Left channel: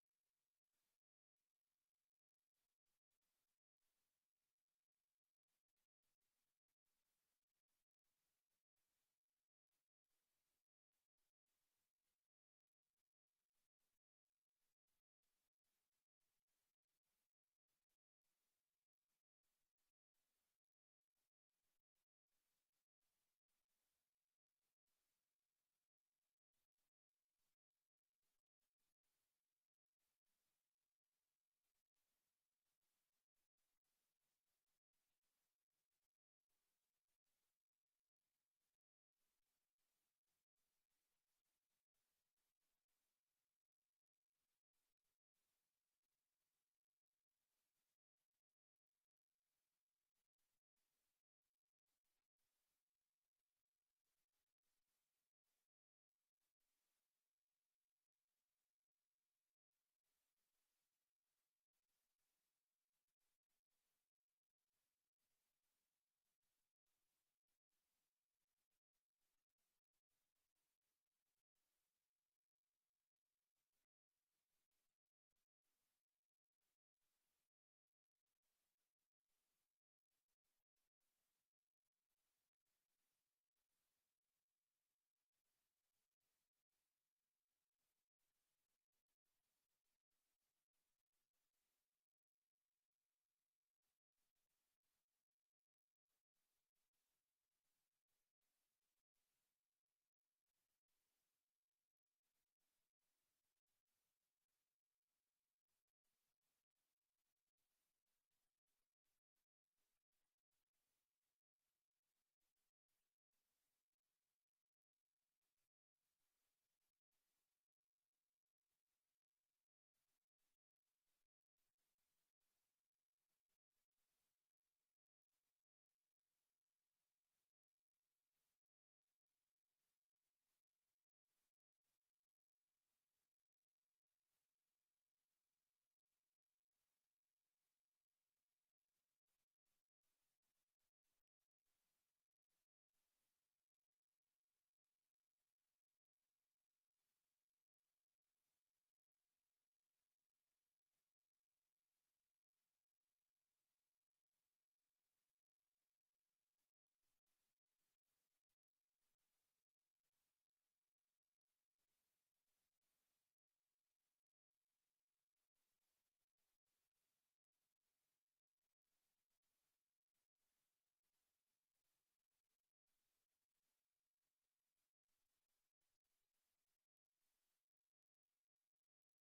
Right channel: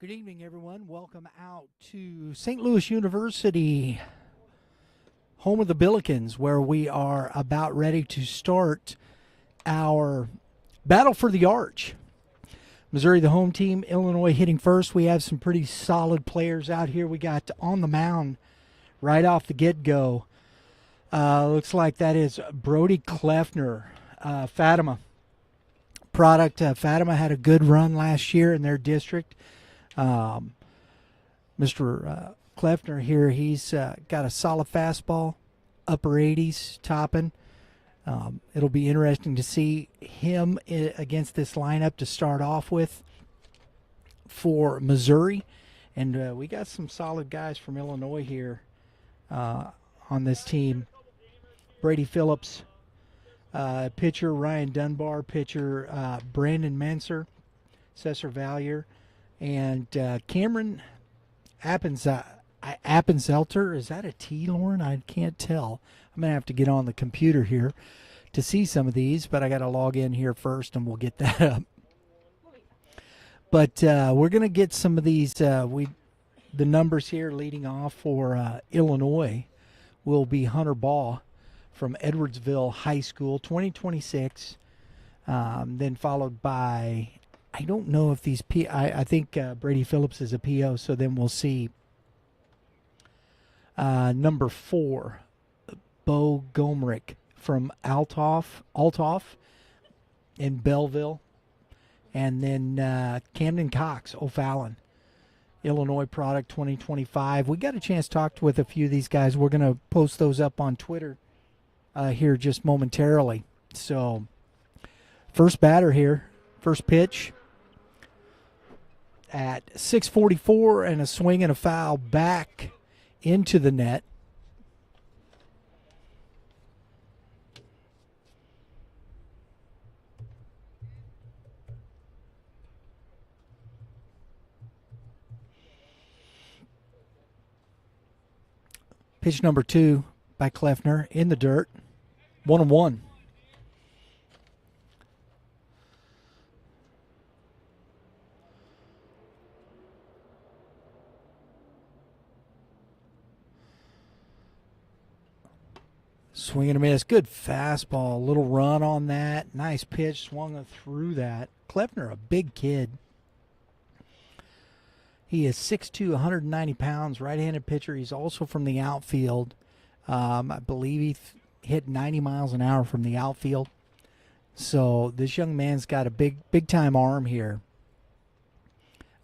Good evening, everyone. Welcome out to St. Louis University, home of the Billikens, where we are about ready to start our battle for the Arch. Missouri, the home team, Illinois hitting first. We have some pretty solid players out here. We got on the mound right off the get-go. Looks like that is Brody Kleffner, Fatima product. Fatima had a good run last year in their district. Mr. Kleffner here, he's got a solid fastball, upper 80s, topping. It'll be interesting to see him against this lineup to start off with for Missouri. And we got some solid guys from Illinois here on this team. Brady Phillips, pitcher, Ryan Dunbar, pitcher, Brandon Menser, Cesar Valier, and Cameron Appenzelter. Is that a T, Lauren? I can't tell. I'm going to have to get on the computer here to see some of these, but I got to log in here first and we'll get that up. But we're going to get some of these. The numbers here leading off for Illinois will be Hunter Baugh from Edwardsville High School, 2026. Then followed by, I don't know if these I think Brady Phillips is a PO, so then we'll see number 4, Bo Gomrich from Althoff in Belleville, and then Camden Cox, O'Fallon, Illinois product, 2025. We got a chance to talk with a few of these guys. We're going to post those up on Twitter here just momentarily. So first batter here, first pitch at 6:44, and a swing and a foul back into the net. Pitch number 2 by Kleffner in the dirt. 1-1. Swing and a miss. Good fastball. Little run on that. Nice pitch. Swung through that. Kleffner, a big kid. He is 6'2", 190 pounds, right-handed pitcher. He's also from the outfield. I believe he hit 90 miles an hour from the outfield. So this young man's got a big-time arm here.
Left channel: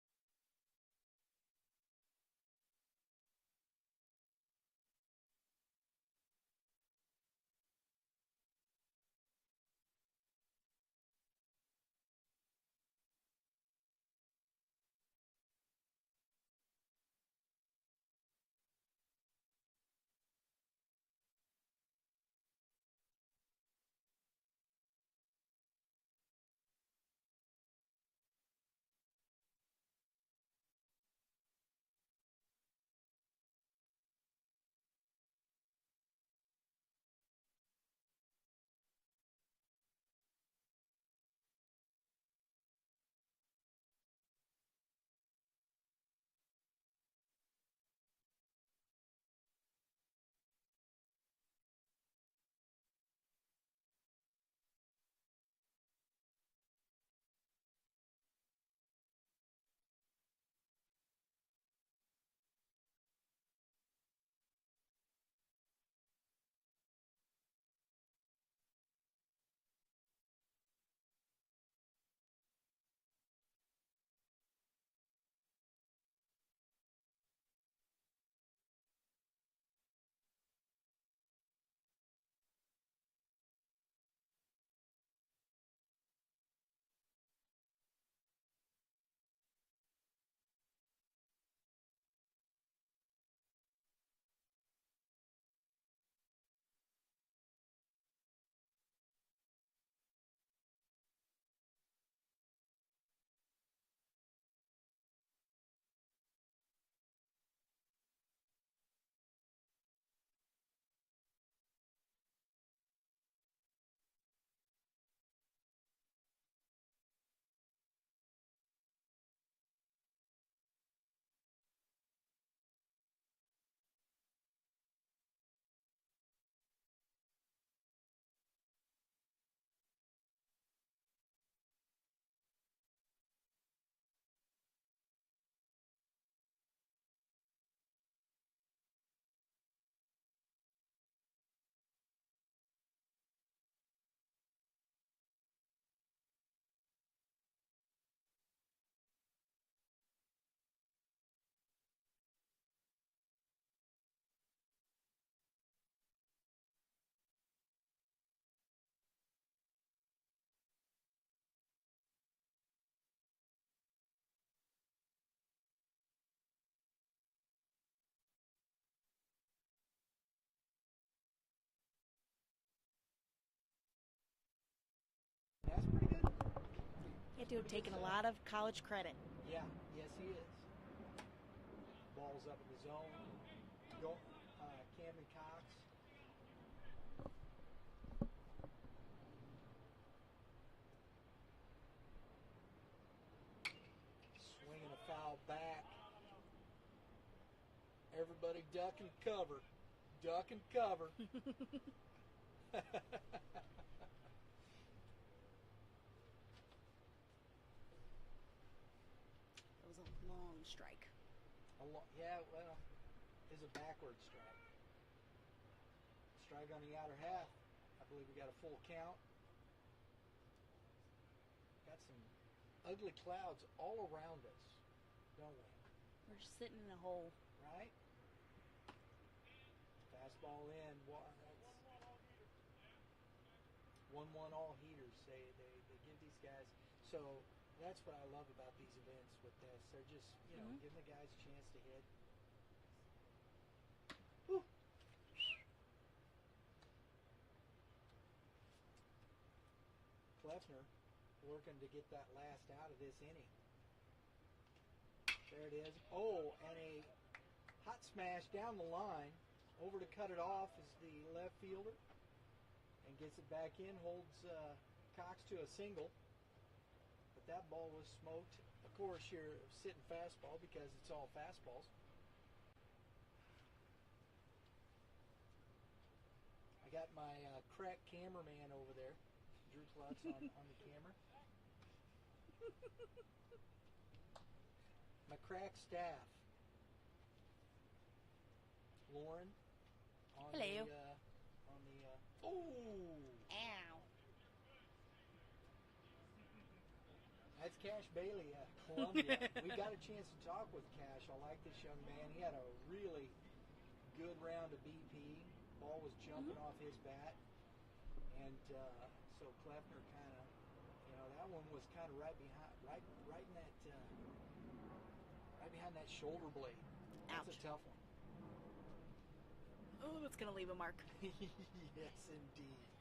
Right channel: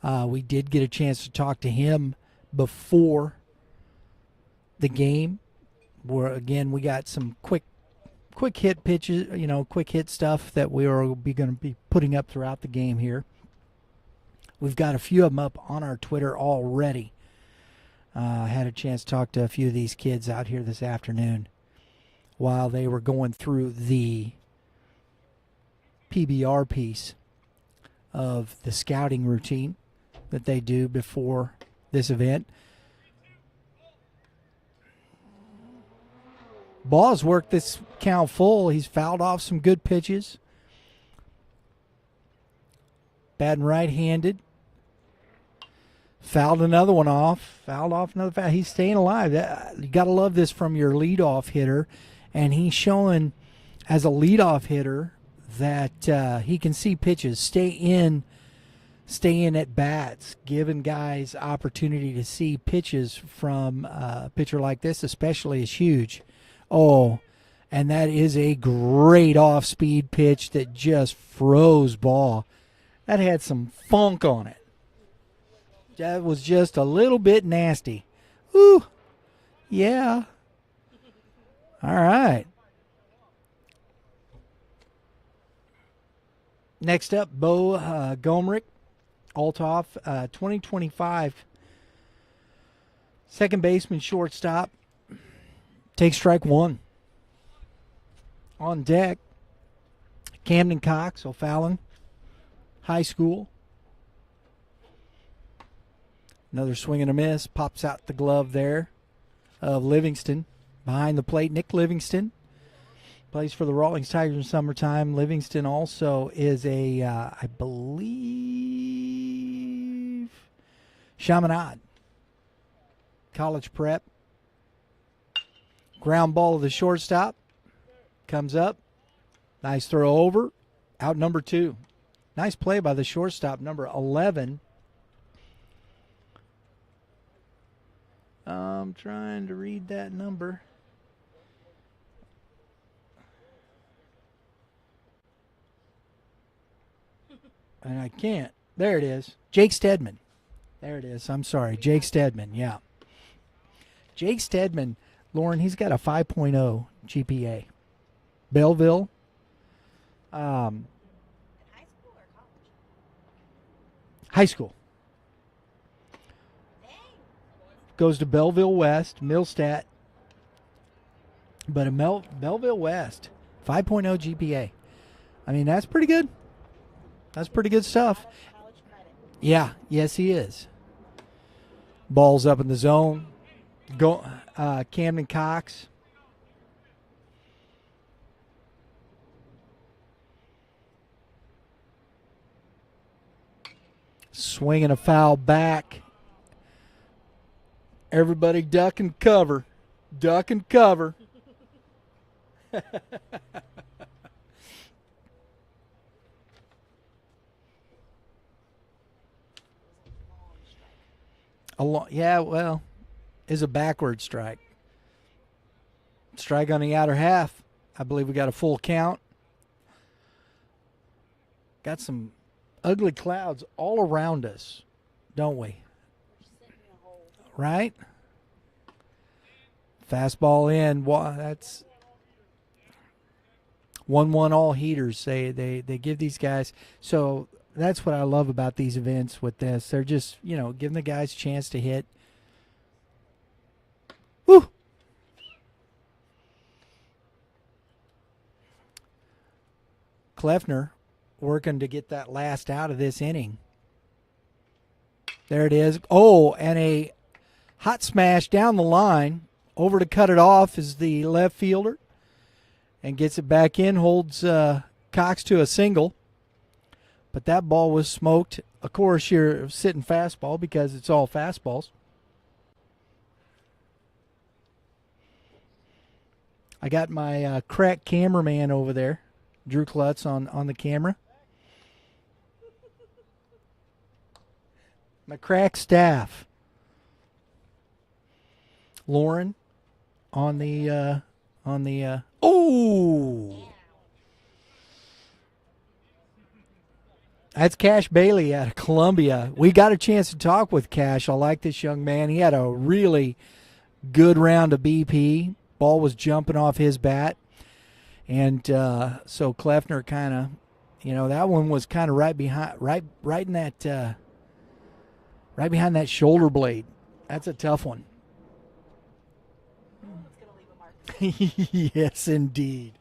We did get a chance to talk to him before the game. Where again, we got some quick hit pitches, quick hit stuff that we are going to be putting up throughout the game here. We've got a few of them up on our Twitter already. I had a chance to talk to a few of these kids out here this afternoon while they were going through the PBR piece of the scouting routine that they do before this event. Ball's worked this count full. He's fouled off some good pitches. Batting right-handed. Fouled another one off. Fouled off another foul. He's staying alive. You got to love this from your leadoff hitter. And he's showing as a leadoff hitter that he can see pitches. Stay in at bats, giving guys opportunity to see pitches from a pitcher like this, especially, is huge. Oh, and that is a great off-speed pitch that just froze ball. That had some funk on it. That was just a little bit nasty. Ooh, yeah. All right. Next up, Bo Gomrich, Althoff, 2025. Second baseman, shortstop. Takes strike 1. On deck, Camden Cox, O'Fallon High School. Another swing and a miss. Pops out the glove there of Livingston. Behind the plate, Nick Livingston. Plays for the Rawlings Tigers in summertime. Livingston also is a, I believe, Chaminade. College prep. Ground ball to the shortstop. Comes up. Nice throw over. Out number 2. Nice play by the shortstop, number 11. I'm trying to read that number. And I can't. There it is. Jake Stedman. There it is. I'm sorry. Jake Stedman, yeah. Jake Stedman, Lauren, he's got a 5.0 GPA. Belleville. High school. Goes to Belleville West, Millstat. But a Belleville West, 5.0 GPA. I mean, that's pretty good. That's pretty good stuff. A lot of college credit. Yeah, yes, he is. Ball's up in the zone. Go, Camden Cox. Swinging a foul back. Everybody duck and cover. Duck and cover. Yeah, well, is a backward strike. Strike on the outer half. I believe we got a full count. Got some ugly clouds all around us, don't we? We're sitting in a hole. Right? Fastball in. That's 1-1 all heaters. They give these guys. So that's what I love about these events with this. They're just, giving the guys a chance to hit. Woo! Kleffner working to get that last out of this inning. There it is. Oh, and a hot smash down the line. Over to cut it off is the left fielder. And gets it back in, holds Cox to a single. But that ball was smoked. Of course, you're sitting fastball because it's all fastballs. I got my crack cameraman over there, Drew Klutz, on the camera. My crack staff. Lauren on the oh! That's Cash Bailey out of Columbia. We got a chance to talk with Cash. I like this young man. He had a really good round of BP. Ball was jumping off his bat. And so Kleffner kind of, that one was kind of right in that, right behind that shoulder blade. That's a tough one. Oh, it's going to leave a mark. Yes, indeed.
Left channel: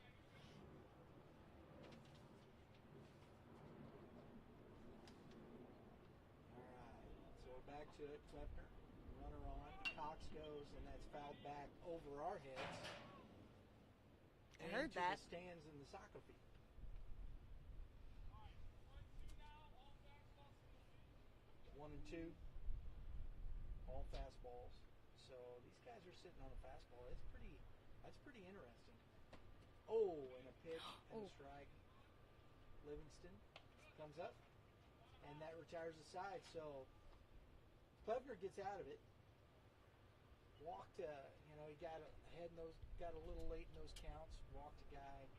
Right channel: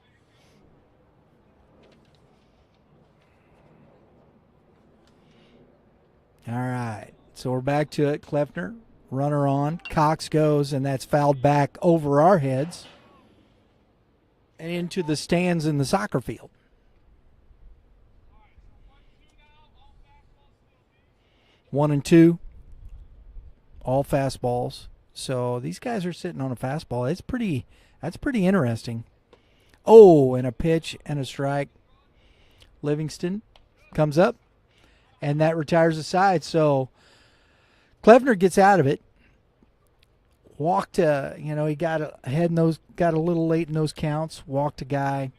All right, so we're back to it. Kleffner, runner on. Cox goes, and that's fouled back over our heads and into the stands in the soccer field. One and two, all fastballs. So these guys are sitting on a fastball. That's pretty interesting. Oh, and a pitch and a strike. Livingston comes up, and that retires the side. So Kleffner gets out of it. Walked, he got ahead in those, got a little late in those counts. Walked a guy,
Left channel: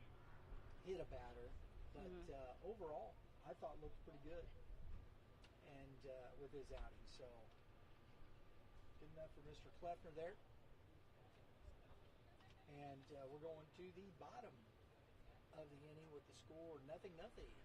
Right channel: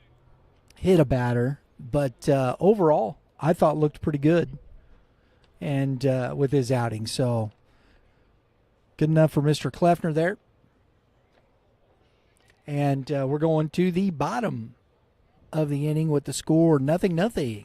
hit a batter, but overall, I thought looked pretty good. And with his outing, so good enough for Mr. Kleffner there. And we're going to the bottom of the inning with the score 0-0.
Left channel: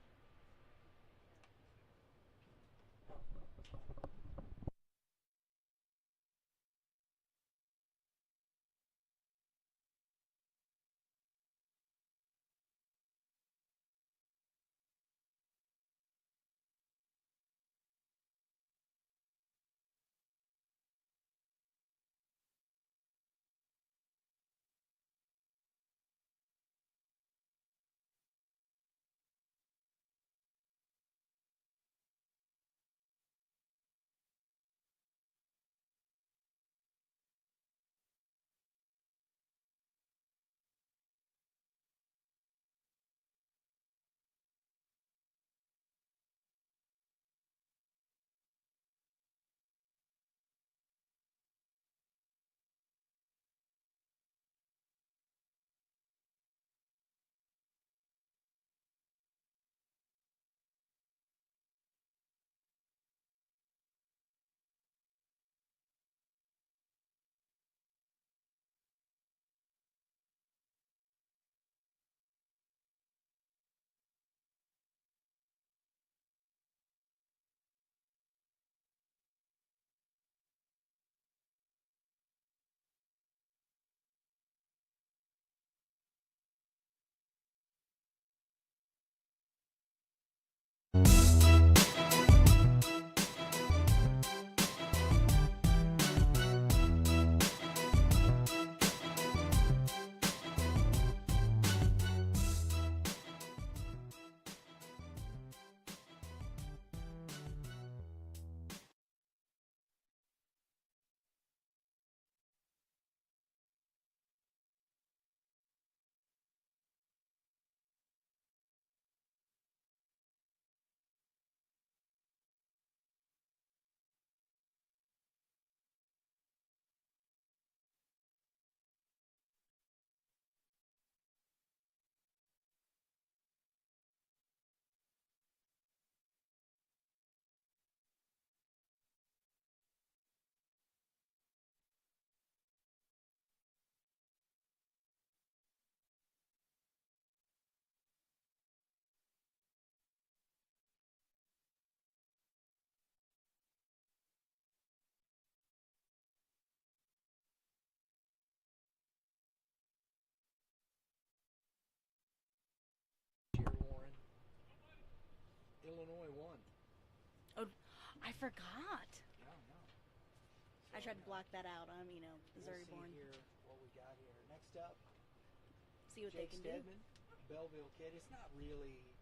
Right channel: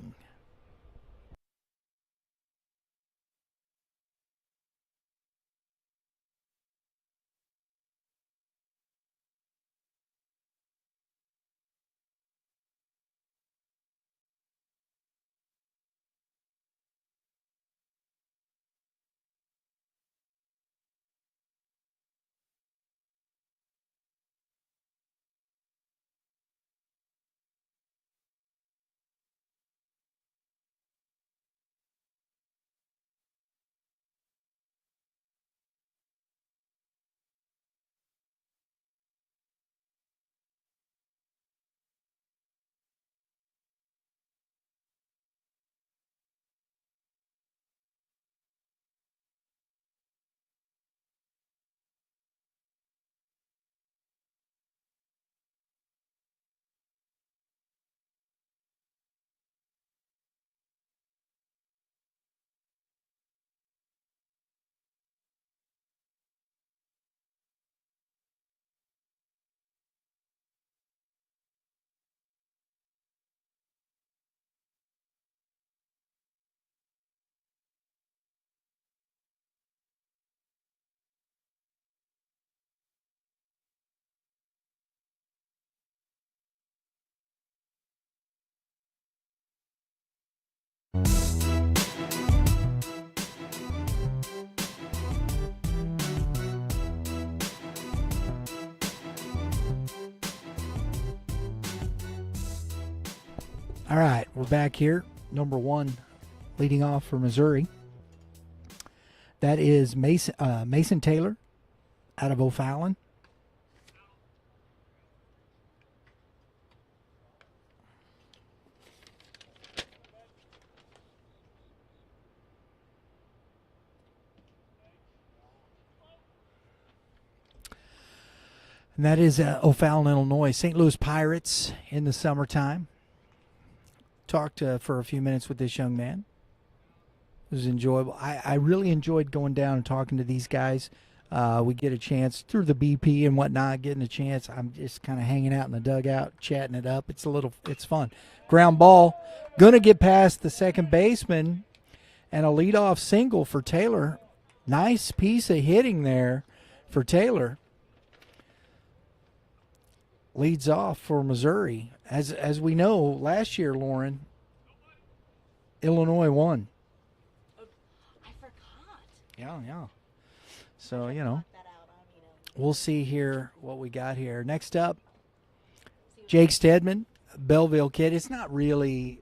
All right, we're back here. Number one leading off for Missouri. That is Mason Taylor out of O'Fallon. And that is O'Fallon, Illinois. St. Louis Pirates in the summertime. Talked for a few minutes with this young man. It was enjoyable. I really enjoyed going down and talking to these guys. We get a chance through the BP and whatnot, getting a chance. I'm just kind of hanging out in the dugout, chatting it up. It's fun. Ground ball, gonna get past the second baseman, and a leadoff single for Taylor. Nice piece of hitting there for Taylor. Leads off for Missouri. As we know, last year, Lauren, Illinois won. Oh, I forgot. Yeah. So, we'll see here what we got here. Next up, Jake Stedman, Belleville kid. It's not really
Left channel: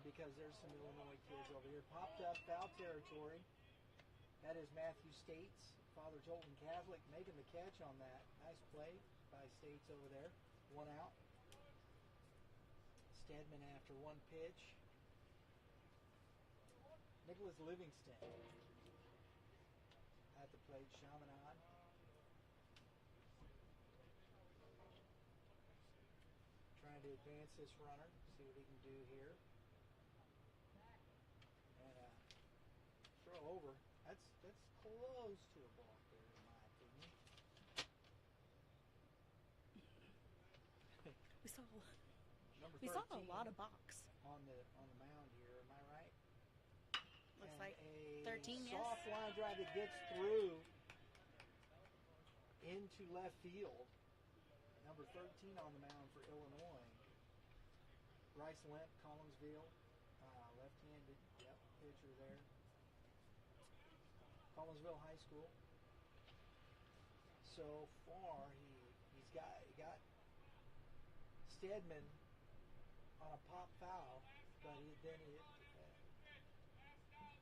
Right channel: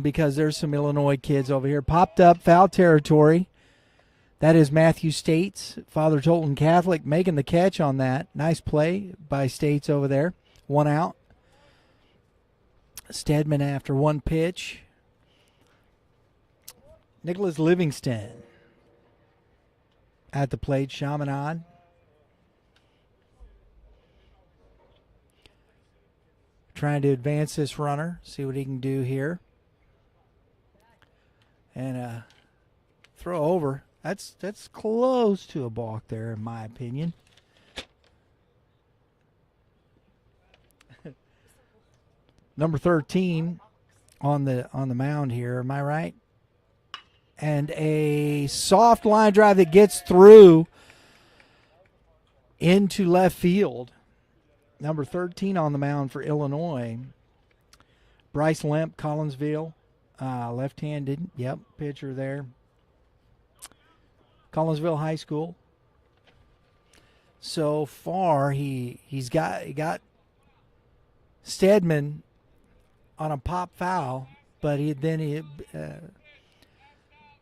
because there's some Illinois kids over here. Popped up foul territory. That is Matthew States, Father Tolton Catholic, making the catch on that. Nice play by States over there. 1 out. Stedman after one pitch. Nicholas Livingston at the plate. Chaminade. Trying to advance this runner. See what he can do here. And throw over. That's close to a balk there, in my opinion. Number 13 on the mound here. Am I right? And a soft line drive that gets through into left field. Number 13 on the mound for Illinois. Bryce Lemp, Collinsville, left-handed. Yep, pitcher there. Collinsville High School. So far, he got Stedman on a pop foul, but he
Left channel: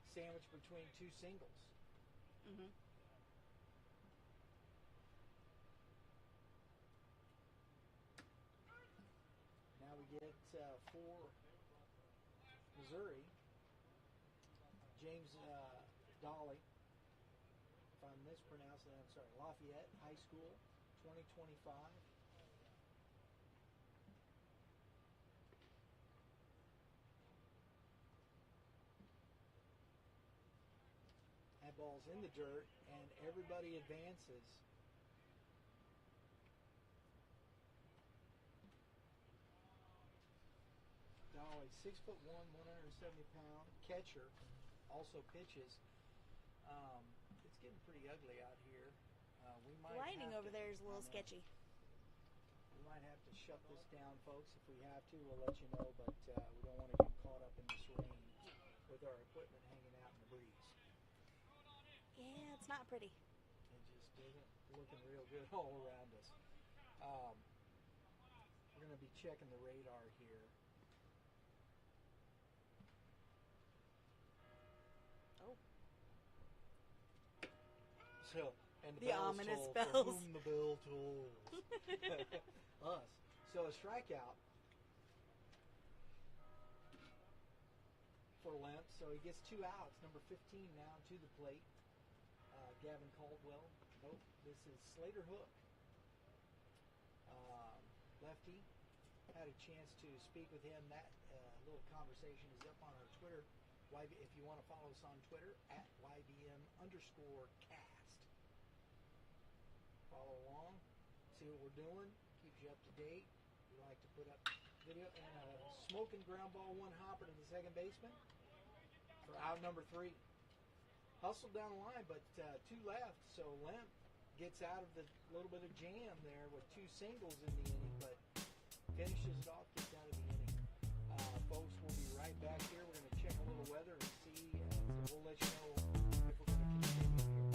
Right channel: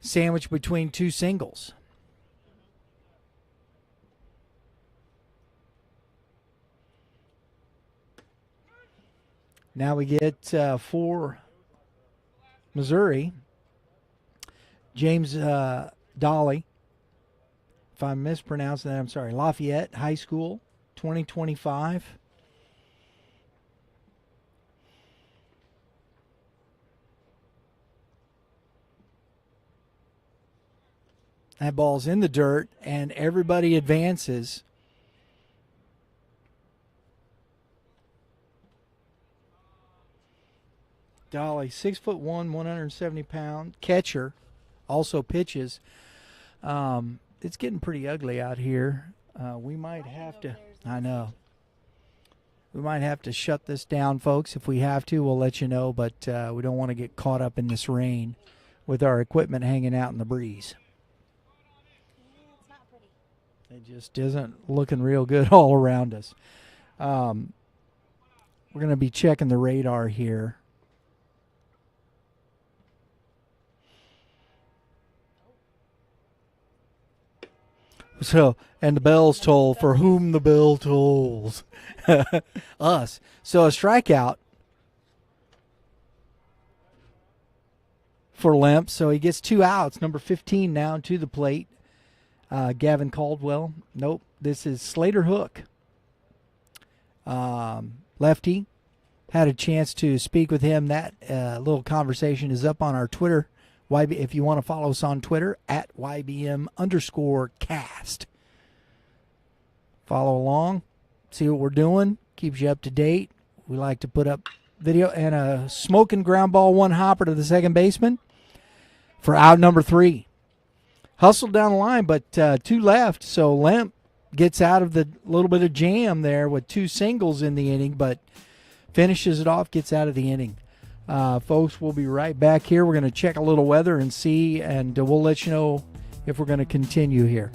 sandwiched between two singles. Now we get for Missouri, James Dolly. If I'm mispronouncing that, I'm sorry. Lafayette High School, 2025. That ball's in the dirt, and everybody advances. Dolly, 6'1", 170-pound catcher, also pitches. It's getting pretty ugly out here. We might have to. I know. We might have to shut this down, folks. If we have to, we'll let you know. But we don't want to get caught up in this rain with our equipment hanging out in the breeze. Yeah, it's not pretty. It just isn't looking real good all around us. We're going to be checking the radar here. So, and the bells toll for whom the bell tolls. Us. So a strikeout for Lemp. So he gets 2 outs. Number 15 now to the plate. Gavin Caldwell. Nope. This is Slater Hook. Lefty. Had a chance to speak with him. That little conversation is up on our Twitter. If you want to follow us on Twitter, at YBM_cast. Follow along, see what we're doing, keeps you up to date. We like to put up video, and a smoking ground ball, 1 hopper to the second baseman for out number 3. Hustled down the line, but 2 left, so Lemp gets out of the little bit of jam there with 2 singles in the inning, but finishes it off, gets out of the inning. Folks, we'll be right back here. We're going to check a little weather and see, and we'll let you know if we're going to continue here.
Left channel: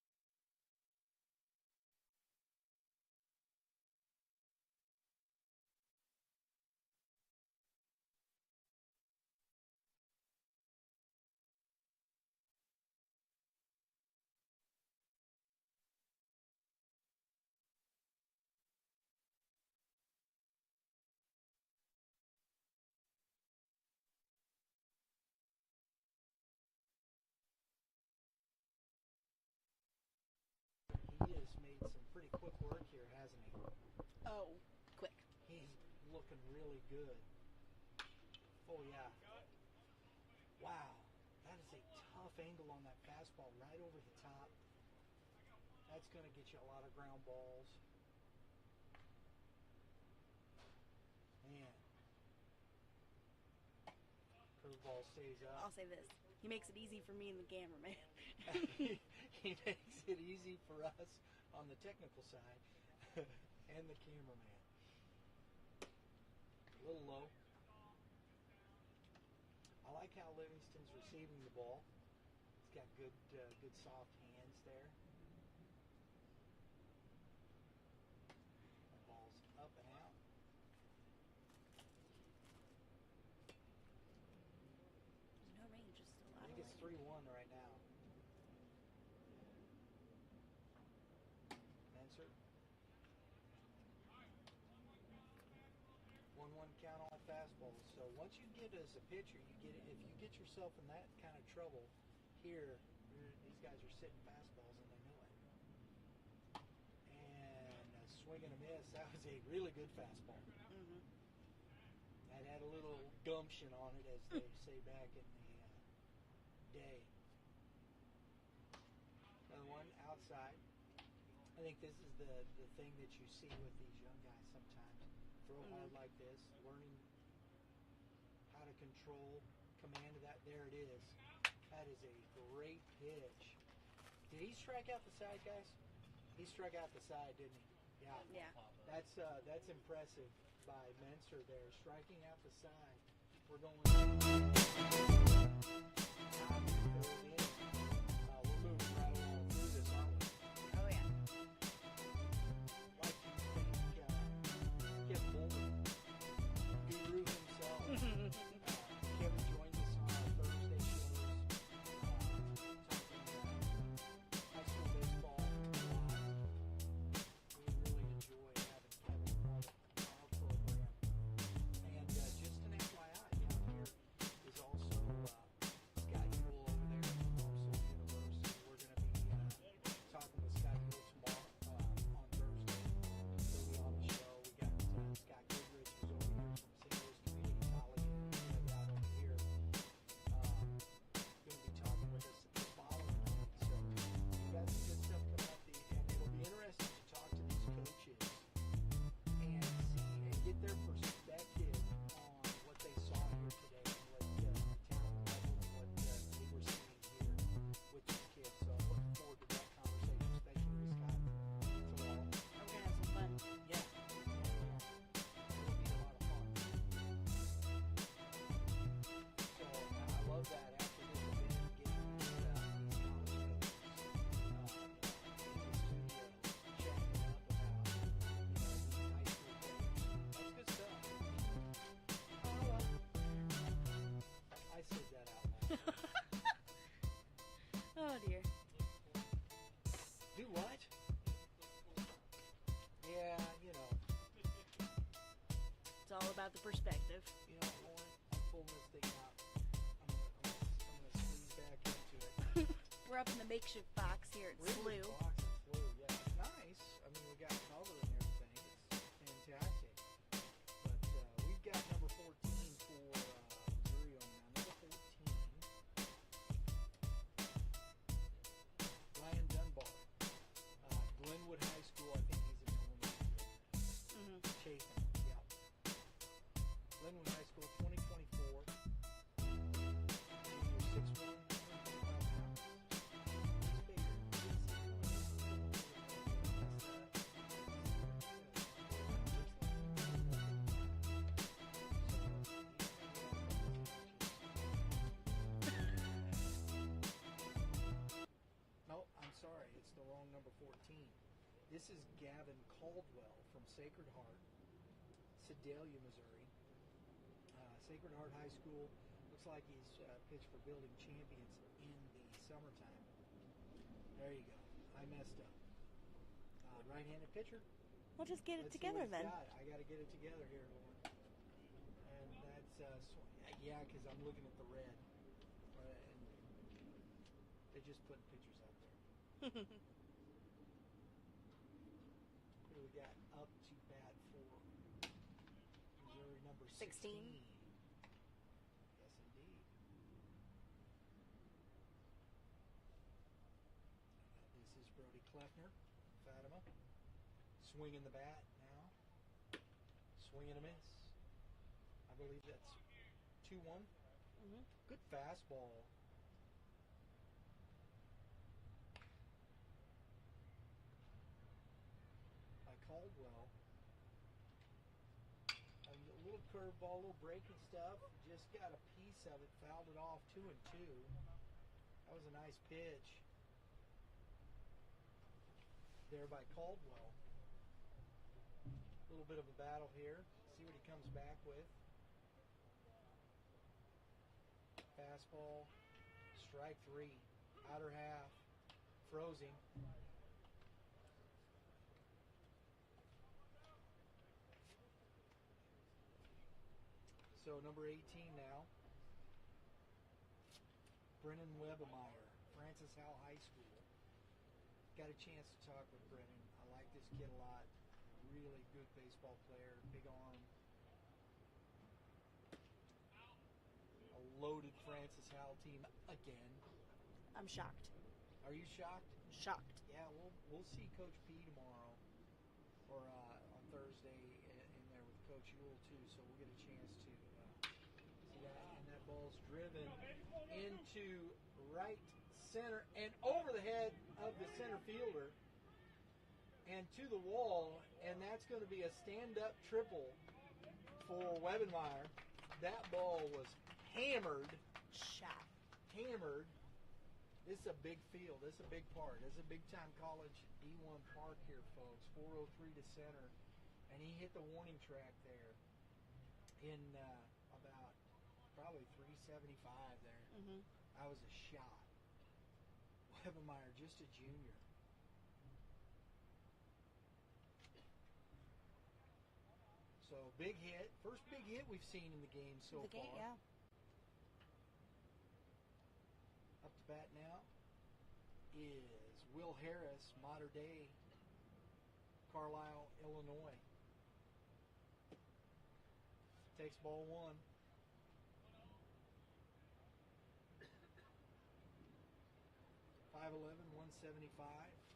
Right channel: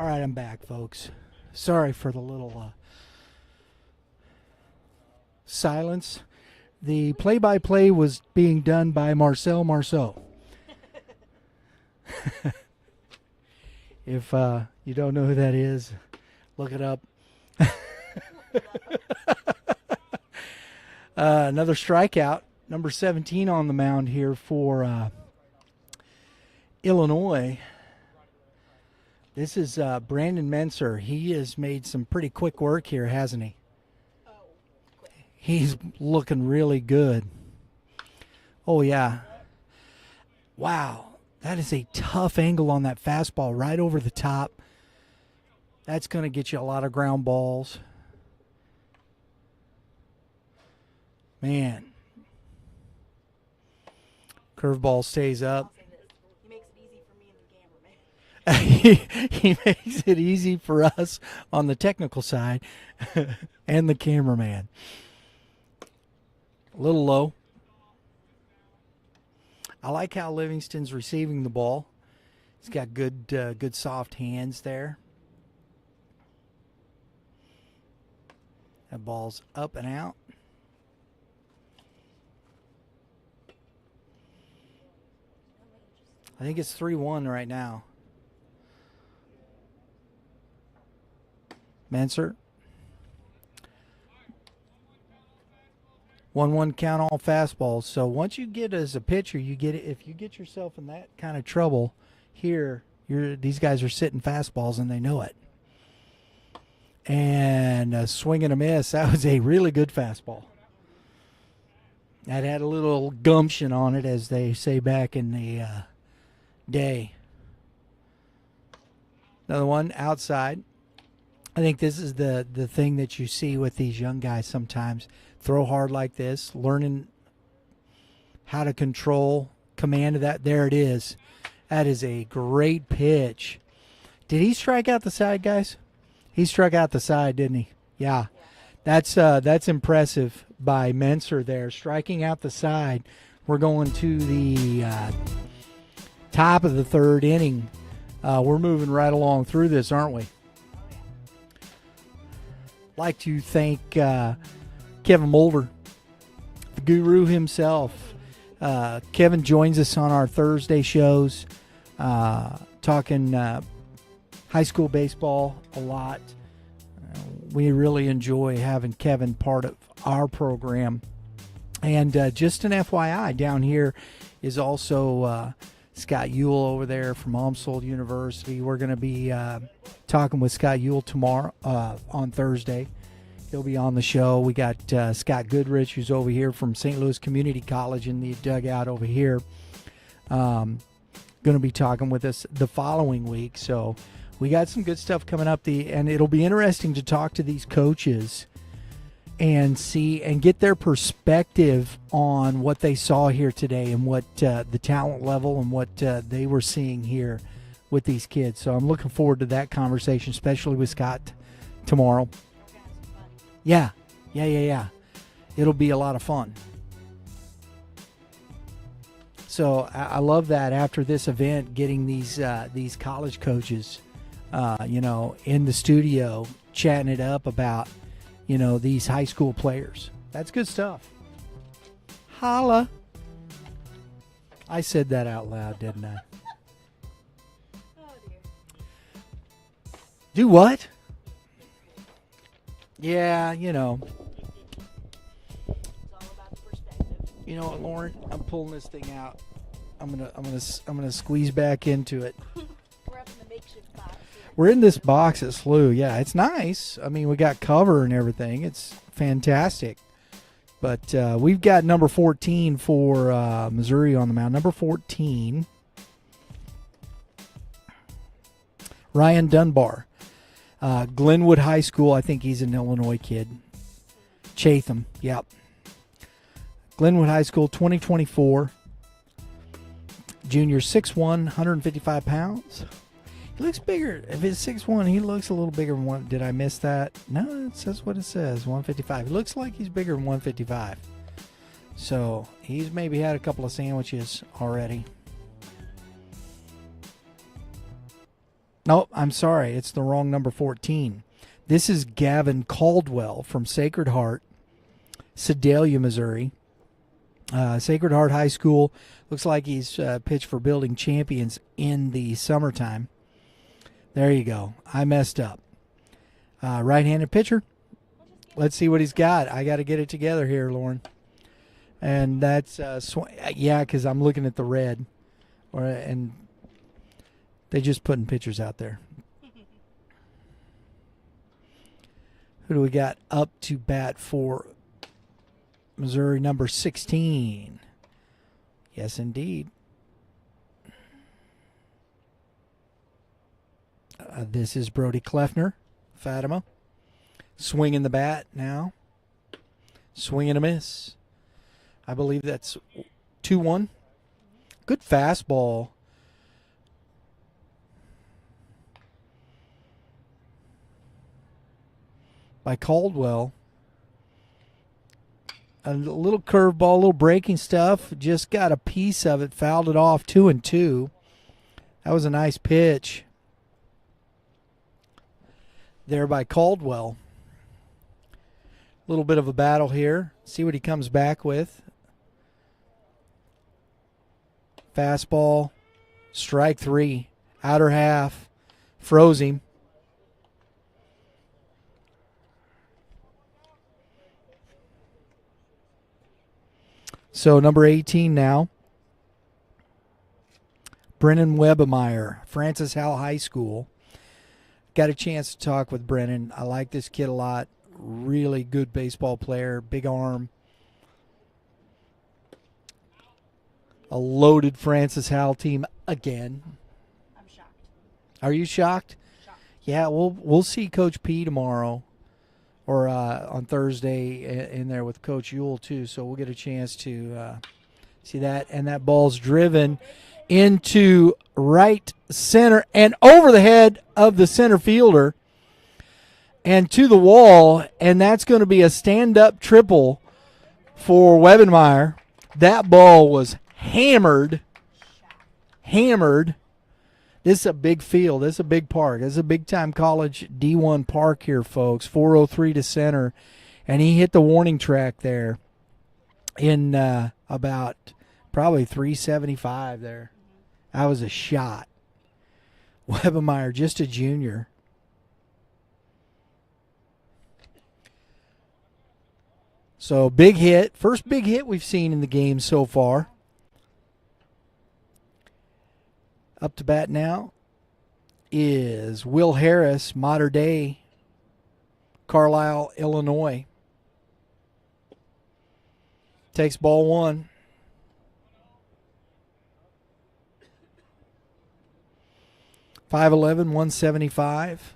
All right, I'm back, folks. Sorry for the little silence. The play-by-play was being done by Marcel Marceau. If you don't know who that is, look it up. Another strikeout, number 17 on the mound here for Illinois. This is Brandon Menser. He has made some pretty quick work here, hasn't he? Oh, quick. He's looking really good. Oh, yeah. Wow. That is a tough angle on that fastball right over the top. That's going to get you a lot of ground balls. Man. Curveball stays up. I'll say this. He makes it easy for me and the cameraman. He makes it easy for us on the technical side and the cameraman. A little low. I like how Livingston's receiving the ball. He's got good soft hands there. That ball's up and out. I think it's 3-1 right now. Menser. 1-1 count all fastballs. So once you get as a pitcher, you get it. If you get yourself in that kind of trouble here, these guys are sitting fastballs and they know it. And a swing and a miss. That was a really good fastball. That had a little gumption on it, as they say back in the day. Another one outside. I think this is the thing that you see with these young guys sometimes. Throw hard like this, learning how to control command of that. There it is. That is a great pitch. Did he strike out the side, guys? He struck out the side, didn't he? Yeah. That's impressive by Menser there, striking out the side. We're going to the top of the third inning. We're moving right along through this, aren't we? Oh, yeah. Like to thank Kevin Moulder, the guru himself. Kevin joins us on our Thursday shows, talking high school baseball a lot. We really enjoy having Kevin part of our program. And just an FYI, down here is also Scott Ewell over there from Amsold University. We're going to be talking with Scott Ewell tomorrow on Thursday. He'll be on the show. We got Scott Goodrich, who's over here from St. Louis Community College in the dugout over here. Going to be talking with us the following week. So we got some good stuff coming up. And it'll be interesting to talk to these coaches and see and get their perspective on what they saw here today and what the talent level and what they were seeing here with these kids. So I'm looking forward to that conversation, especially with Scott tomorrow. Yeah. It'll be a lot of fun. So I love that after this event, getting these college coaches, in the studio, chatting it up about, these high school players. That's good stuff. Holla. I said that out loud, didn't I? Oh, dear. Do what? Yeah, It's all about the perspective. You know what, Lauren? I'm pulling this thing out. I'm gonna squeeze back into it. We're up in the makeshift box here. We're in this box at SLU. Yeah, it's nice. I mean, we got cover and everything. It's fantastic. But we've got number 14 for Missouri on the mound. Number 14, Ryan Dunbar. Glenwood High School. I think he's an Illinois kid. Chatham. Yep. Glenwood High School, 2024. Junior, 6'1", 155 pounds. He looks bigger. If it's 6'1", he looks a little bigger than one. Did I miss that? No, it says what it says, 155. He looks like he's bigger than 155. So he's maybe had a couple of sandwiches already. Nope, I'm sorry. It's the wrong number 14. This is Gavin Caldwell from Sacred Heart, Sedalia, Missouri. Sacred Heart High School. Looks like he's pitched for Building Champions in the summertime. There you go. I messed up. Right-handed pitcher. Let's see what he's got. I got to get it together here, Lauren. And that's, yeah, because I'm looking at the red. And they just putting pictures out there. Who do we got up to bat for Missouri, number 16? Yes, indeed. This is Brody Kleffner, Fatima. Swinging the bat now. Swing and a miss. I believe that's 2-1. Good fastball. By Caldwell. A little curveball, a little breaking stuff. Just got a piece of it, fouled it off. 2-2. That was a nice pitch there by Caldwell. A little bit of a battle here. See what he comes back with. Fastball, strike 3, outer half, froze him. So number 18 now, Brennan Webemeyer, Francis Howell High School. Got a chance to talk with Brennan. I like this kid a lot. Really good baseball player, big arm. A loaded Francis Howell team again. I'm shocked. Are you shocked? Shocked. Yeah, we'll see Coach P tomorrow, or on Thursday in there with Coach Ewell too. So we'll get a chance to see that. And that ball's driven into right center and over the head of the center fielder and to the wall. And that's going to be a stand-up triple for Webenmeyer. That ball was hammered. This is a big field. This is a big park. This is a big-time college D1 park here, folks. 403 to center. And he hit the warning track there in about probably 375 there. That was a shot. Webemeyer, just a junior. So big hit. First big hit we've seen in the game so far. Up to bat now is Will Harris, Mater Dei, Carlisle, Illinois. Takes ball 1. .511, 175.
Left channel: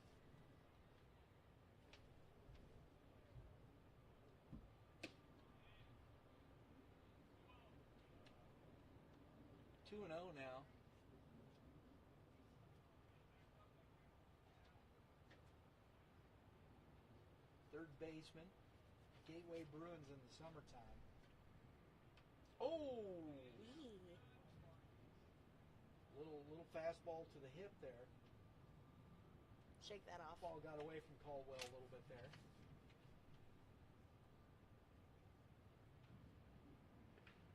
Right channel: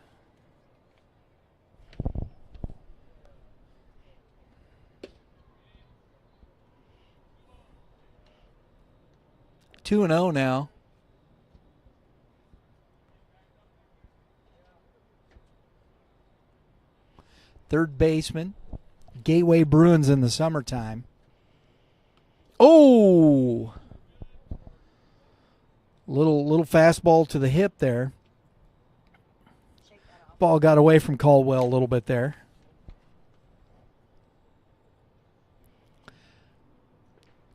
Two and 0 now. Third baseman, Gateway Bruins in the summertime. Oh! Little fastball to the hip there. Ball got away from Caldwell a little bit there.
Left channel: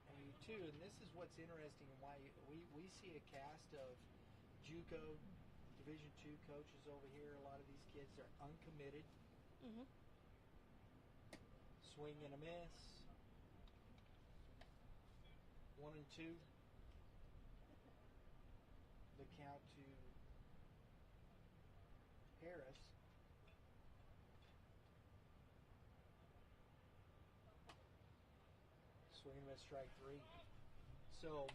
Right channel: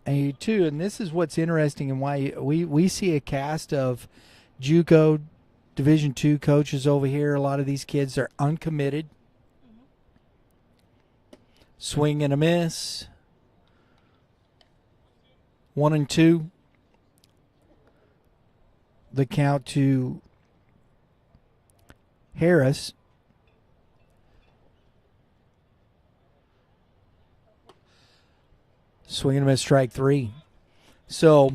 And this is what's interesting and why we see a cast of JUCO Division II coaches over here. A lot of these kids are uncommitted. Swing and a miss. 1-2. The count to Harris. Swing and a miss, strike 3. So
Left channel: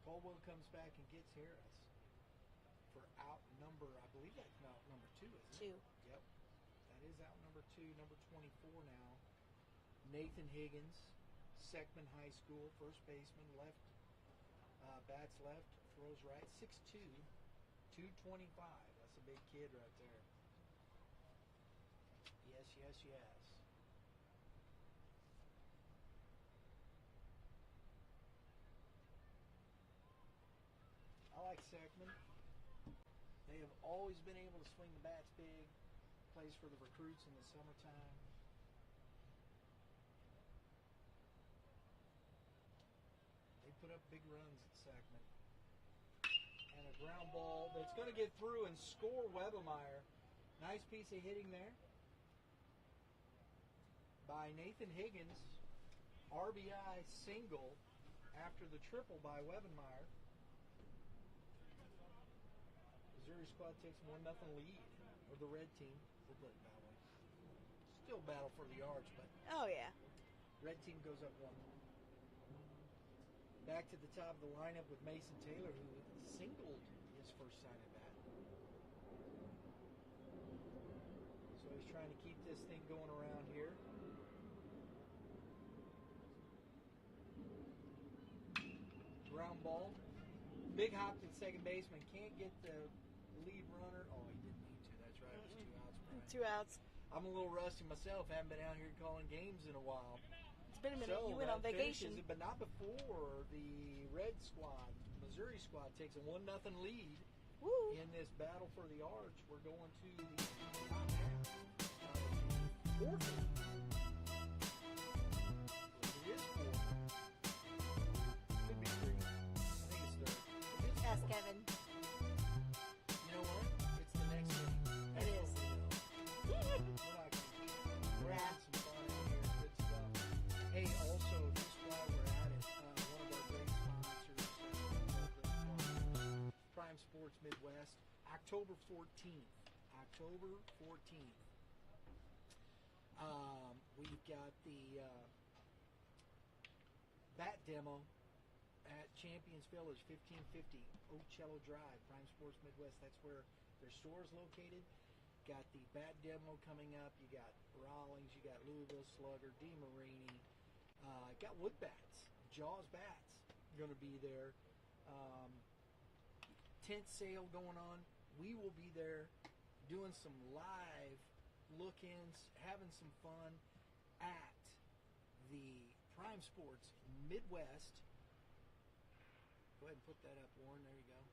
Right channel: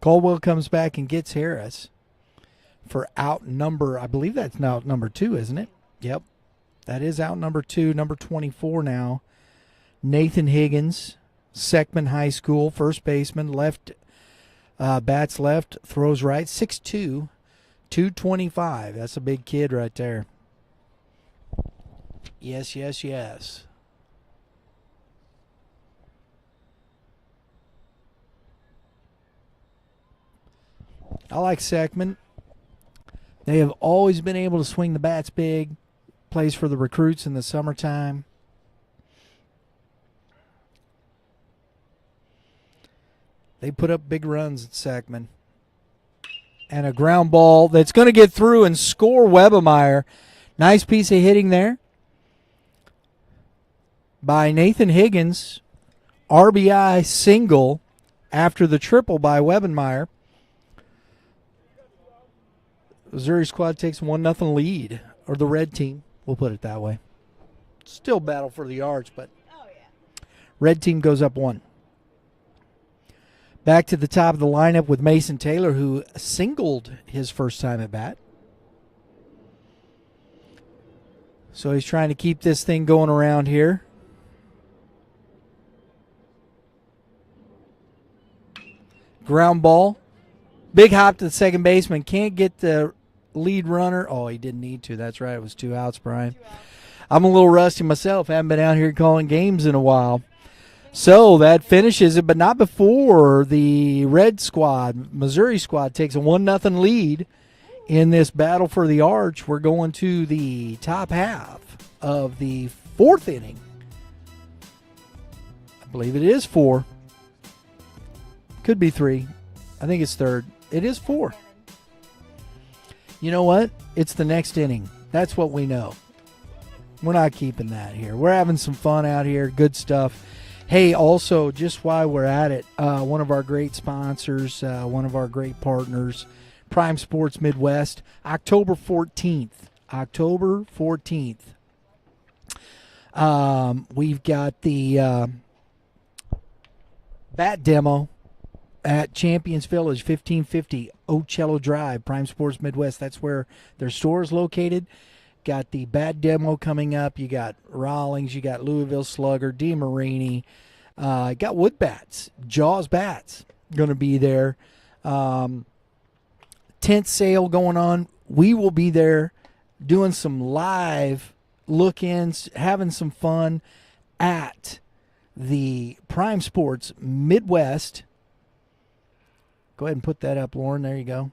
Caldwell comes back and gets Harris for out number, I believe that's now number 2, isn't it? Yep. That is out number 2, number 24 now. Nathan Higgins, Seckman High School, first baseman, left, bats left, throws right, 6'2", 225. That's a big kid right there. Yes, yes, yes. I like Seckman. They have always been able to swing the bats big. Plays for the recruits in the summertime. They put up big runs at Sackman. And a ground ball that's going to get through and score Webemeyer. Nice piece of hitting there by Nathan Higgins. RBI single after the triple by Webemeyer. Missouri squad takes 1-0 lead, or the red team, we'll put it that way. Still battle for the yards, but red team goes up 1. Back to the top of the lineup with Mason Taylor, who singled his first time at bat. So he's trying to keep this thing going around here. Ground ball. Big hop to the second baseman. Can't get the lead runner. Oh, he didn't need to. That's right. It was 2 outs, Brian. 2 outs. I'm a little rusty myself. Haven't been out here calling games in a while. So that finishes it, but not before the red squad, Missouri squad, takes a 1-0 lead in this battle for the arch. We're going to the top half of the 4th inning. I believe it is 4. Could be 3. I think it's 3rd. It is 4. You know what? It's the next inning. That's what we know. We're not keeping that here. We're having some fun out here. Good stuff. Hey, also, just while we're at it, one of our great sponsors, one of our great partners, Prime Sports Midwest, October 14th. October 14th. We've got the bat demo at Champions Village, 1550 Ocello Drive, Prime Sports Midwest. That's where their store is located. Got the bat demo coming up. You got Rawlings. You got Louisville Slugger, DeMarini. Got Wood Bats, Jaws Bats going to be there. Tent sale going on. We will be there doing some live look-ins, having some fun at the Prime Sports Midwest. Go ahead and put that up, Lauren. There you go.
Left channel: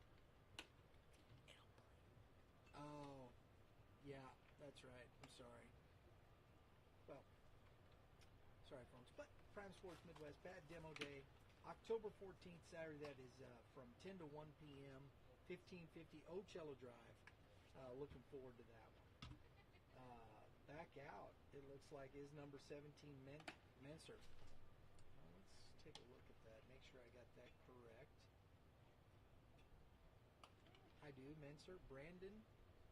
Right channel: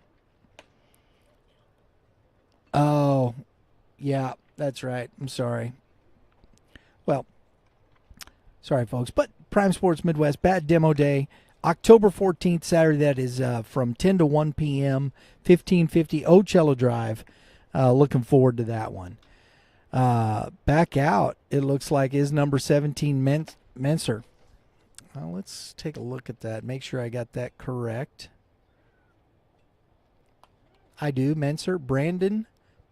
Oh, yeah, that's right. I'm sorry. Well, sorry, folks. But Prime Sports Midwest, Bat Demo Day, October 14th, Saturday. That is from 10 to 1 p.m., 1550 Ocello Drive. Looking forward to that one. Back out, it looks like, is number 17, Menser. Well, let's take a look at that. Make sure I got that correct. I do. Menser, Brandon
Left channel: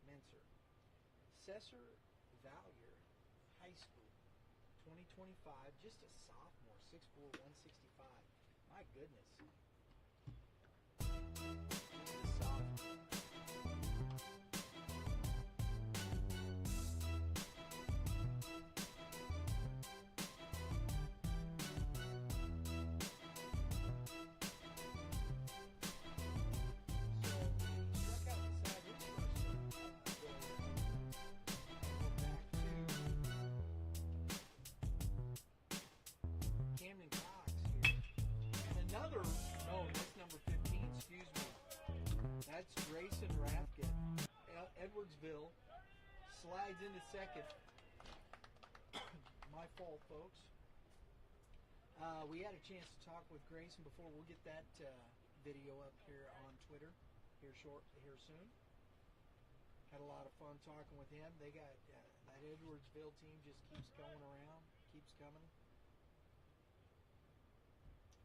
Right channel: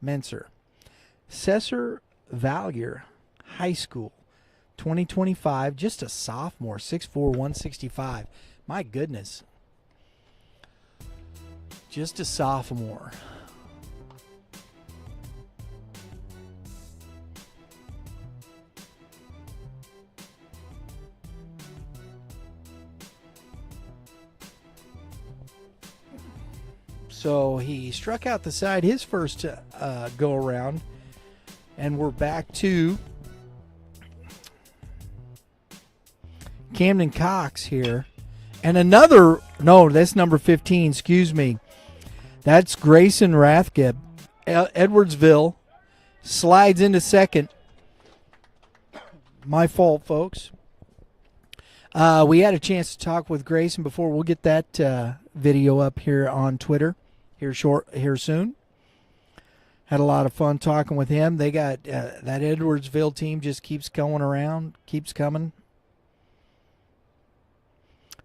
Menser. Cesar Valier High School, 2025. Just a sophomore, 6'4", 165. My goodness. Just a sophomore. So he struck out the side his first go around. And we're back to Camden Cox here. And another, no, that's number 15, excuse me. That's Grayson Rathgeb. Edwardsville slides into second. My fault, folks. We had a chance to talk with Grayson before. We'll get that video up here on Twitter here soon. Had a lot of fun talking with him. They got that Edwardsville team just keeps going around, keeps coming.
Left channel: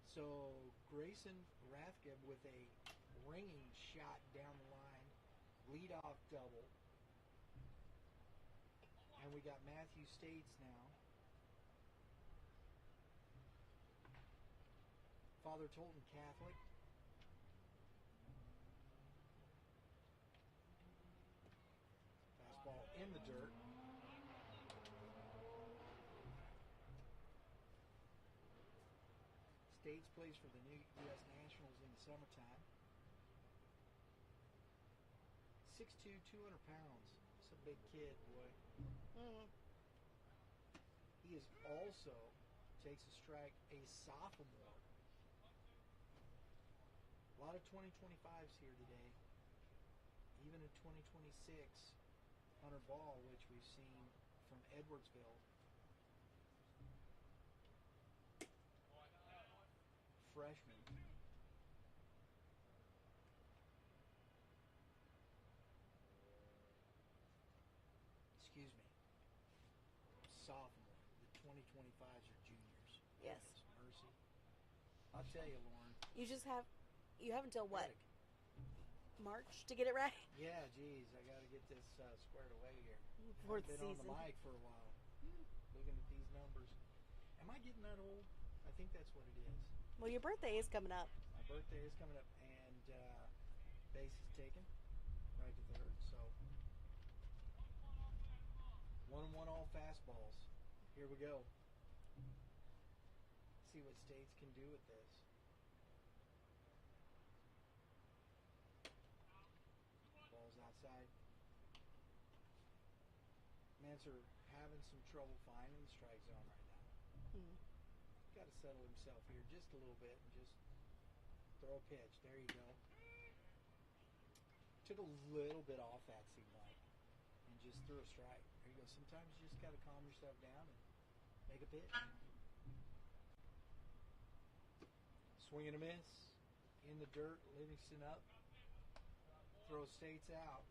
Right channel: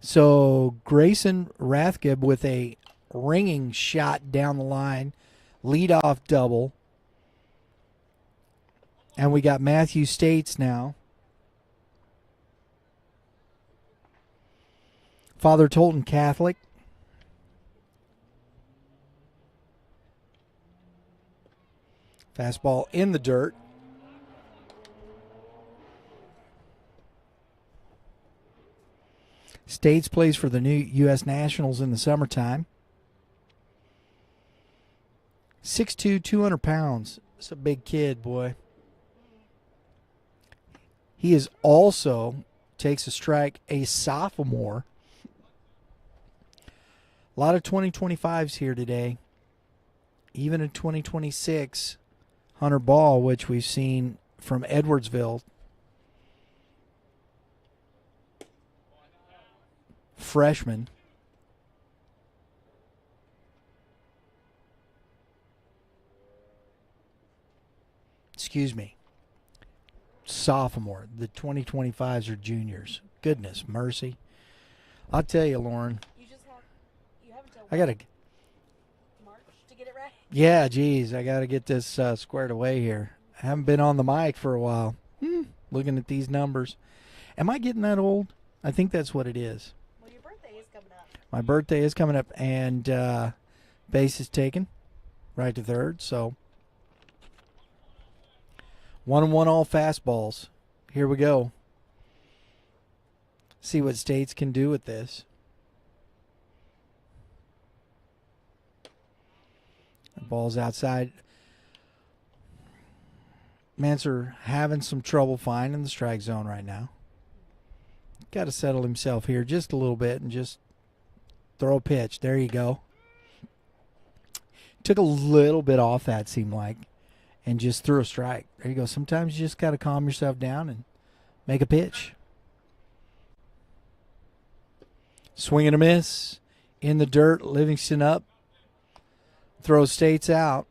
So Grayson Rathgeb with a ringing shot down the line, leadoff double. And we got Matthew States now. Father Tolton Catholic. Fastball in the dirt. States plays for the new U.S. Nationals in the summertime. 6'2", 200 pounds. It's a big kid, boy. He is also, takes a strike, a sophomore. A lot of 2025s here today. Even in 2026, Hunter Ball, which we've seen from Edwardsville. Freshman. excuse me, sophomore. The 2025s are juniors. Goodness mercy. I'll tell you, Lauren. You have until I got to. March to get it right. Yeah, geez, I got to get this squared away here. I haven't been on the mic for a while. Looking at these numbers. Am I getting that old? I think that's what it is. Well, your birthday is coming up. My birthday is coming up, and base is taken right to third. So 1-1 all fastballs. Here we go. See what States can do with this. The ball's outside. Manser having some trouble finding the strike zone right now. Got to settle himself here just a little bit and just throw a pitch. There you go. Took a little bit off that, seemed like, and just threw a strike. There you go. Sometimes you just got to calm yourself down and make a pitch. Swing and a miss. In the dirt, Livingston up. Throws States out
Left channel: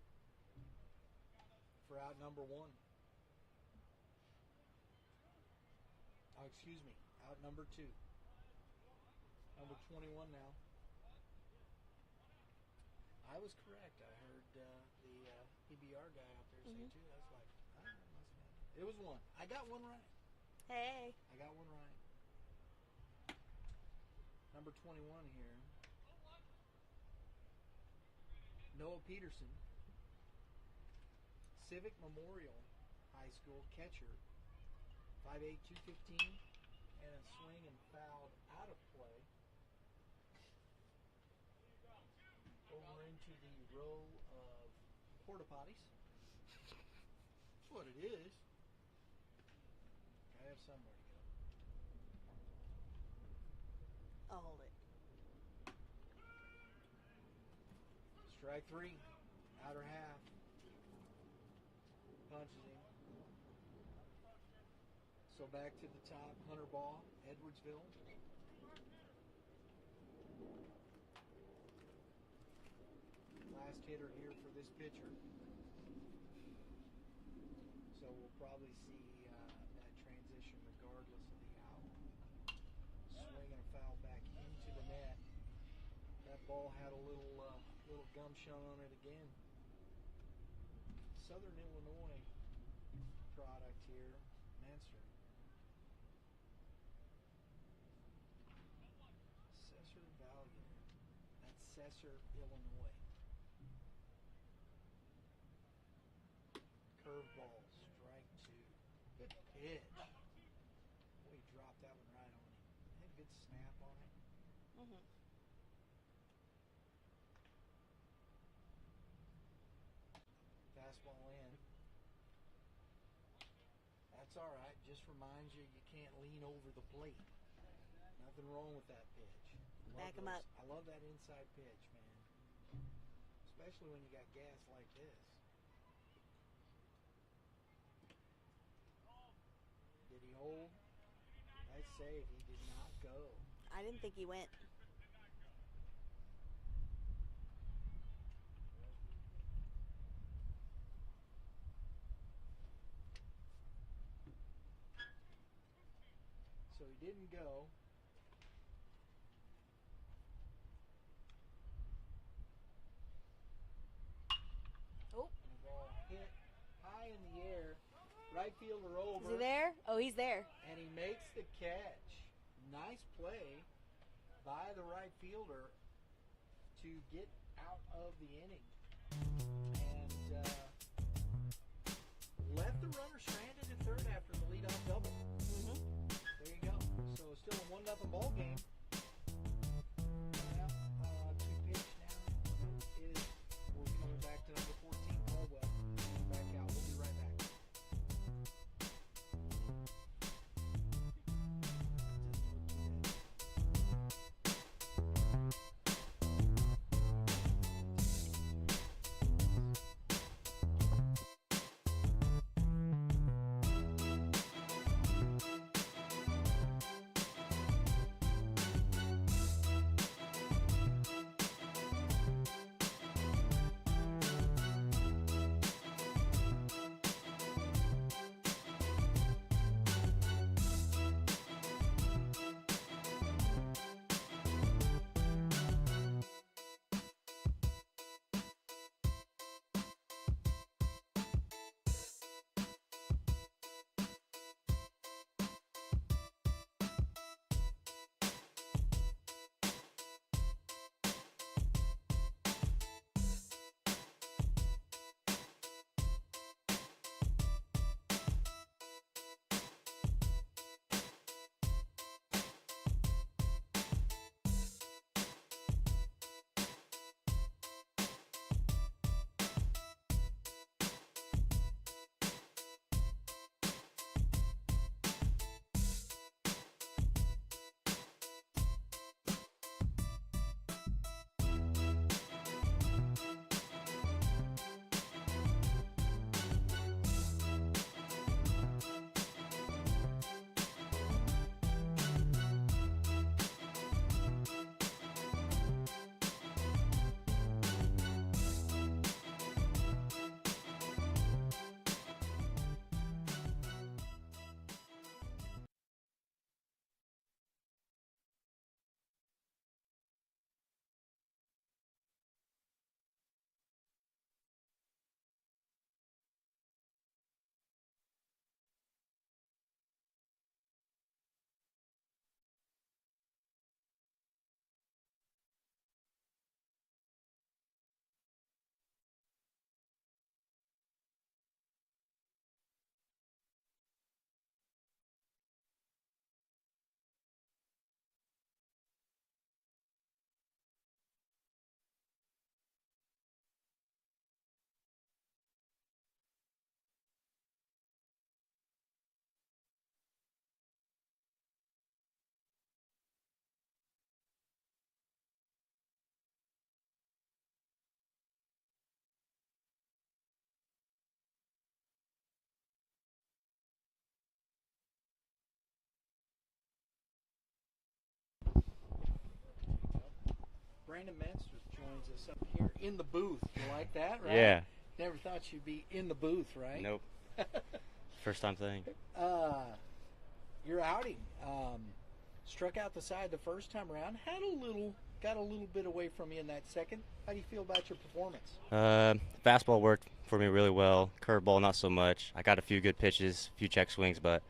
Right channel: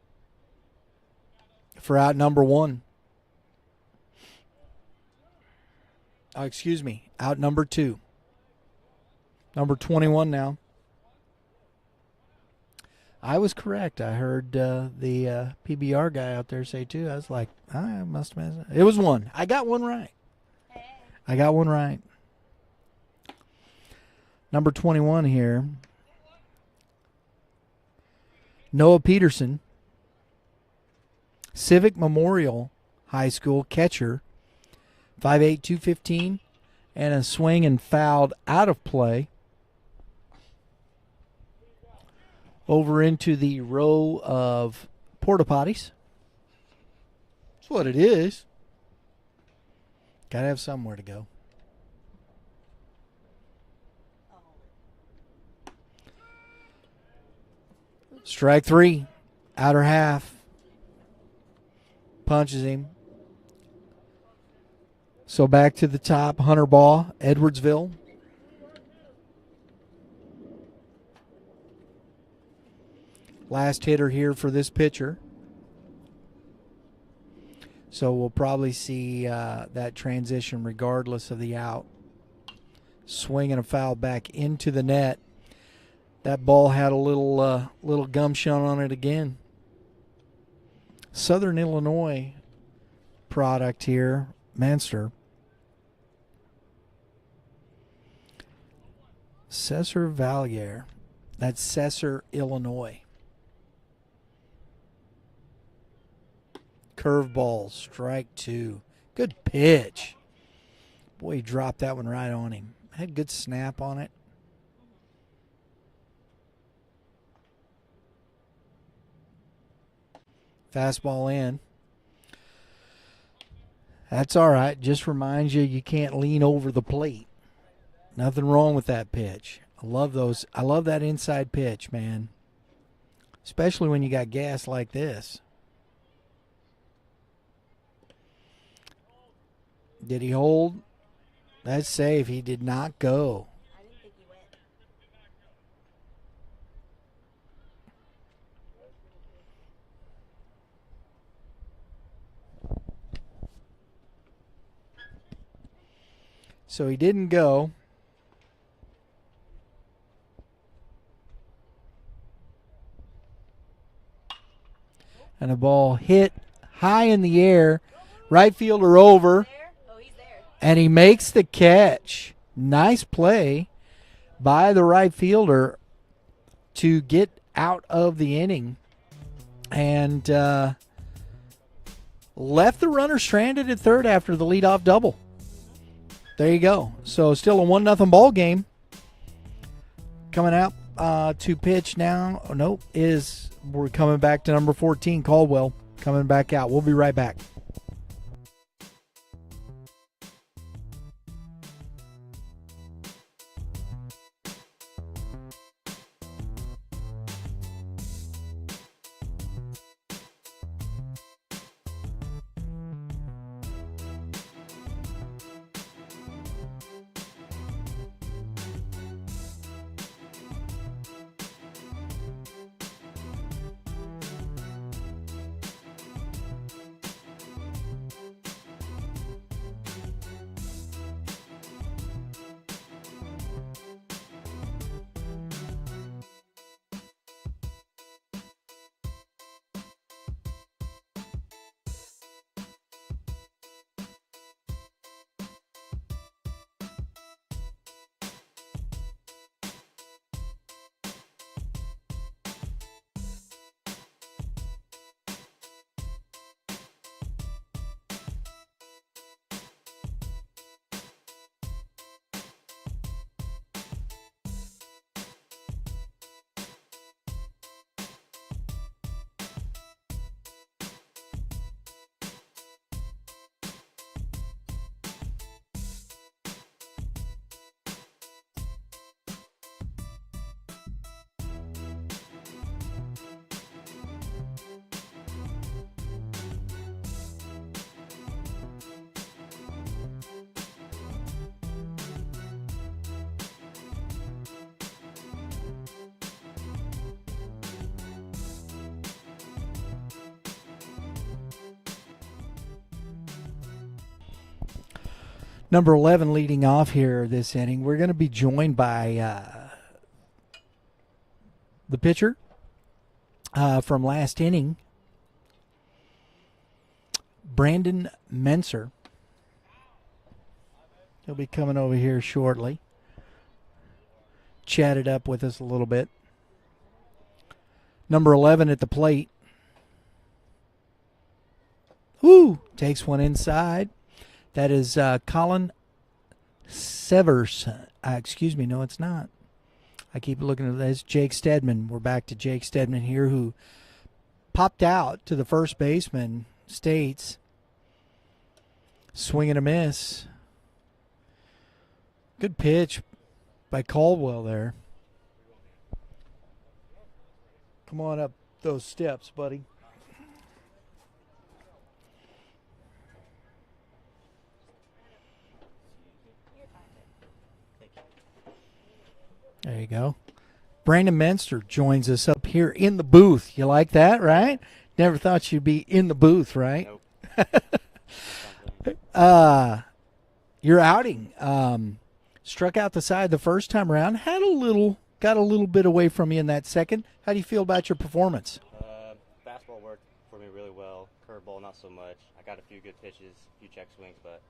for out number 1. Oh, excuse me, out number 2. Number 21 now. I was correct. I heard the PBR guy out there say 2. I was like, I must have messed up. It was 1. I got one right. Hey. I got one right. Number 21 here. Noah Peterson. Civic Memorial High School catcher. 5'8", 215, and a swing and fouled out of play. Over into the row of porta potties. That's what it is. Got to have somewhere to go. I'll hold it. Strike 3. Outer half. Punches him. So back to the top, Hunter Baugh, Edwardsville. Last hitter here for this pitcher. So we'll probably see that transition regardless of the out. Swing and a foul back into the net. That ball had a little gumption on it again. Southern Illinois product here, Manster. Cesar Valier. That's Cesar, Illinois. Curveball, strike 2. Good pitch. Boy, he dropped that one right on him. Had good snap on it. Fastball in. That's all right. Just reminds you can't lean over the plate. Nothing wrong with that pitch. I love those. I love that inside pitch, man. Especially when you got gas like this. Did he hold? That's safe. He did not go. I didn't think he went. So he didn't go. And a ball hit high in the air. Right fielder over. There? Oh, he's there. And he makes the catch. Nice play by the right fielder to get out of the inning. And left the runner stranded at third after the leadoff double. There you go. So still a 1-0 ball game. Coming out to pitch now. Oh, nope. We're coming back to number 14, Caldwell. Coming back out. We'll be right back. Number 11 leading off here this inning. We're going to be joined by the pitcher from last inning, Brandon Menser. He'll be coming over here shortly. Chat it up with us a little bit. Number 11 at the plate. Woo! Takes one inside. That is Colin Severson. Excuse me, no, it's not. I keep looking at this. Jake Stedman. We're back to Jake Stedman here, who popped out to the first baseman, States. Swing and a miss. Good pitch by Caldwell there. Come on up those steps, buddy. There you go. Brandon Menster joins us up here in the booth. You like that, right? Yeah. Never thought you'd be in the booth, right? Nope. First time thing. Your outing struck out the side the first time around. Got a little bit away from you in that second. How do you feel about your performance? Fastball worked for me really well. Curveball, not so much. I got a few good pitches, a few check swings, but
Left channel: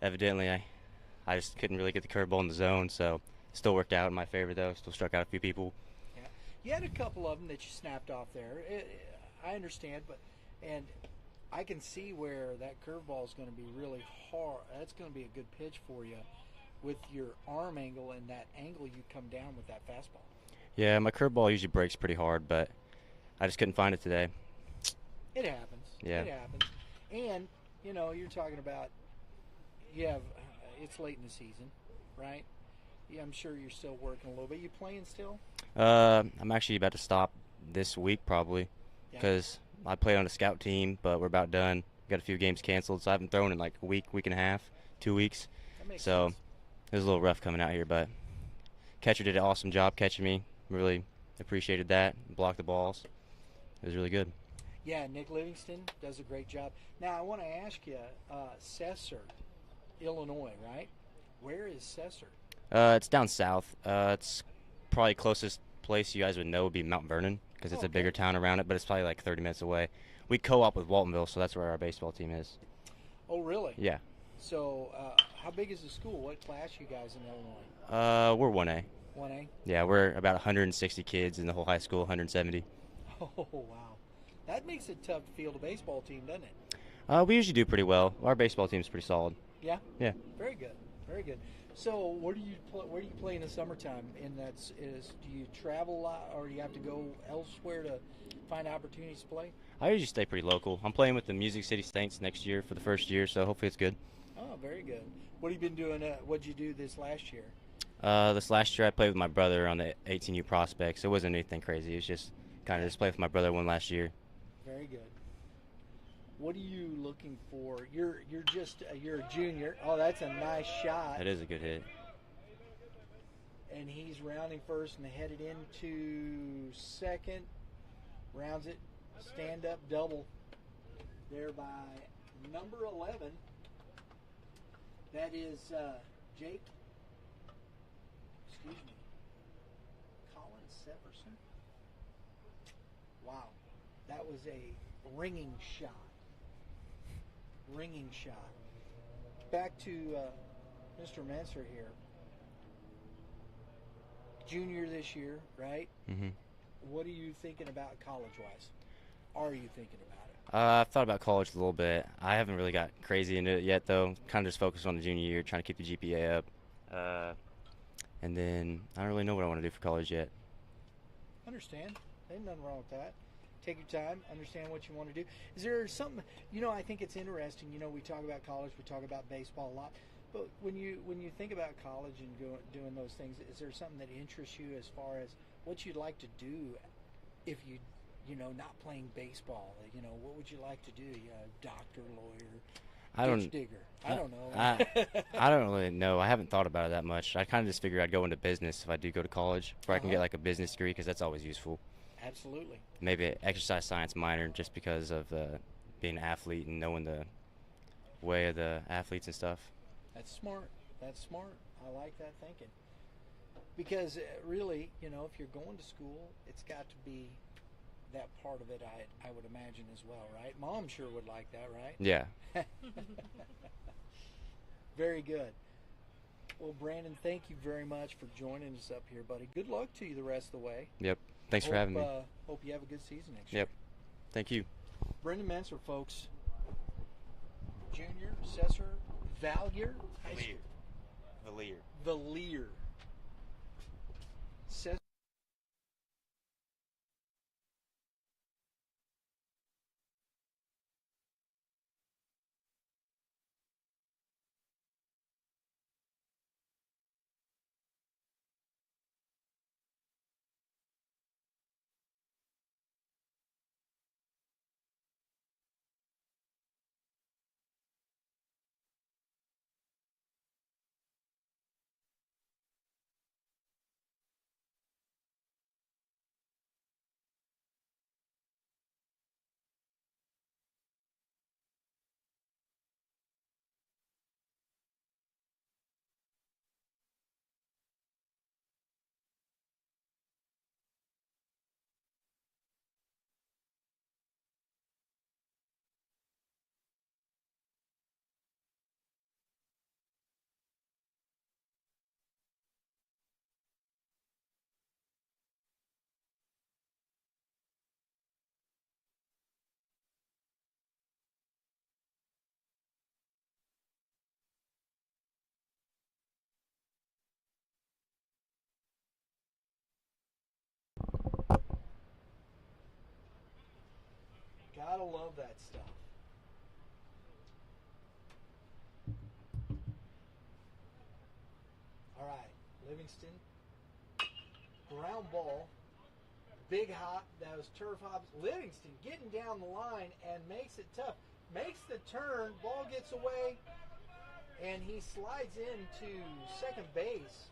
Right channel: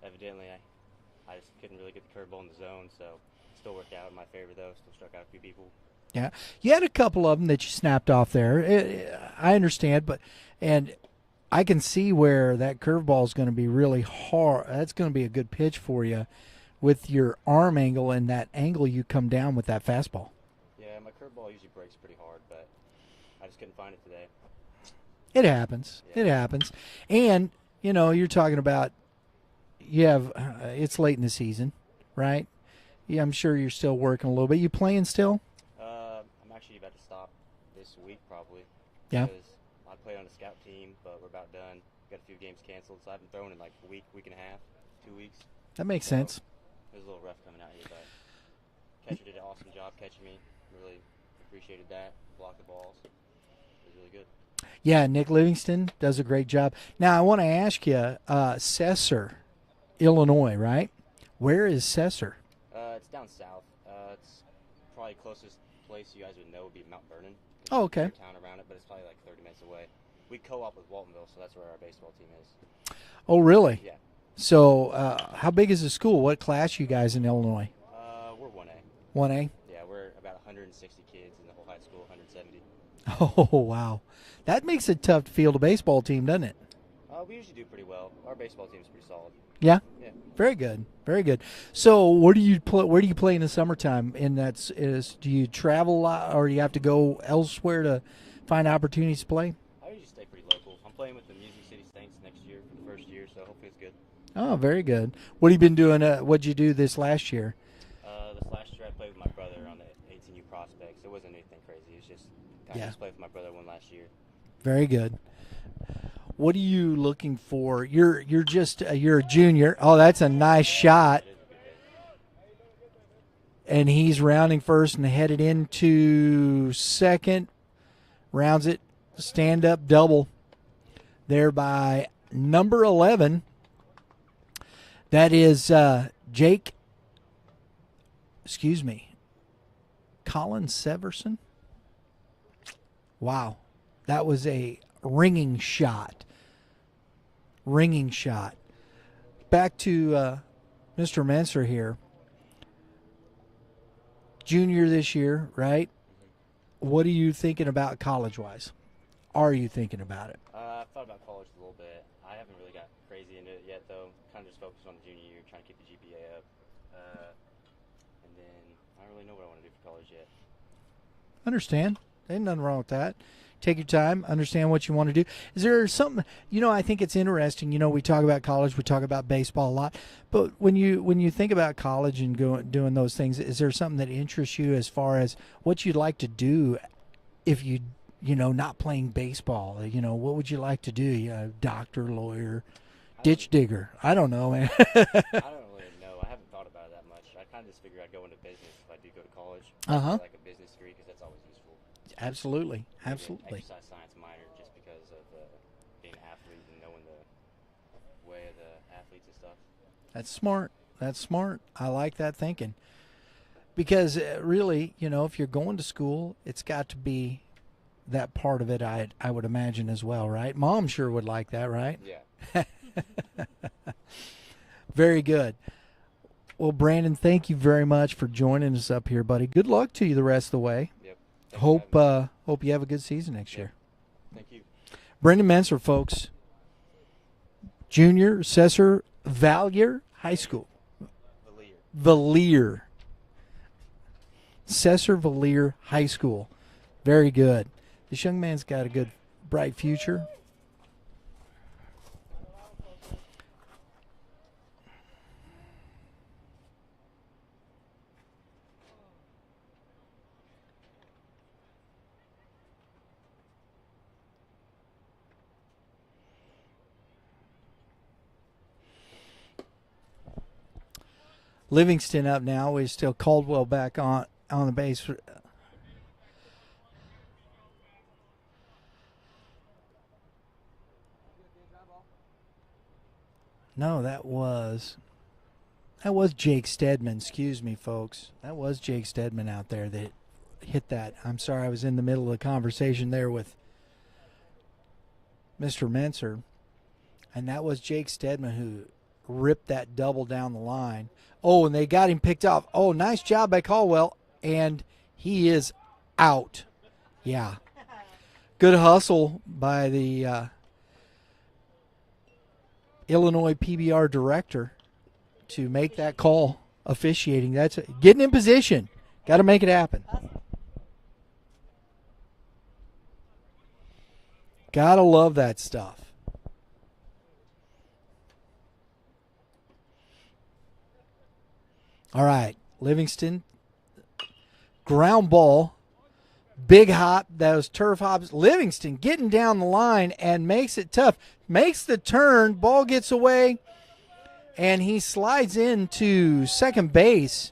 evidently I just couldn't really get the curveball in the zone, so still worked out in my favor, though. Still struck out a few people. Yeah. You had a couple of them that you snapped off there. I understand, and I can see where that curveball is going to be really hard. That's going to be a good pitch for you with your arm angle and that angle you come down with that fastball. Yeah, my curveball usually breaks pretty hard, but I just couldn't find it today. It happens. Yeah. It happens. And, you're talking about it's late in the season, right? Yeah, I'm sure you're still working a little bit. You playing still? I'm actually about to stop this week probably because I play on a scout team, but we're about done. Got a few games canceled, so I haven't thrown in like a week and a half, 2 weeks. That makes sense. It was a little rough coming out here, but catcher did an awesome job catching me. Really appreciated that. Blocked the balls. It was really good. Yeah, Nick Livingston does a great job. Now, I want to ask you, Cesar, Illinois, right? Where is Cesar? It's down south. It's probably closest place you guys would know would be Mount Vernon because it's a bigger town around it, but it's probably like 30 minutes away. We co-op with Waltonville, so that's where our baseball team is. Oh, really? Yeah. So how big is the school? What class you guys in Illinois? We're 1A. 1A? Yeah, we're about 160 kids in the whole high school, 170. Oh, wow. That makes it tough to field a baseball team, doesn't it? We usually do pretty well. Our baseball team's pretty solid. Yeah? Yeah. Very good. Very good. So where do you play in the summertime? Do you travel a lot, or do you have to go elsewhere to find opportunities to play? I usually stay pretty local. I'm playing with the Music City Saints next year for the first year, so hopefully it's good. Oh, very good. What have you been doing? What'd you do this last year? This last year I played with my brother on the 18U Prospects. It wasn't anything crazy. It was just kind of just play with my brother one last year. Very good. What are you looking for? You're a junior. Oh, that's a nice shot. That is a good hit. And he's rounding first and headed into second. Rounds it. Stand-up double there by number 11. That is Colin Severson. Wow. That was a ringing shot. Ringing shot. Back to Mr. Menser here. Junior this year, right? Mm-hmm. What are you thinking about college-wise? Are you thinking about it? I've thought about college a little bit. I haven't really got crazy into it yet, though. Kind of just focused on the junior year, trying to keep the GPA up. And then I don't really know what I want to do for college yet. Understand. Ain't nothing wrong with that. Take your time. Understand what you want to do. Is there something, I think it's interesting. We talk about college. We talk about baseball a lot. But when you think about college and doing those things, is there something that interests you as far as what you'd like to do if not playing baseball? What would you like to do? Doctor, lawyer, ditch digger. I don't know, man. I don't really know. I haven't thought about it that much. I kind of just figured I'd go into business if I do go to college. Or I can get like a business degree because that's always useful. Absolutely. Maybe an exercise science minor just because of being an athlete and knowing the way of the athletes and stuff. That's smart. That's smart. I like that thinking. Because really, if you're going to school, it's got to be that part of it, I would imagine as well, right? Mom sure would like that, right? Yeah. Very good. Well, Brandon, thank you very much for joining us up here, buddy. Good luck to you the rest of the way. Yep. Thanks for having me. Hope you have a good season next Yep. year. Thank you. Brendan Menser, folks. Junior, Cesar Valier High School. Valier. Cesar Valier High School. Very good. This young man's got a good, bright future. Livingston up now. Is still Caldwell back on the base. No, that was Jake Stedman. Excuse me, folks. That was Jake Stedman out there that hit that. I'm sorry, I was in the middle of the conversation there with Mr. Menser, and that was Jake Stedman who ripped that double down the line. Oh, and they got him picked off. Oh, nice job by Caldwell, and he is out. Yeah. Good hustle by the Illinois PBR director to make that call officiating. That's getting in position. Got to make it happen. Got to love that stuff. All right, Livingston, ground ball, big hop, those turf hops. Livingston getting down the line and makes it tough. Makes the turn, ball gets away, and he slides into second base.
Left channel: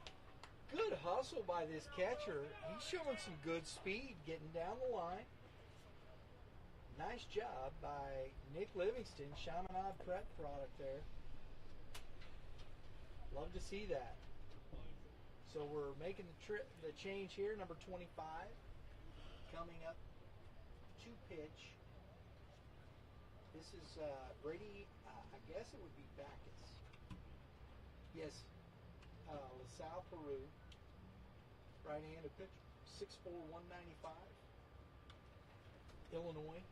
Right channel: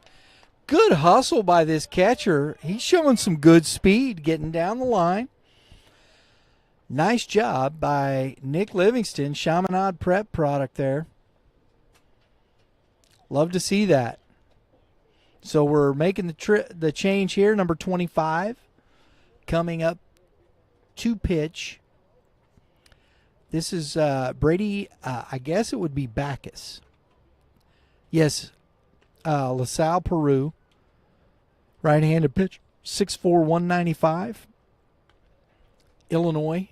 Good hustle by this catcher. He's showing some good speed getting down the line. Nice job by Nick Livingston, Chaminade Prep product there. Love to see that. So we're making the change here, number 25, coming up to pitch. This is Brady, I guess it would be Bacchus. Yes, LaSalle, Peru. Right-handed pitch, 6'4", 195. Illinois.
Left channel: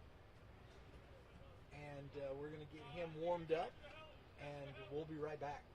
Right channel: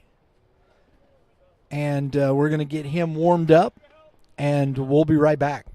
And we're going to get him warmed up, and we'll be right back.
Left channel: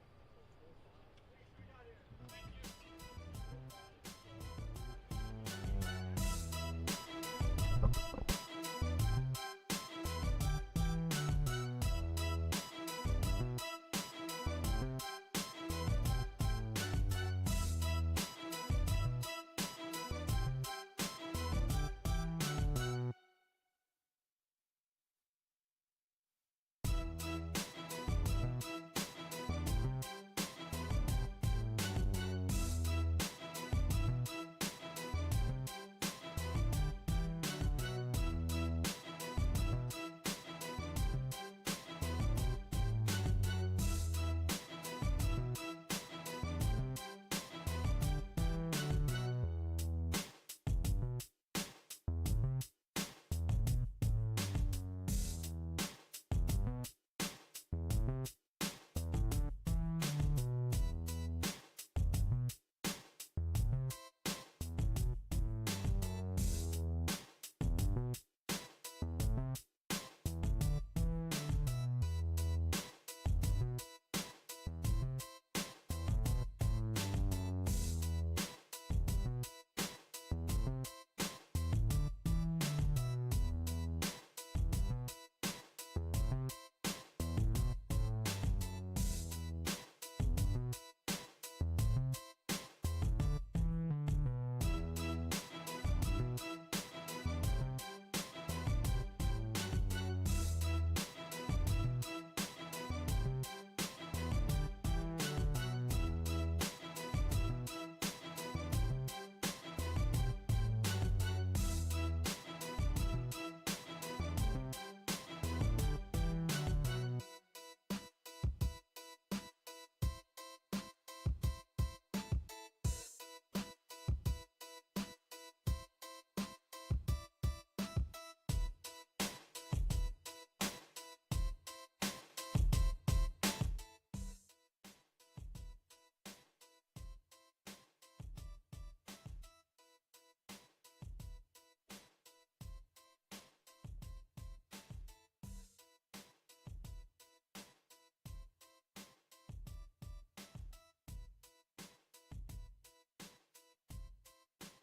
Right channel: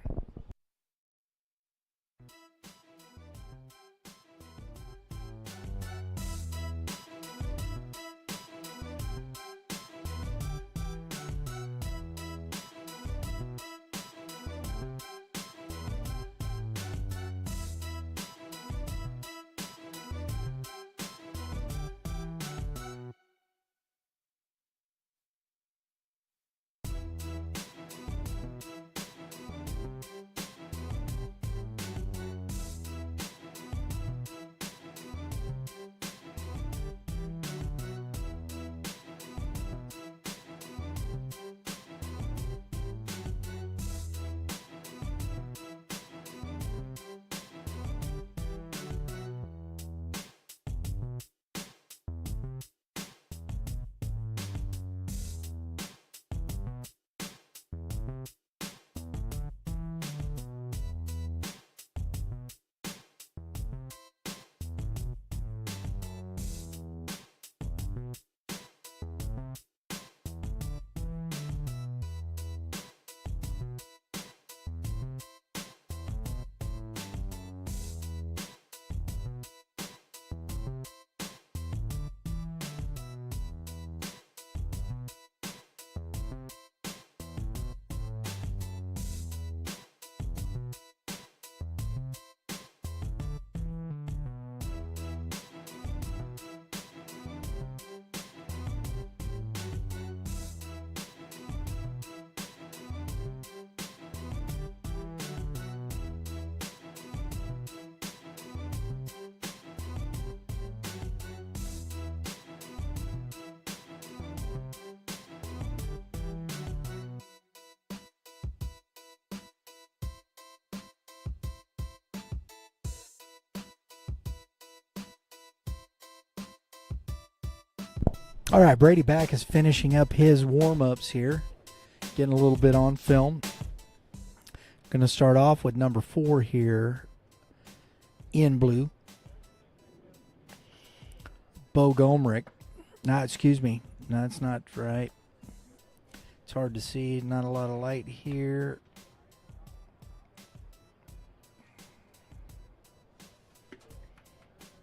All right, Brady Back is finishing up his warm-ups here. Getting a little bit on film. Going to start off with number 4 here in blue. Bo Gomrick. No, excuse me. No, that's not right. It's hard to see. Not a lot of light here.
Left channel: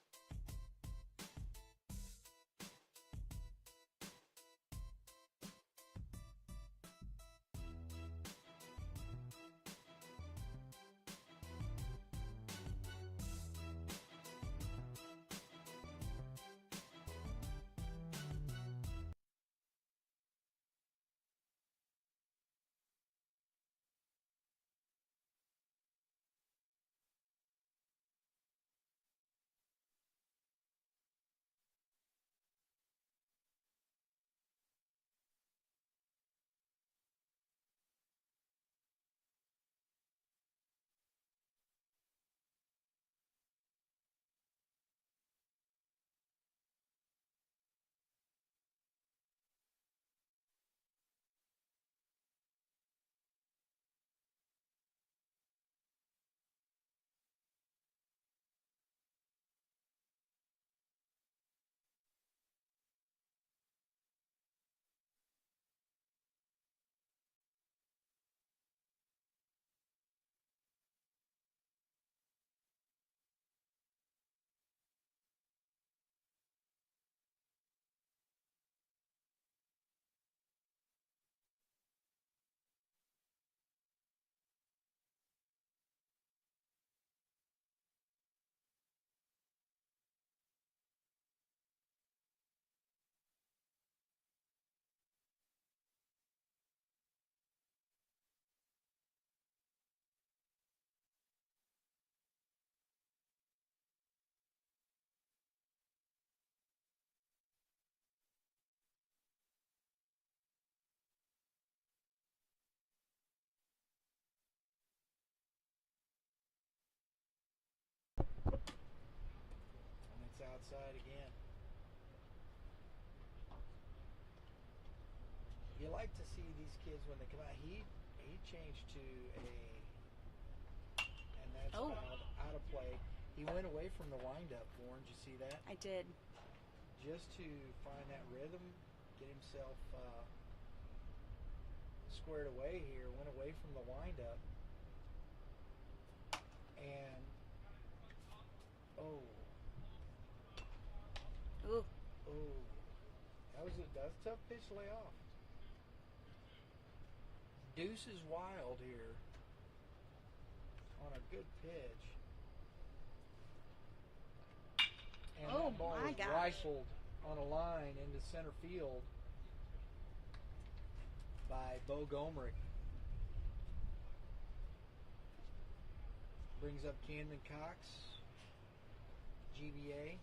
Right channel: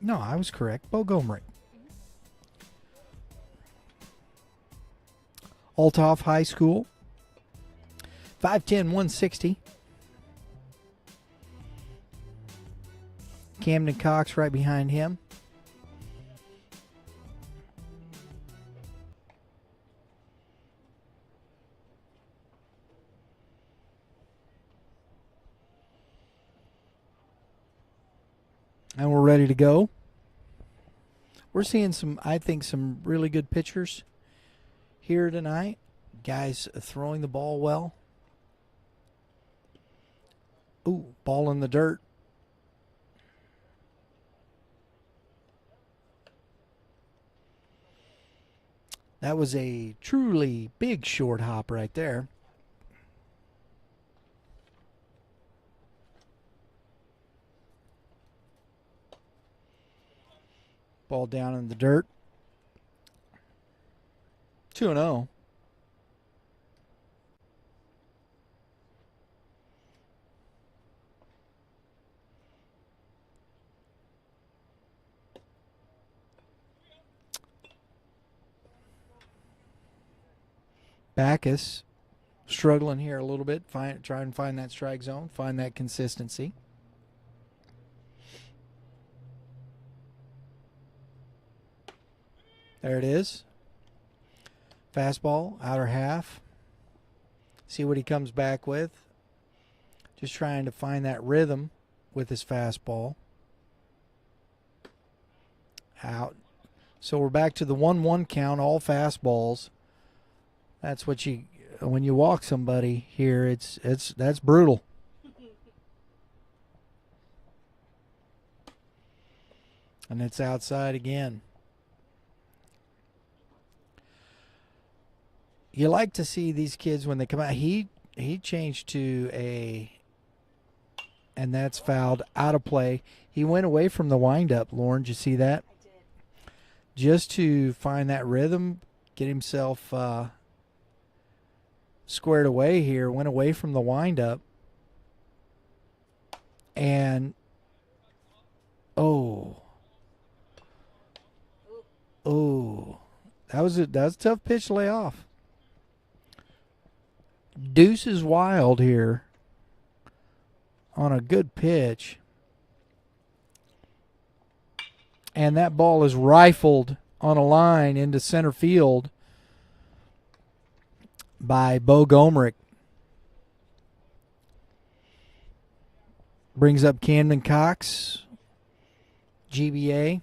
No, I was correct. Bo Gomrick. Althoff High School. 5'10", 160. Camden Cox right behind him. And we're ready to go. We're seeing I think some really good pitchers here tonight. Guys throwing the ball well. Ooh, ball in the dirt. That was a truly big short hop right there. Ball down in the dirt. 2-0. Backus struggling here a little bit. Try and find that strike zone. Find that consistency. There it is. Fastball, outer half. See what he comes back with. Just trying to find that rhythm with his fastball. Out. So we're back to the 1-1 count, all fastballs. That's what when you walk somebody here, that's brutal. And it's outside again. You like to see these kids when they come out. He changed to and that's fouled, out of play. He went away from the windup, Lauren. Did you see that? I did. Just to find that rhythm, get himself squared away here, went away from the windup. And, oh, that was a tough pitch to lay off. Deuce is wild here on a good pitch. And that ball is rifled on a line into center field by Bo Gomrick. Brings up Camden Cox, GBA.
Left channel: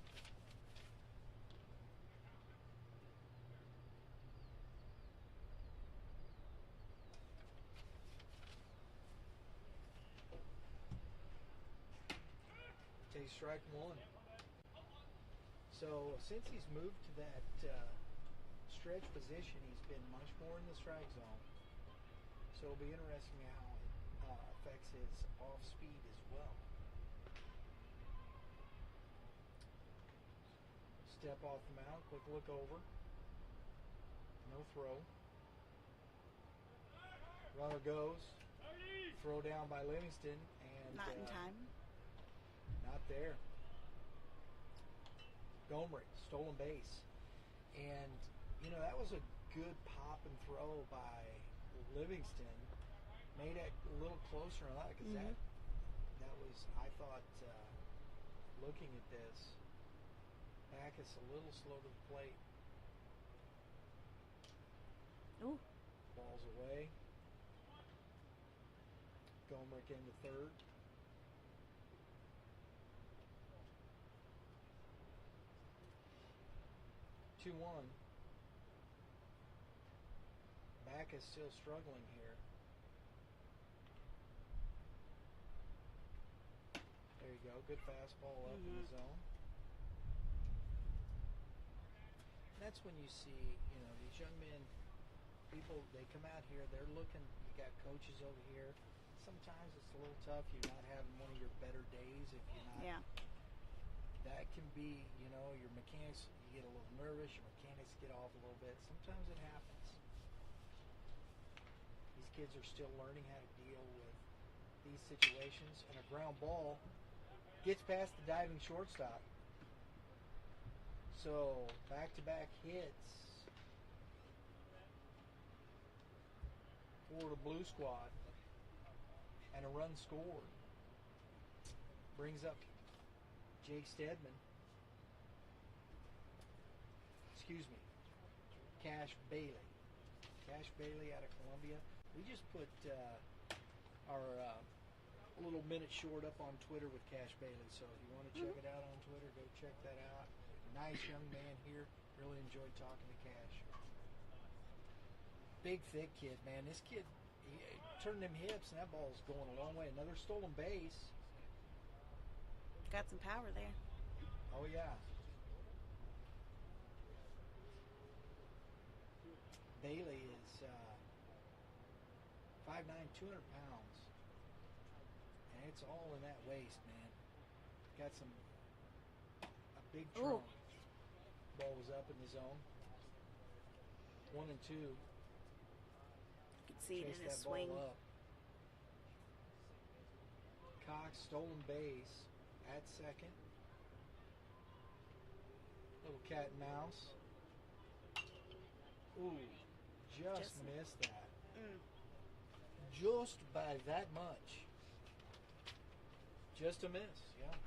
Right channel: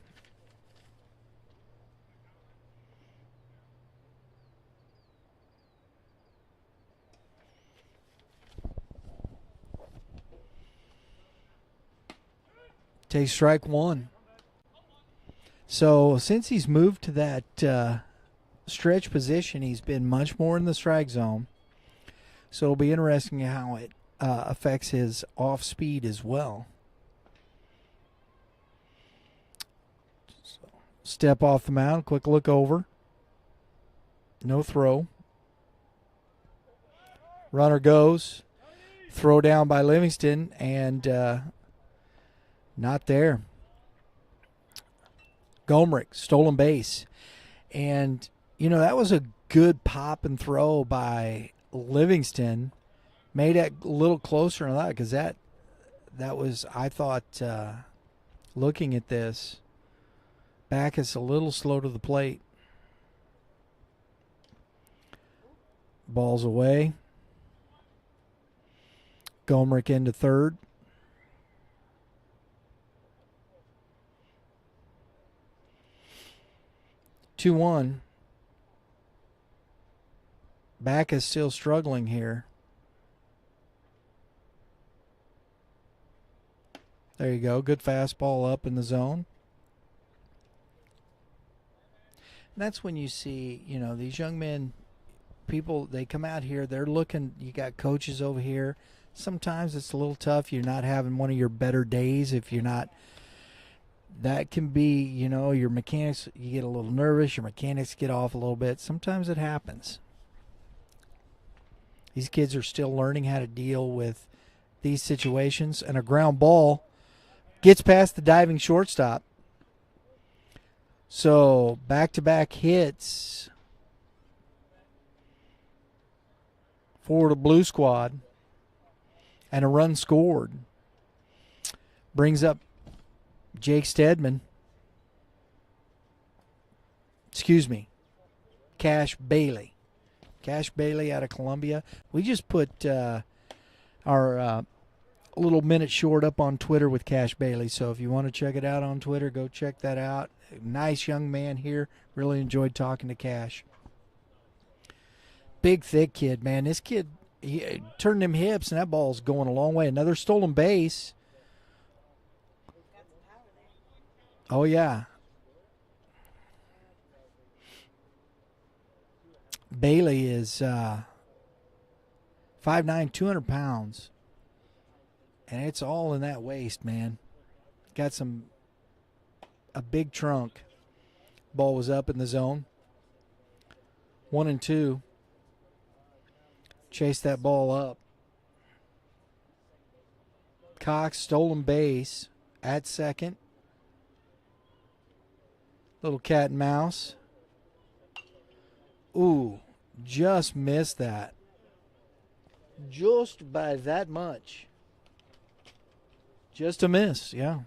Takes strike one. So since he's moved to that stretch position, he's been much more in the strike zone. So it'll be interesting how it affects his off speed as well. So step off the mound, quick look over. No throw. Runner goes. Throw down by Livingston, and not there. Gomrick, stolen base. And, that was a good pop and throw by Livingston. Made it a little closer than that, because that was, I thought, looking at this, Backus a little slow to the plate. Ball's away. Gomrick into third. Two 2-1. Backus still struggling here. There you go. Good fastball up in the zone. that's when you see, these young men, people, they come out here, they're looking, you got coaches over here. Sometimes it's a little tough. You're not having one of your better days if you're not. Yeah. That can be, your mechanics, you get a little nervous, your mechanics get off a little bit. Sometimes it happens. These kids are still learning how to deal with these situations, and a ground ball gets past the diving shortstop. So back-to-back hits for the Blue Squad and a run scored. Brings up Jake Stedman. Cash Bailey. Cash Bailey out of Columbia. We just put our little minute short up on Twitter with Cash Bailey. So if you want to check it out on Twitter, go check that out. Nice young man here. Really enjoyed talking to Cash. Big, thick kid, man. This kid, he turned them hips, and that ball's going a long way. Another stolen base. Got some power there. Oh, yeah. Bailey is 5'9", 200 pounds. And it's all in that waist, man. Got a big trunk. Ball was up in the zone. 1-2. Chase that ball up. Cox, stolen base at second. Little cat and mouse. Ooh, just missed that. Just by that much. Just a miss, yeah.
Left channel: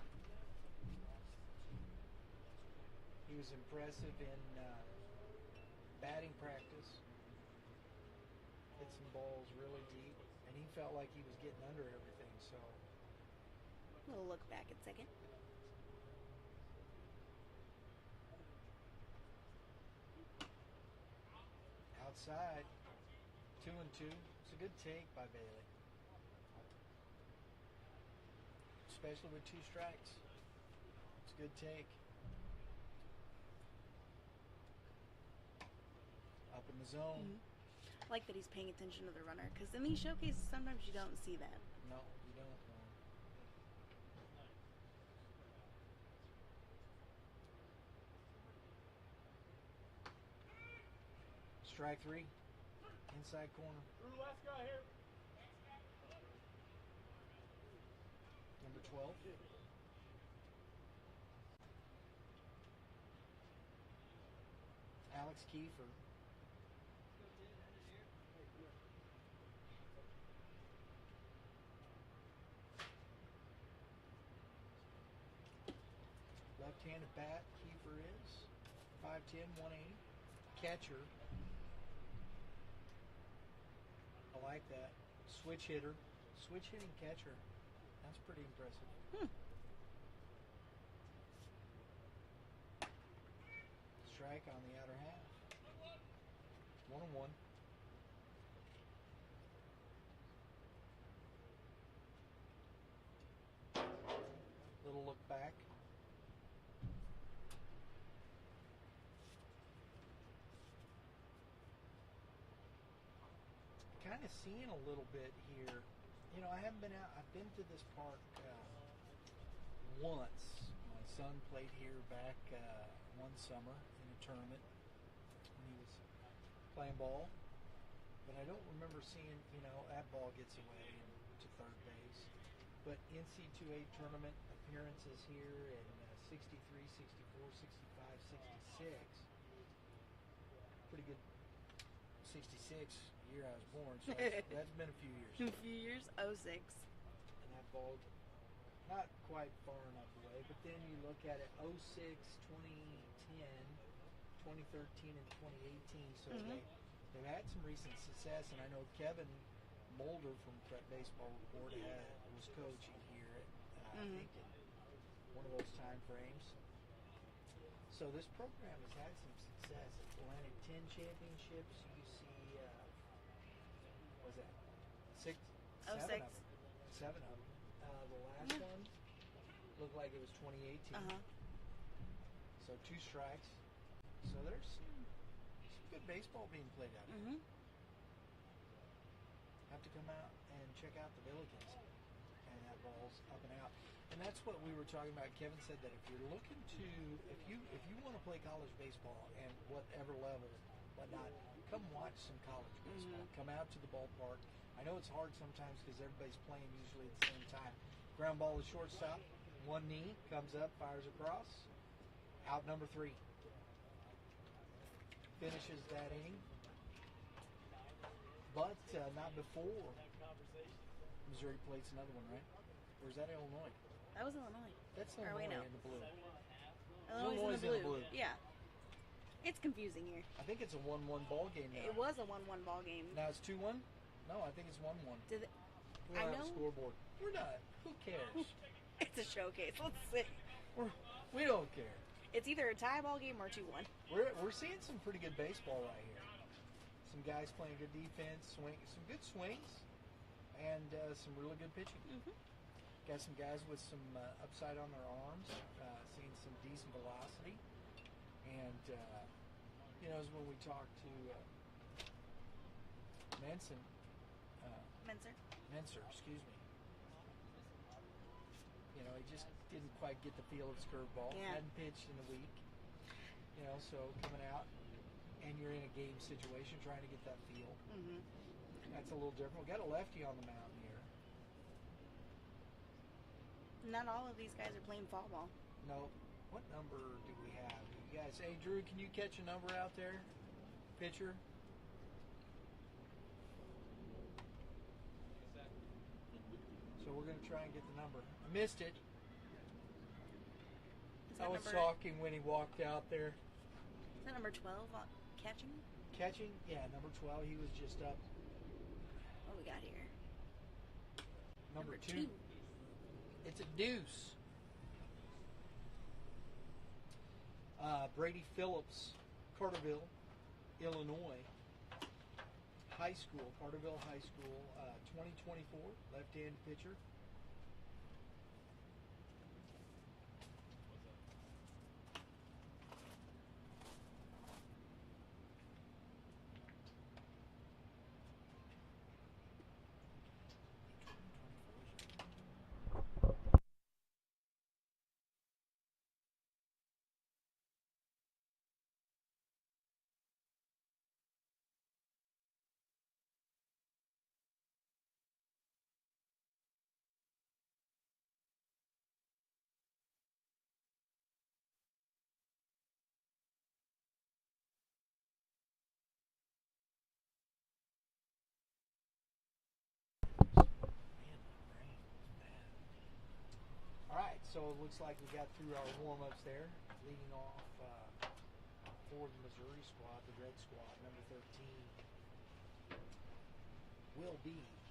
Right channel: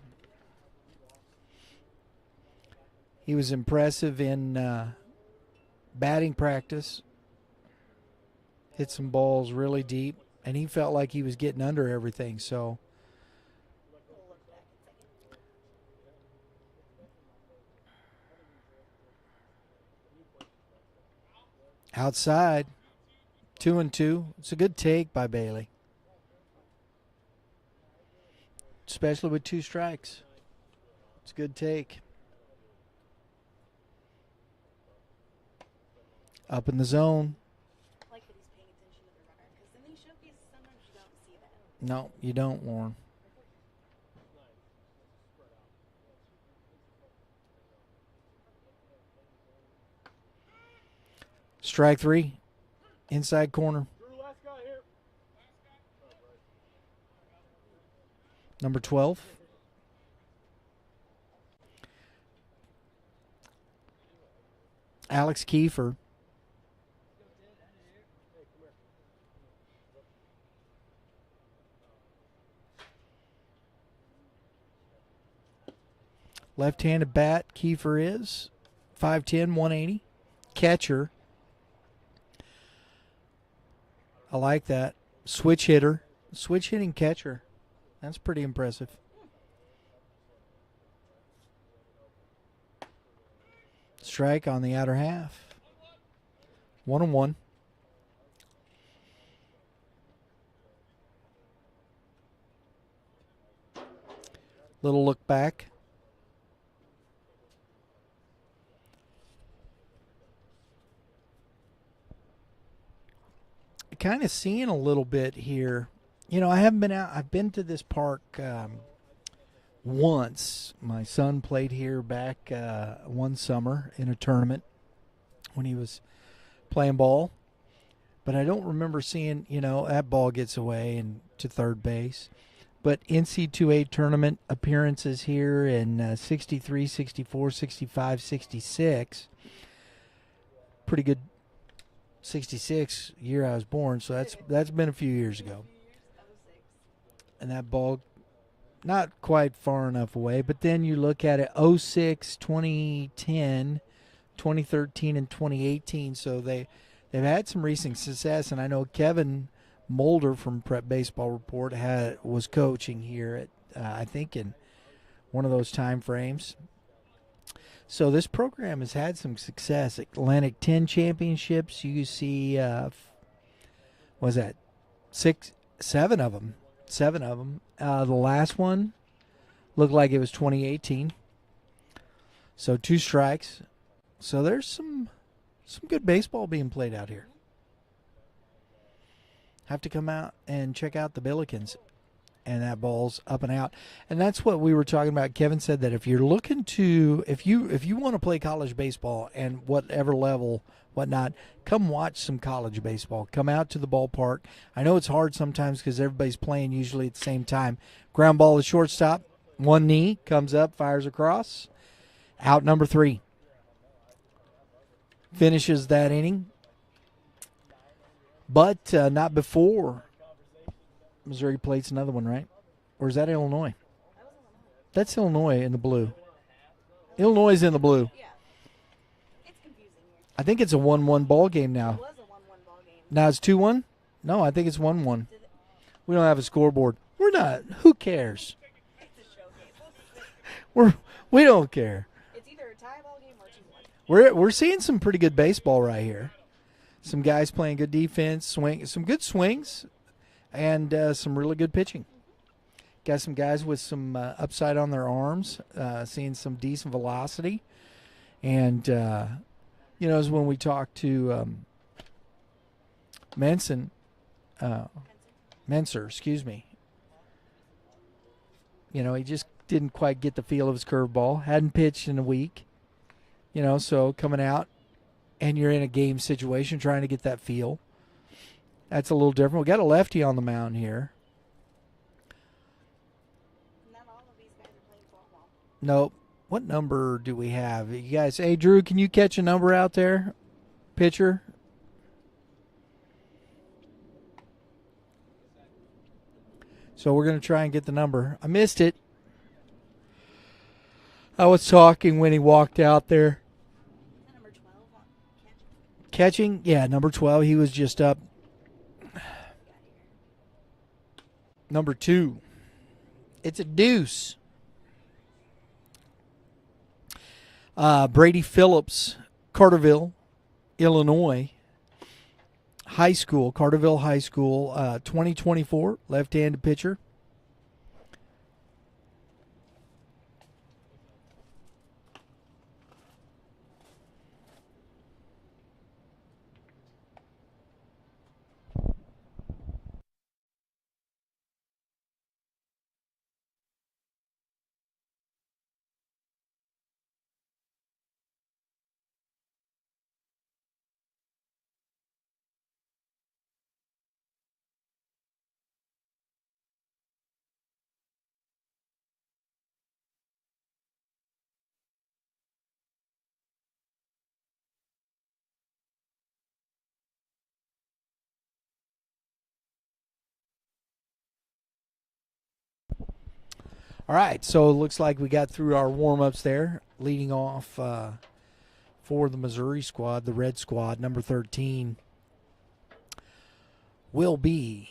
He was impressive in batting practice. Hit some balls really deep, and he felt like he was getting under everything, so. We'll look back at second. Outside, 2-2. It's a good take by Bailey. Especially with 2 strikes. It's a good take. Up in the zone. I like that he's paying attention to the runner, because in these showcases, sometimes you don't see that. No, you don't, Warren. Strike 3. Inside corner. Number 12. Alex Kiefer. Left-handed bat, Kiefer is 5'10", 180. Catcher. I like that. Switch hitter. Switch hitting catcher. That's pretty impressive. Strike on the outer half. 1-1. Little look back. Kind of seeing a little bit here. I haven't been out. I've been to this park once. My son played here back one summer in a tournament when he was playing ball. But I don't remember seeing, that ball gets away and to third base. But NC2A tournament appearances here in 63, 64, 65, 66. Pretty good 66 year I was born, so that's been a few years ago. 06. And that ball not quite far enough away, but then you look at it 06, 2010, 2013 and 2018, so they've had some recent success, and I know Kevin Moulder from Prep Baseball Report was coaching here at I think in one of those time frames. So this program has had some success. Atlantic 10 championships. You see, was that 7 of them? 7 of them. The last one looked like it was 2018. So 2 strikes. So there's some good baseball being played out here. Have to come out and check out the Billikens. And that ball's up and out. And that's what we were talking about. Kevin said that if you're looking to, if you want to play college baseball and whatever level, whatnot, come watch some college baseball. Come out to the ballpark. I know it's hard sometimes because everybody's playing usually at the same time. Ground ball to shortstop. One knee, comes up, fires across. Out number 3. Finishes that inning. But not before Missouri plays another one, right? Or is that Illinois? That was Illinois. That's Illinois in the blue. Illinois is in the blue. Yeah. It's confusing here. I think it's a 1-1 ball game It now. was a 1-1 ball game. Now it's 2-1? No, I think it's 1-1. Did it- We don't have a scoreboard. We're not. Who cares? It's a showcase. Let's see. We don't care. It's either a tie ball game or 2-1. We're seeing some pretty good baseball right here. Some guys playing good defense, some good swings, and some really good pitching. Got some guys with some upside on their arms, seeing some decent velocity. And, as when we talked to Menser, excuse me. He just didn't quite get the feel of his curveball. Hadn't pitched in a week. So coming out and you're in a game situation trying to get that feel. That's a little different. We got a lefty on the mound here. Not all of these guys are playing fall ball. Nope. What number do we have? You guys, hey, Drew, can you catch a number out there? Pitcher? So we're going to try and get the number. I missed it. I was talking when he walked out there. Is that number 12 on catching? Catching? Yeah, number 12. He was just up. What do we got here? Number 2. It's a deuce. Brady Phillips, Carterville, Illinois High School, Carterville High School, 2024, left-handed pitcher. All right, so it looks like we got through our warm-ups there. Leading off for the Missouri squad, the Red Squad, number 13, will be,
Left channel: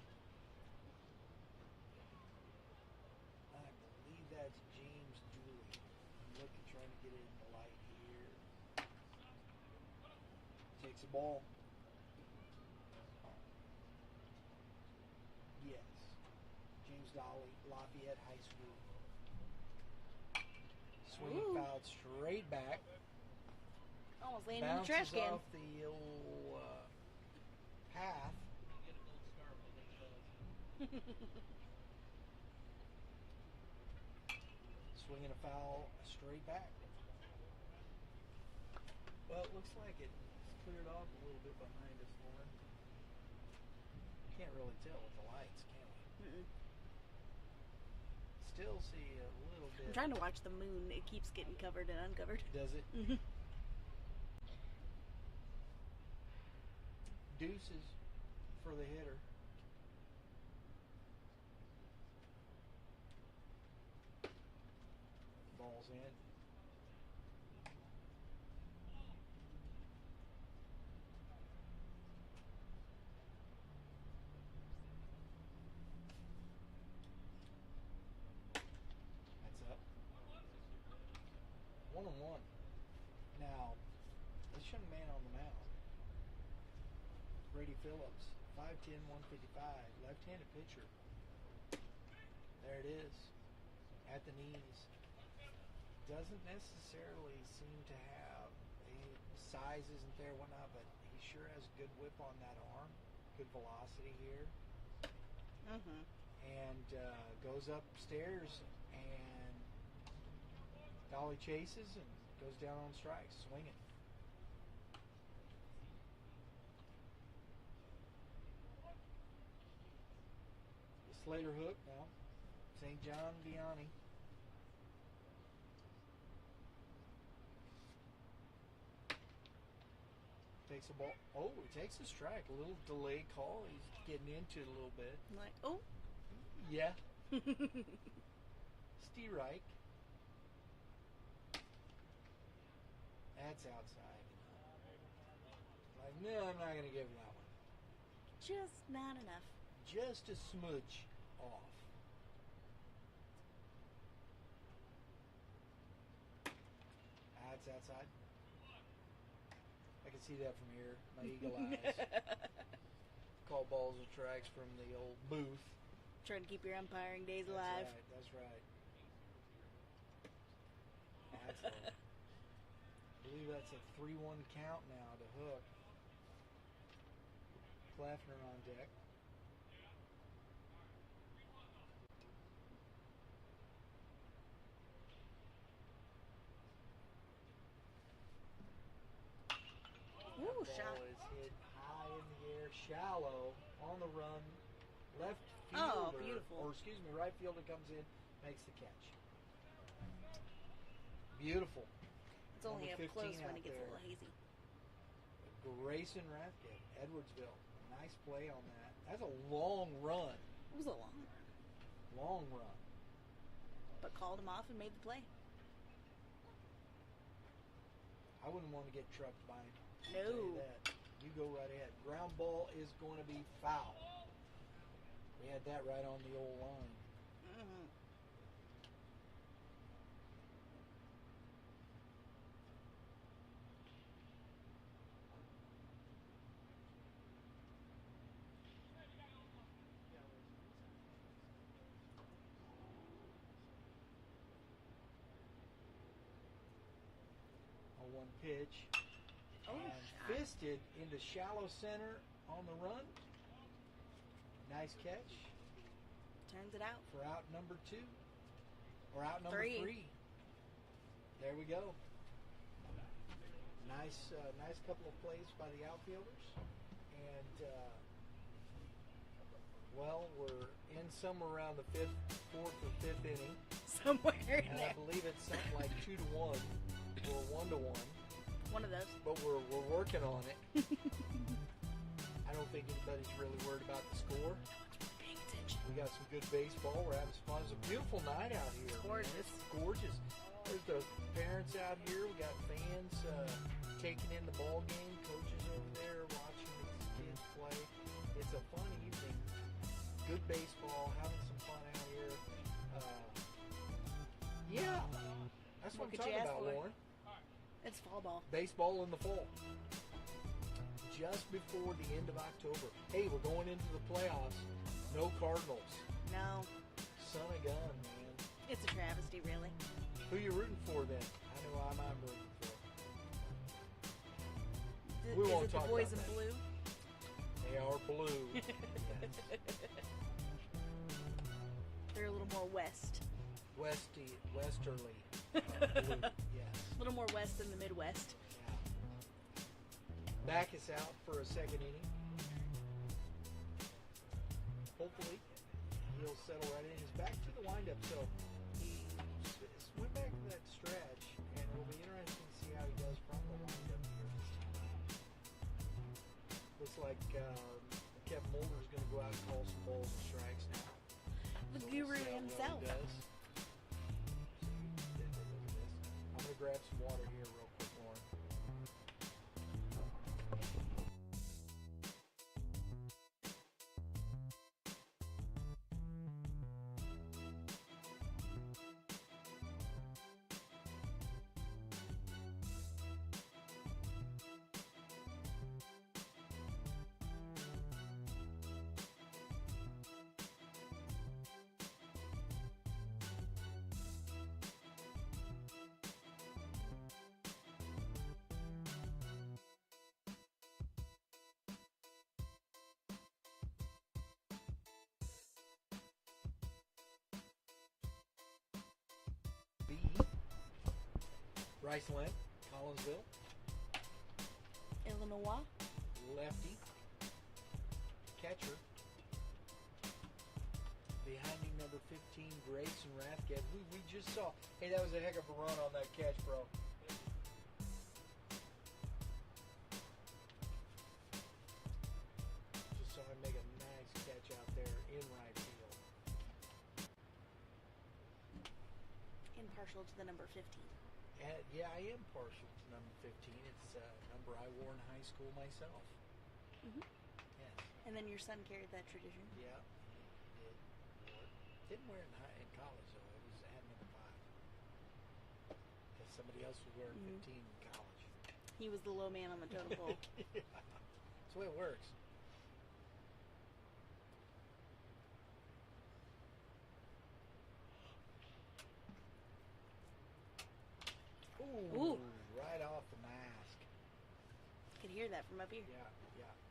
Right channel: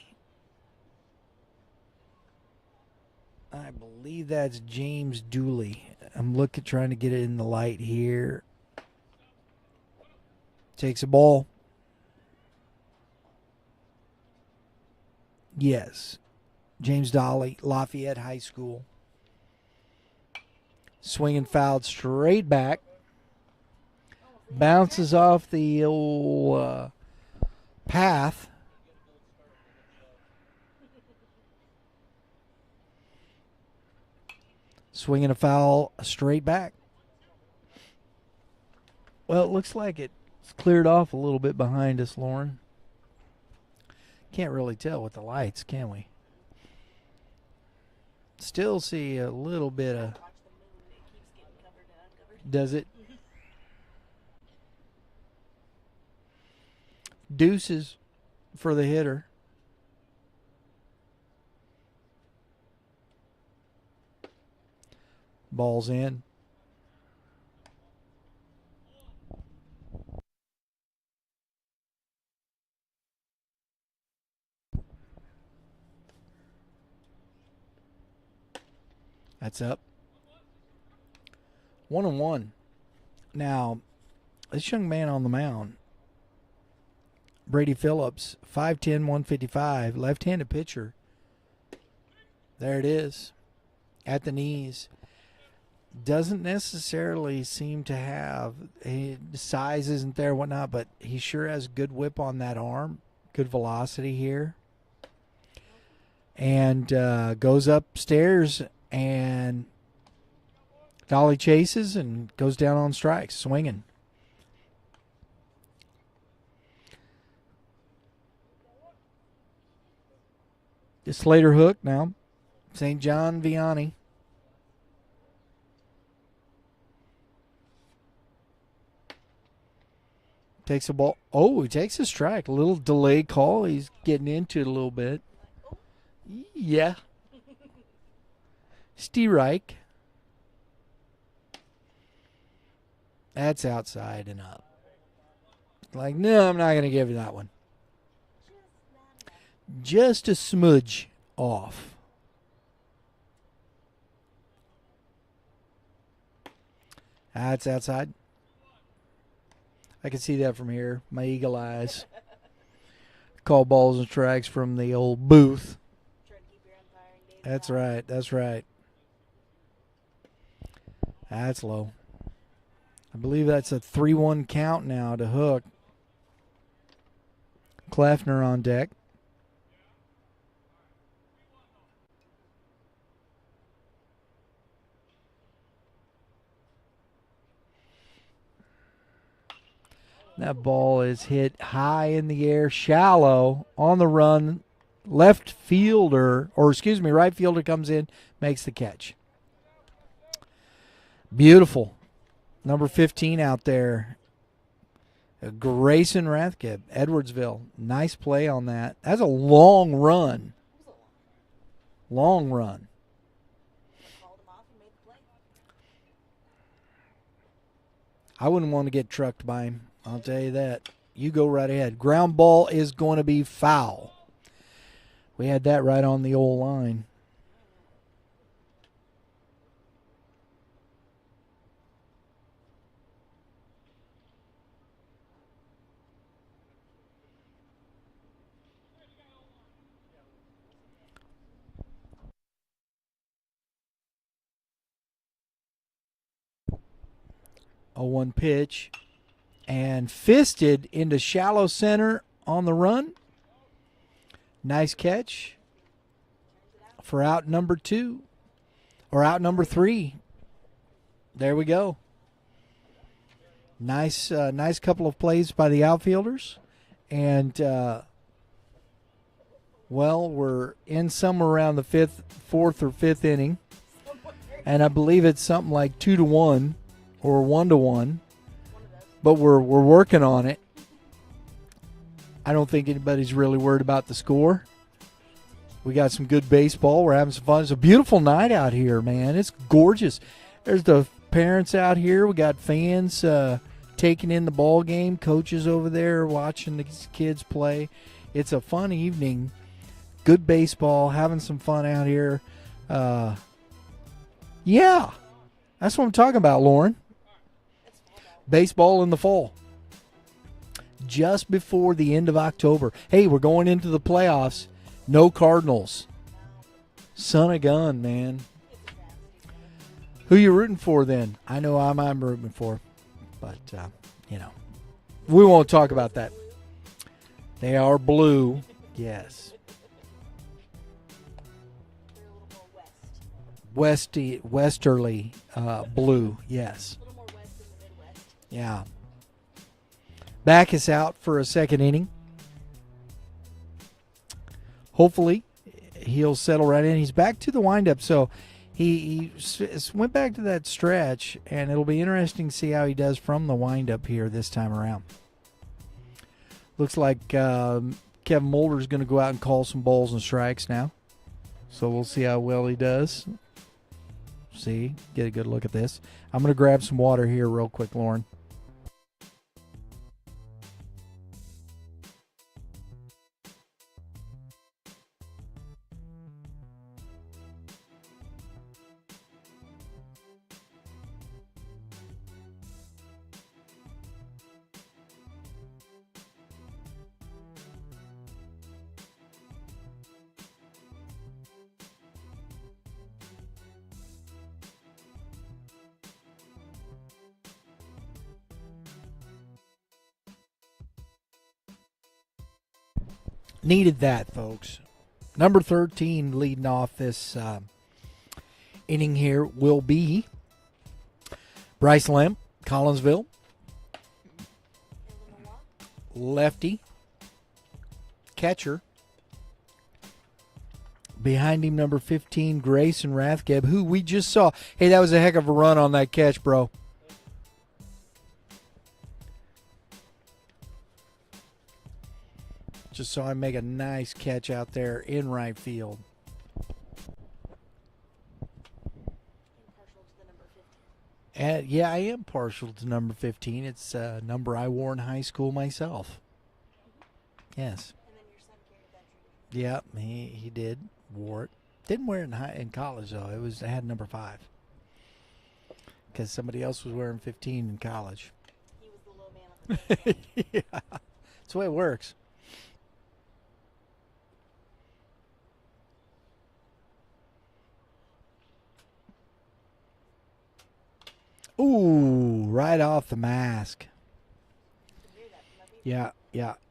I believe that's James Dooley. I'm trying to get it in the light here. Takes a ball. Yes. James Dolly, Lafayette High School. Swinging fouled straight back. Bounces off the old path. Swinging a foul straight back. Well, it looks like it's cleared off a little bit behind us, Lauren. Can't really tell with the lights, can we? Still see a little bit I'm of... trying to watch the moon. It keeps getting covered and uncovered. Does it? Deuces for the hitter. Ball's in. That's up. 1-1. Now, this young man on the mound, Brady Phillips, 5'10", 155, left-handed pitcher. There it is, at the knees. doesn't necessarily seem to have size isn't there, whatnot, but he sure has good whip on that arm, good velocity here, and goes upstairs and dolly chases and goes down on strikes, swinging. The Slater hook now, St. John Vianney. Takes a ball. Oh, he takes a strike. A little delay call. He's getting into it a little bit. Like, oh. Yeah. Strike. That's outside and up. Like, no, I'm not going to give you that one. Just not enough. Just a smudge off. That's outside. I can see that from here. My eagle eyes. Call balls and strikes from the old booth. Trying to keep your umpiring days That's alive. right. That's right. That's low. I believe that's a 3-1 count now to Hook. Kleffner on deck. That ball is hit high in the air, shallow, on the run. Right fielder comes in, makes the catch. Beautiful. Number 15 out there. Grayson Rathkeb, Edwardsville. Nice play on that. That's a long run. It was a long Long one. run. But called him off and made the play. I wouldn't want to get trucked by him. I'll tell you that. You go right ahead. Ground ball is going to be foul. We had that right on the old line. A 1 pitch. And fisted into shallow center on the run. Nice catch Turns it out. for out number 2. Or out number 3. There we go. Nice couple of plays by the outfielders. And, we're in somewhere around the 4th or 5th inning. Somewhere. And I believe it's something like 2-1 or 1-1. One of those. But we're working on it. I don't think anybody's really worried about the score. We got some good baseball. We're having some fun. It's a beautiful night out here, man. It's gorgeous. There's the parents out here. We got fans taking in the ball game. Coaches over there watching the kids play. It's a fun evening. Good baseball. Having some fun out here. Yeah. That's what I'm talking about, Lauren. It's fall ball. Baseball in the fall. Just before the end of October. Hey, we're going into the playoffs. No Cardinals. No. Son of gun, man. It's a travesty, really. Who you rooting for then? I know I'm rooting for. But, we won't talk about that. They are blue. Yes. They're a little more west. Westerly blue. Yes. A little more west than the Midwest. Yeah. Backus out for a second inning. Hopefully, he'll settle right in. He's back to the windup, so he went back to that stretch, and it'll be interesting to see how he does from the windup here this time around. Looks like Kevin Moulder is going to go out and call some balls and strikes now, so we'll see how well he does. See, get a good look at this. I'm going to grab some water here real quick, Lauren. Needed that, folks. Number 13 leading off this inning here will be Bryce Lamb, Collinsville. Illinois. Lefty. Catcher. Behind him, number 15, Grayson Rathgeb, who we just saw. Hey, that was a heck of a run on that catch, bro. Just saw him make a nice catch out there in right field. And partial to the number 15. And yeah, I am partial to number 15. It's a number I wore in high school myself. Mm-hmm. Yes. And then your son carried that tradition. Yeah, he did. Wore it. Didn't wear it in college though. I had number 5 because somebody else was wearing 15 in college. He was the low man on the totem pole. Yeah, that's the way it works. Ooh, right off the mask. You could hear that from up here.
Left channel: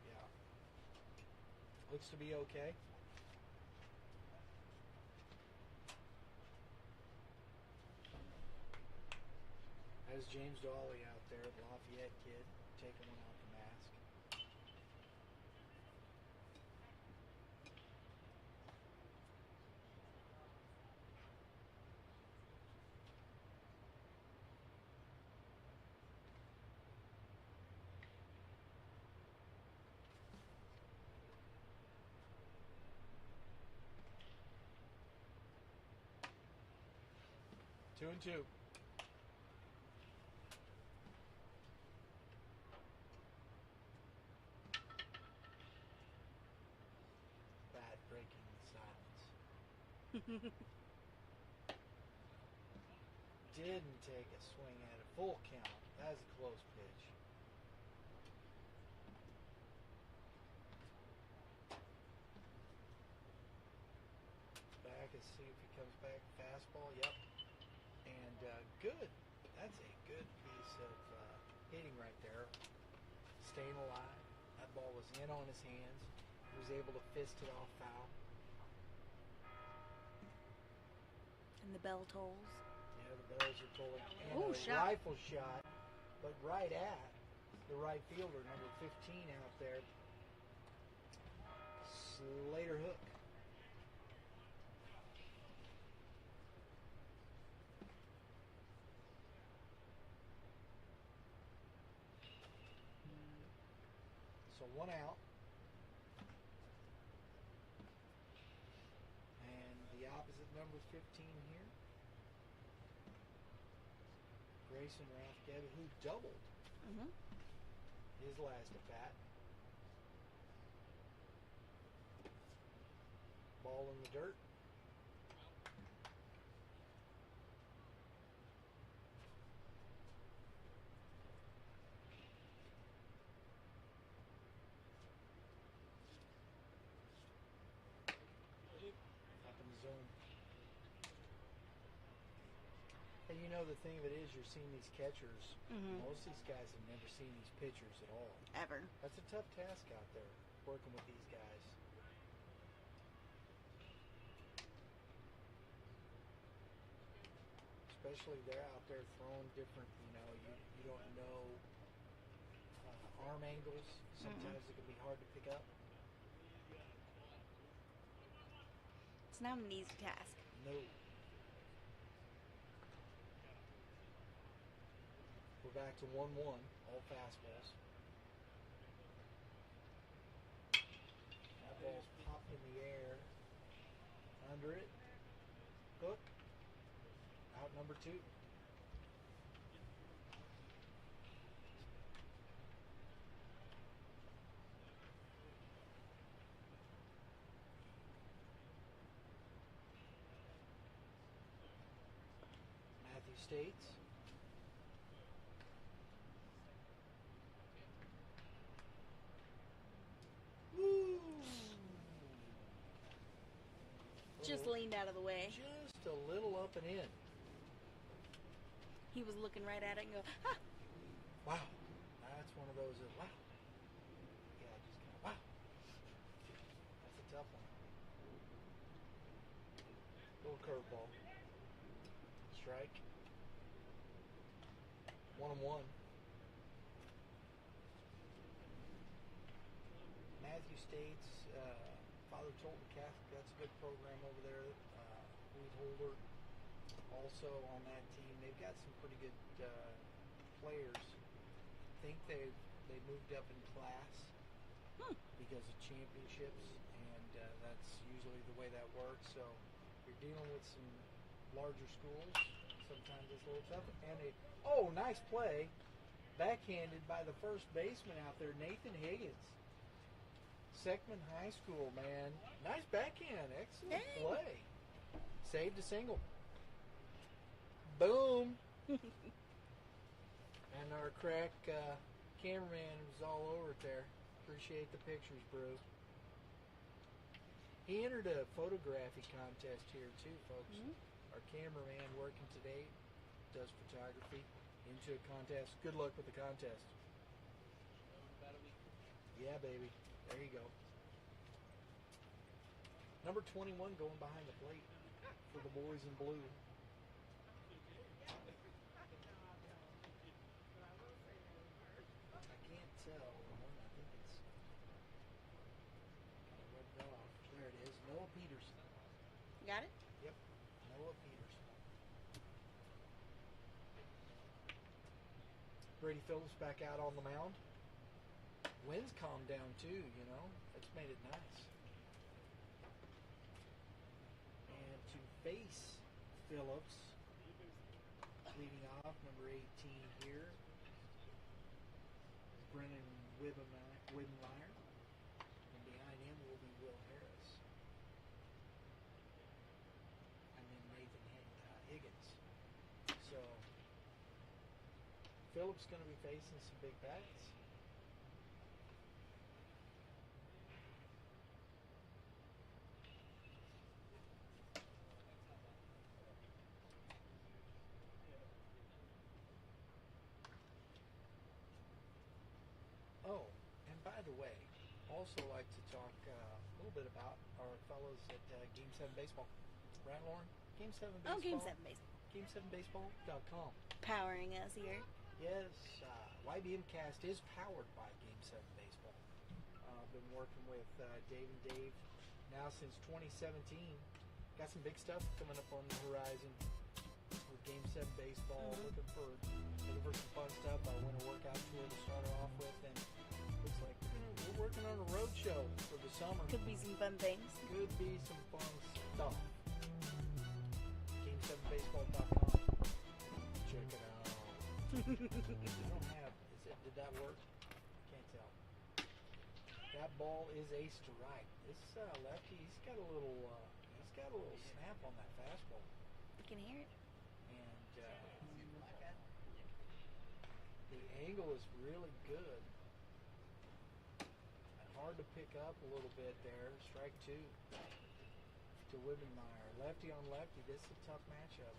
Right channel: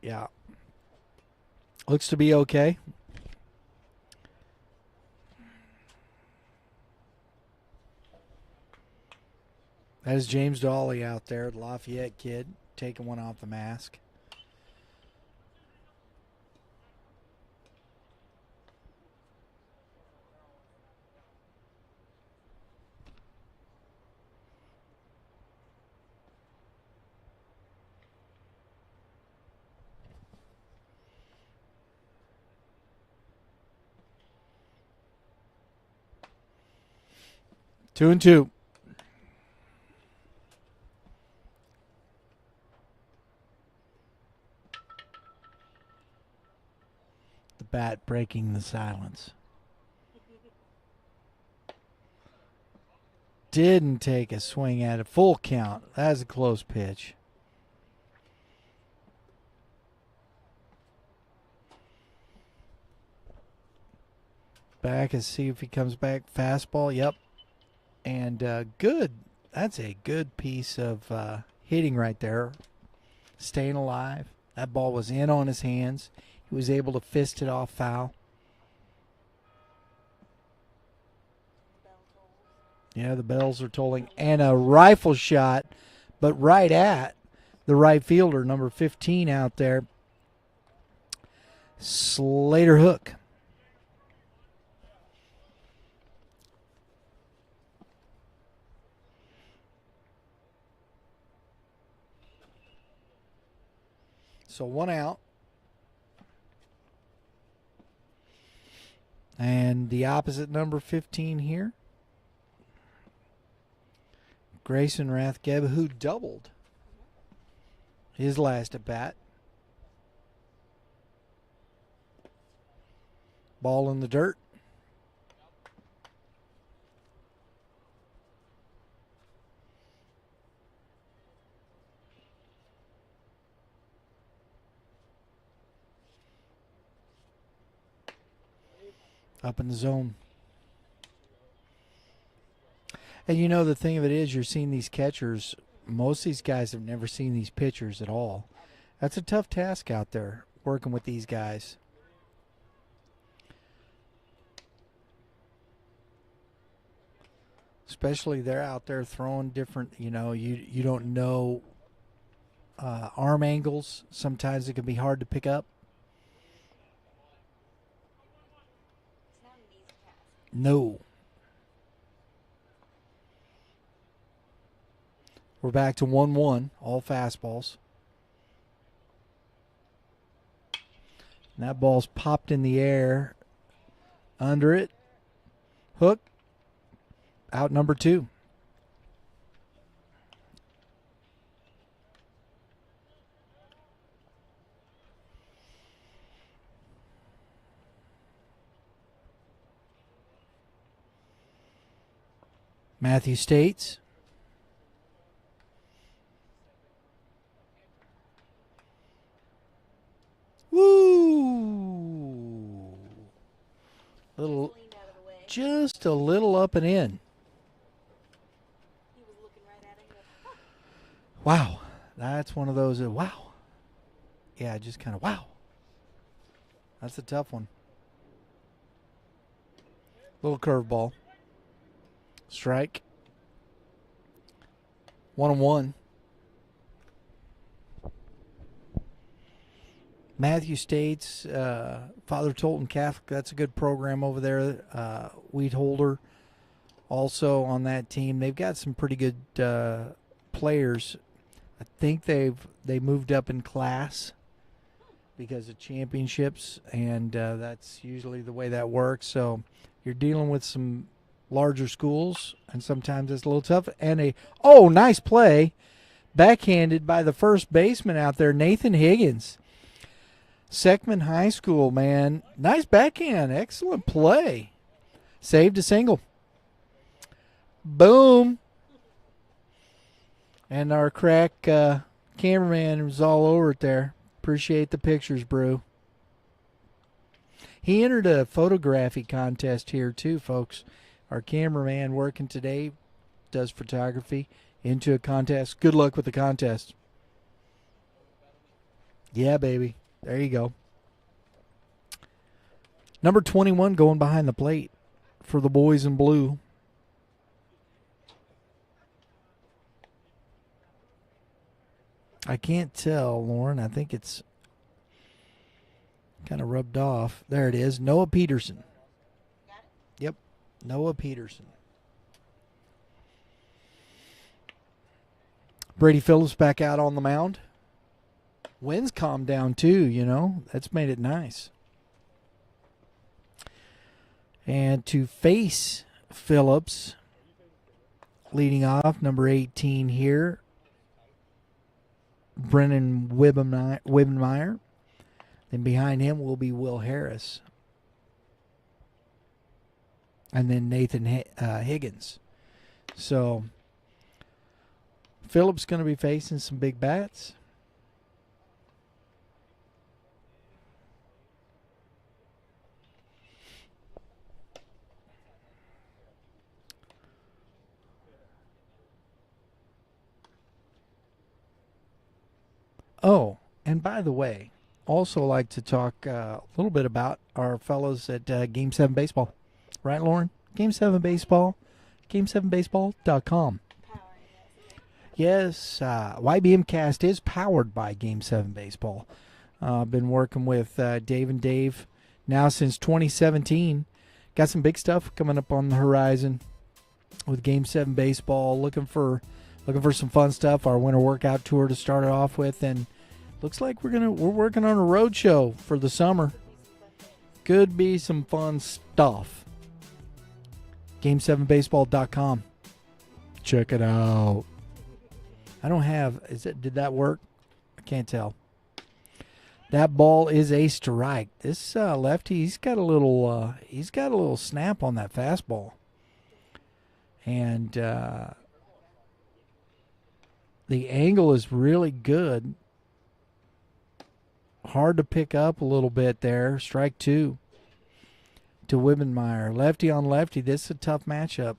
Yeah. Looks to be okay. That is James Dawley out there, the Lafayette kid, taking one off the mask. Two and two. The bat breaking the silence. Didn't take a swing at a full count. That's a close pitch. Back and see if he comes back. Fastball, yep. And good. That's a good piece of hitting right there. Staying alive. That ball was in on his hands. He was able to fist it off foul. And the bell tolls. Yeah, the bells are tolling. And a rifle shot, but right at the right fielder, number 15 out there. Slater Hook. So one out. And the opposite number 15 here. Grayson Rathgeb, who doubled his last at bat. Ball in the dirt. Up in the zone. And you know the thing of it is you're seeing these catchers. Most of these guys have never seen these pitchers at all. Ever. That's a tough task out there, working with these guys. Especially they're out there throwing different, you don't know arm angles. Sometimes it can be hard to pick up. It's not an easy task. No. We're back to 1-1, all fastballs. And that ball's popped in the air. Under it. Hook. Out number 2. Matthew States. Woo! Little, Just leaned out of the way. just a little up and in. He was looking right at it and go, ah. Wow. That's one of those, wow. Yeah, just kind of wow. That's a tough one. Little curveball. Strike. 1-1. Matthew States, Father Tolton Catholic. That's a good program over there. Wheat Holder also on that team. They've got some pretty good players. I think they moved up in class because of championships, and that's usually the way that works. So you're dealing with some larger schools, and sometimes it's a little tough. And nice play, backhanded by the first baseman out there, Nathan Higgins. Seckman High School, man. Nice backhand. Excellent play. Saved a single. Boom. And our crack cameraman was all over it there. Appreciate the pictures, Brew. He entered a photography contest here too, folks. Our cameraman working today does photography into a contest. Good luck with the contest. Yeah, baby. There you go. Number 21 going behind the plate for the boys in blue. I can't tell, Lauren. I think it's kind of rubbed off. There it is. Noah Peterson. Got it? Yep. Noah Peterson. Brady Phillips back out on the mound. Wind's calmed down too, you know. That's made it nice. And to face Phillips, leading off, number 18 here, Brennan Wibbenmeyer. Then behind him will be Will Harris. And then Nathan Higgins. So Phillips going to be facing some big bats. Oh, and by the way, also like to talk a little bit about our fellows at Game 7 Baseball. Right, Lauren? Game 7 Baseball. Game7baseball.com. Powering us here. Yes, YBMcast is powered by Game 7 Baseball. I've been working with Dave and Dave now since 2017. Got some big stuff coming up on the horizon with Game 7 Baseball. Looking for some fun stuff. Our winter workout tour to start it off with, and looks like we're working on a road show for the summer. Could be some fun things. Could be some fun stuff. Game7baseball.com. Check it out. I don't have. Did that work? I can't tell. That ball is a strike. This lefty, he's got a little snap on that fastball, Can you hear it? and the angle is really good. Hard to pick up a little bit there. Strike two to Wibbenmeyer. Lefty on lefty. This is a tough matchup.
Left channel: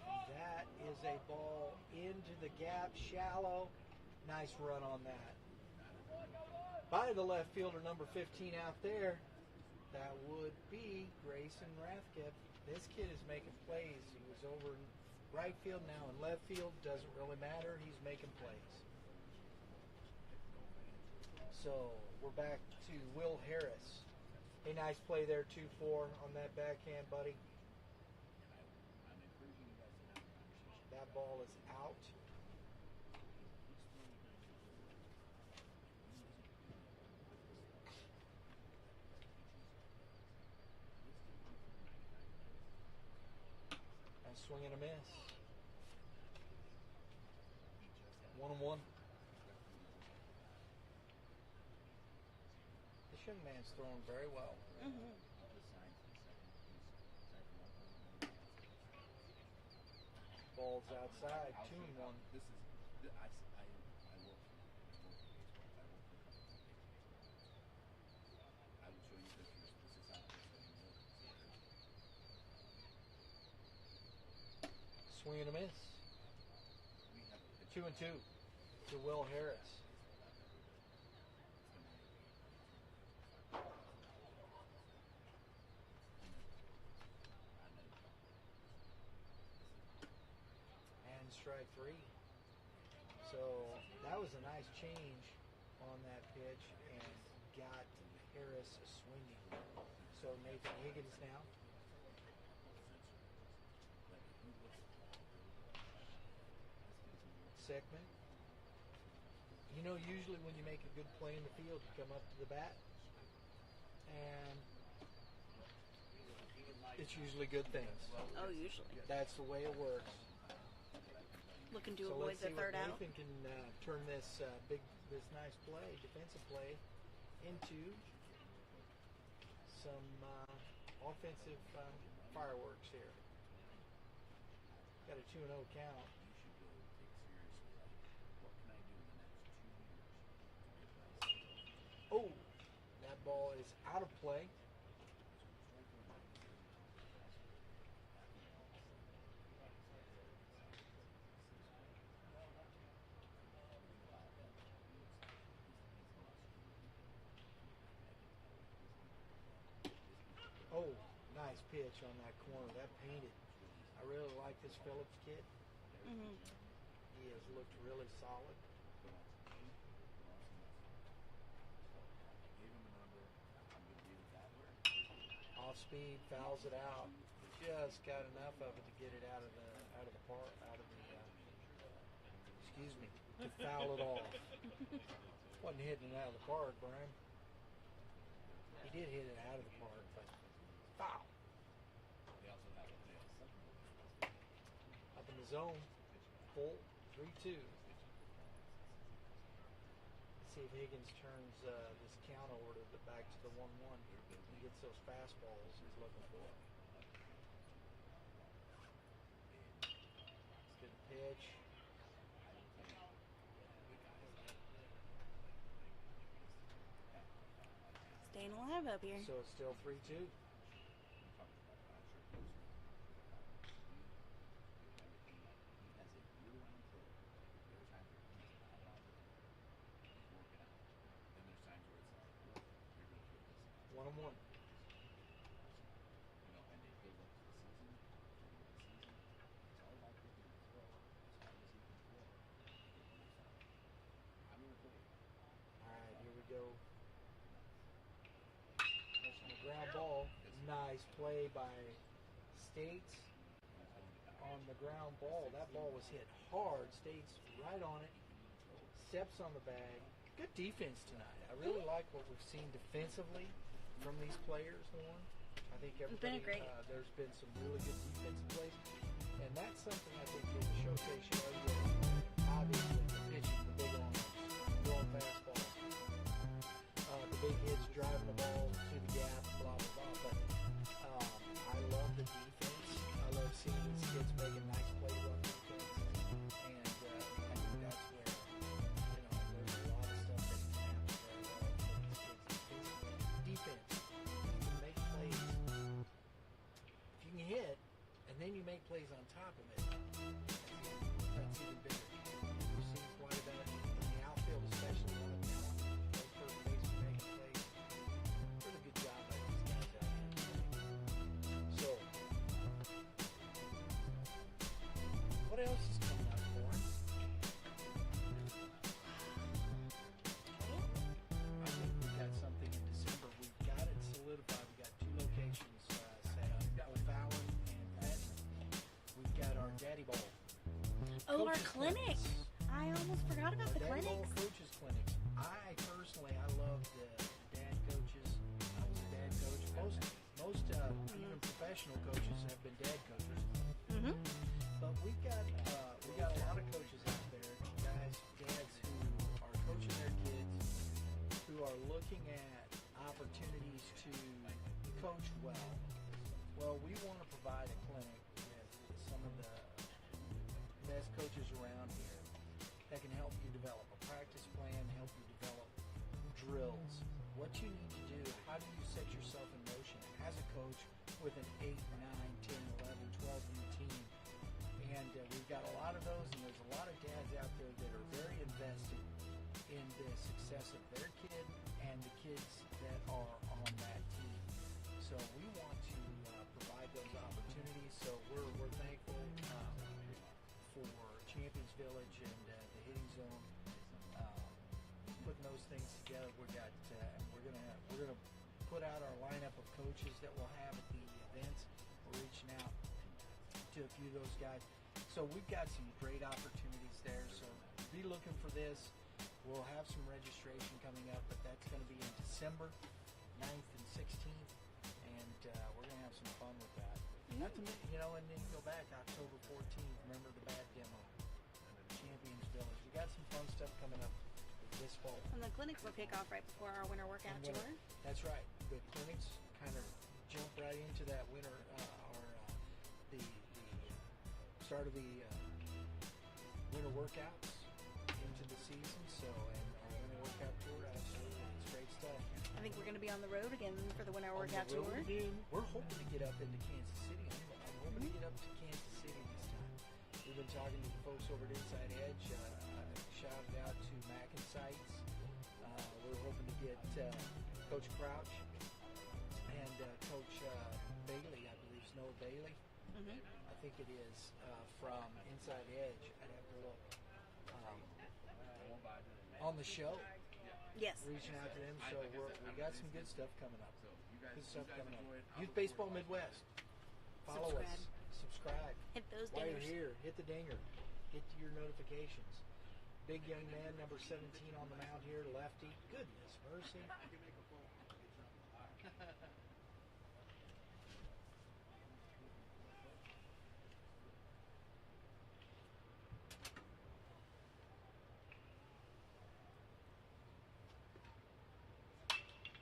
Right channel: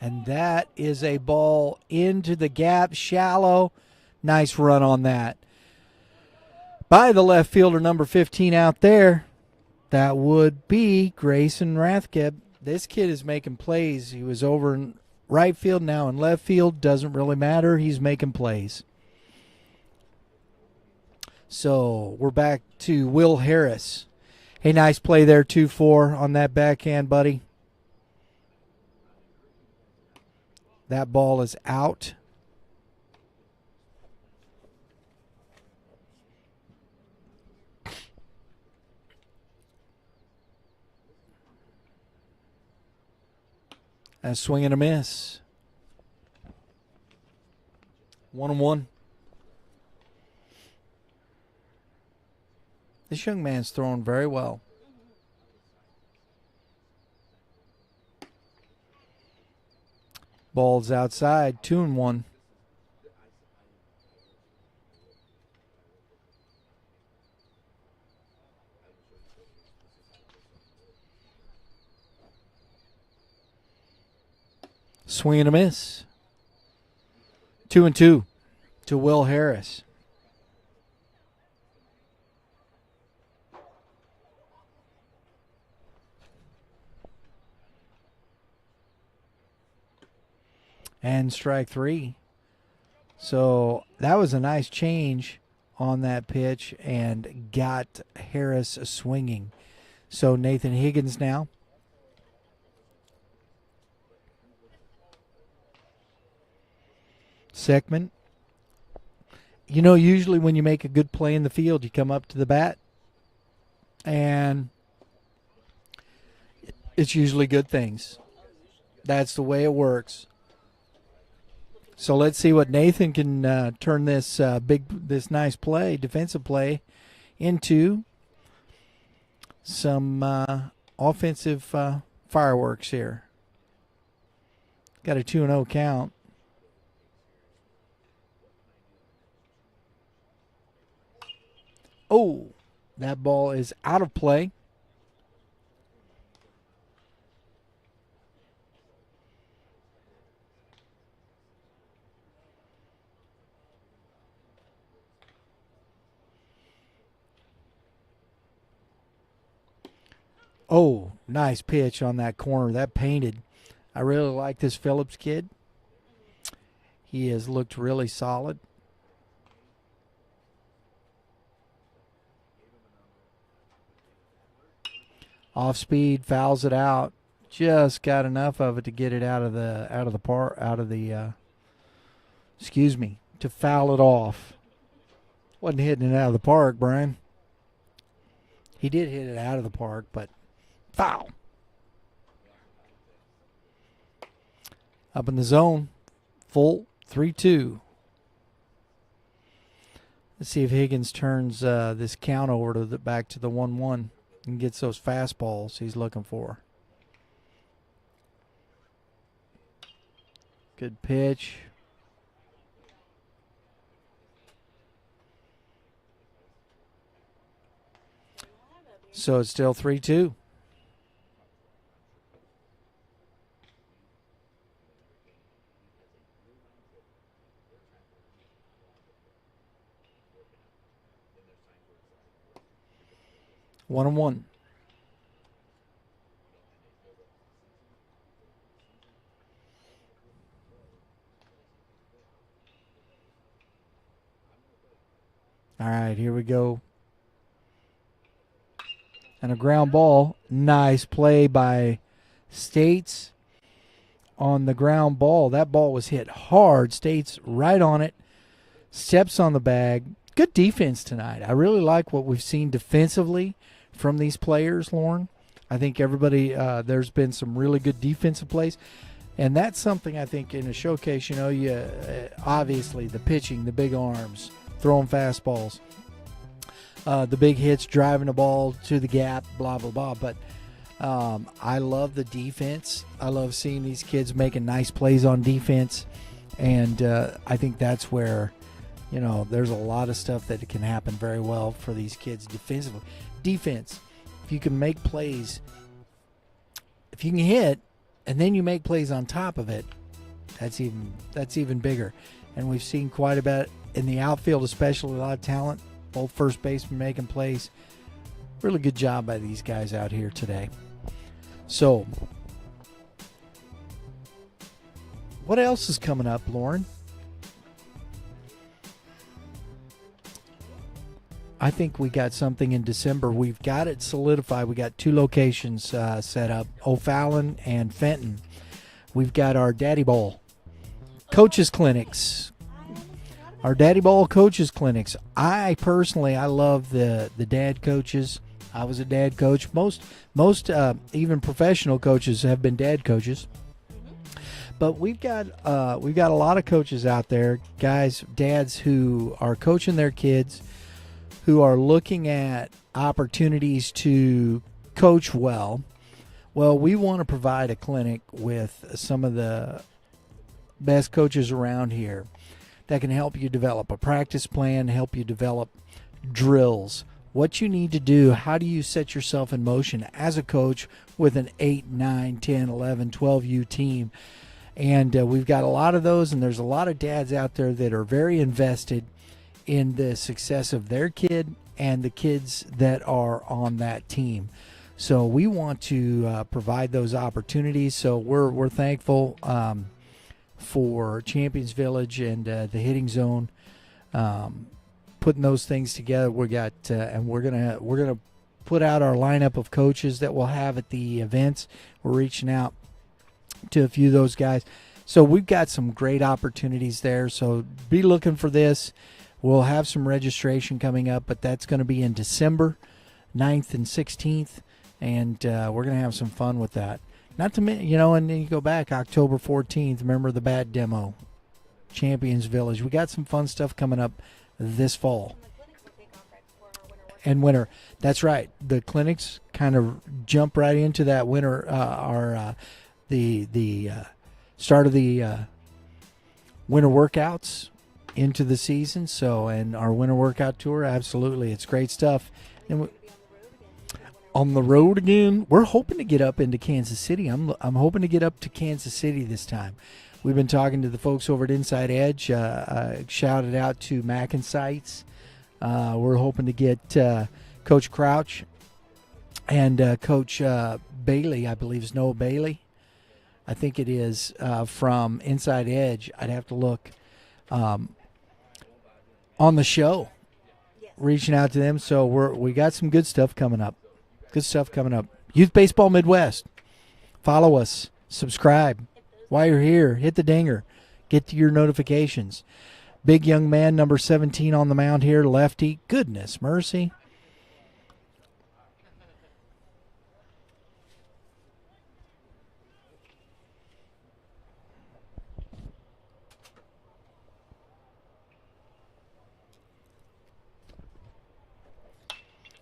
And that is a ball into the gap, shallow. Nice run on that. By the left fielder, number 15 out there. That would be Grayson Rathkeb. This kid is making plays. He was over in right field, now in left field. Doesn't really matter. He's making plays. So we're back to Will Harris. Hey, nice play there, 2-4 on that backhand, buddy. That ball is out. A swing and a miss. 1-1. This young man's throwing very well. Ball's outside, 2-1. Swing and a miss. 2-2 to Will Harris. And strike 3. So that was a nice change on that pitch and got Harris swinging. So Nathan Higgins now. Seckman. You know, usually when you make a good play in the field, you come up to the bat, and it's usually good things. That's the way it works. So let's see what Nathan can turn this this nice play, defensive play, into some offensive fireworks here. Got a 2-0 count. Oh, that ball is out of play. Oh, nice pitch on that corner. That painted. I really like this Phillips kid. He has looked really solid. Off speed, fouls it out. Just got enough of it to get it to foul it off. Wasn't hitting it out of the park, Brian. He did hit it out of the park, but foul. Up in the zone, full 3-2. Let's see if Higgins turns this count over to back to the 1-1 and gets those fastballs he's looking for. Good pitch. Staying alive up here. So it's still 3-2. One and one. All right, here we go. And a ground ball. Nice play by States on the ground ball. That ball was hit hard. States right on it. Steps on the bag. Good defense tonight. I really like what we've seen defensively from these players, Lauren. I think everybody, there's been some really good defensive plays. And that's something I think in a showcase, you know, obviously the pitching, the big arms, throwing fastballs, the big hits, driving the ball to the gap, blah, blah, blah. But I love the defense. I love seeing these kids making nice plays on defense. And I think that's where, you know, there's a lot of stuff that can happen very well for these kids defensively. Defense, if you can make plays, if you can hit, and then you make plays on top of it, that's even bigger. And we've seen quite a bit in the outfield, especially a lot of talent. Both first basemen making plays. Really good job by these guys out here today. So, what else is coming up, Lauren? I think we got something in December. We've got it solidified. We got 2 locations set up, O'Fallon and Fenton. We've got our Daddy Ball coaches clinics. Our Daddy Ball coaches clinics. I personally love the dad coaches. I was a dad coach. Most even professional coaches have been dad coaches. But we've got a lot of coaches out there, guys, dads who are coaching their kids, who are looking at opportunities to coach well. Well, we want to provide a clinic with some of the best coaches around here that can help you develop a practice plan, help you develop drills, what you need to do, how do you set yourself in motion as a coach with an 8, 9, 10, 11, 12U team. And we've got a lot of those, and there's a lot of dads out there that are very invested in the success of their kid and the kids that are on that team. So we want to provide those opportunities. So we're thankful for Champions Village and the Hitting Zone putting those things together. We got and we're gonna put out our lineup of coaches that we'll have at the events. We're reaching out to a few of those guys. So we've got some great opportunities there. So be looking for this. We'll have some registration coming up, but that's going to be in December 9th and 16th, and we're going to have some fun with that. Not to mention, and then you go back October 14th, remember the bad demo, Champions Village. We got some fun stuff coming up this fall. And the clinics will take off right before our winter work. And winter. That's right. The clinics kind of jump right into that winter, the start of the winter workouts into the season. So, and our winter workout tour, absolutely, it's great stuff. I think And we're going to be on the road again. for the winter on the workouts. road again, we're hoping to get up into Kansas City. I'm hoping to get up to Kansas City this time. We've been talking to the folks over at Inside Edge. Shouted out to Mac and Sites. We're hoping to get Coach Crouch and Coach Bailey, I believe is Noah Bailey. I think it is from Inside Edge. I'd have to look on the show, Yes. reaching out to them. So we got some good stuff coming up. Good stuff coming up. Youth Baseball Midwest. Follow us. Subscribe. Hit those. While you're here, hit the dinger. Get to your notifications. Big young man, number 17 on the mound here, lefty. Goodness mercy.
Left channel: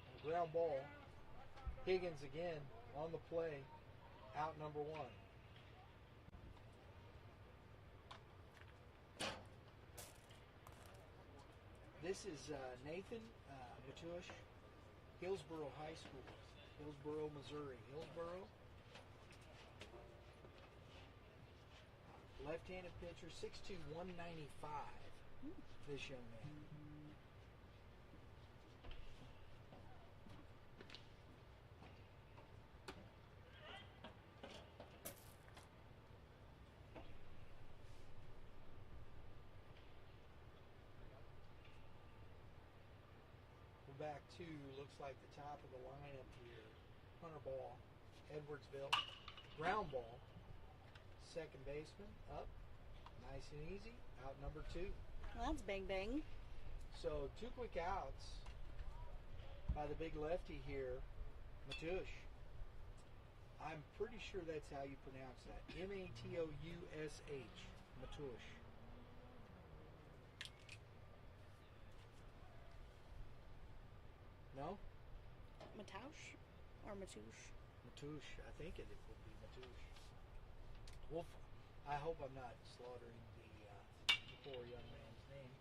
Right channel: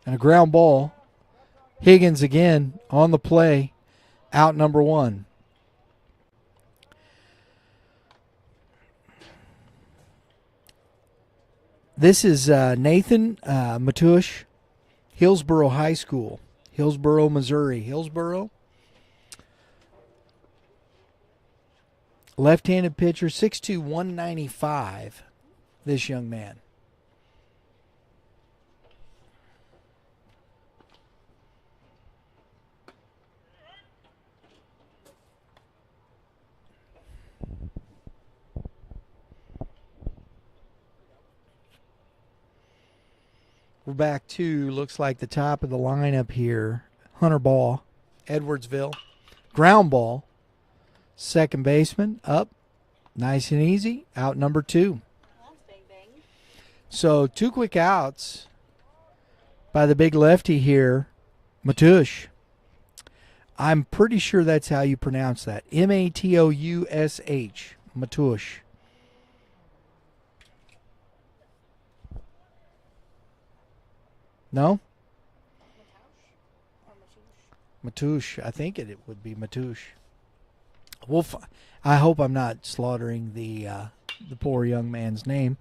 And a ground ball. Higgins again on the play. Out number 1. This is Nathan Matush, Hillsboro High School, Hillsboro, Missouri. Hillsboro. Left-handed pitcher, 6'2", 195, this young man. We're back to, looks like the top of the lineup here. Hunter Ball, Edwardsville. Ground ball. Second baseman, up. Nice and easy. Out number 2. Well, that's bang bang. So 2 quick outs by the big lefty here, Matush. I'm pretty sure that's how you pronounce that. Matoush. Matush. No? Matoush or Matouche? Matush. I think it would be Matush. I hope I'm not slaughtering the poor young man's name,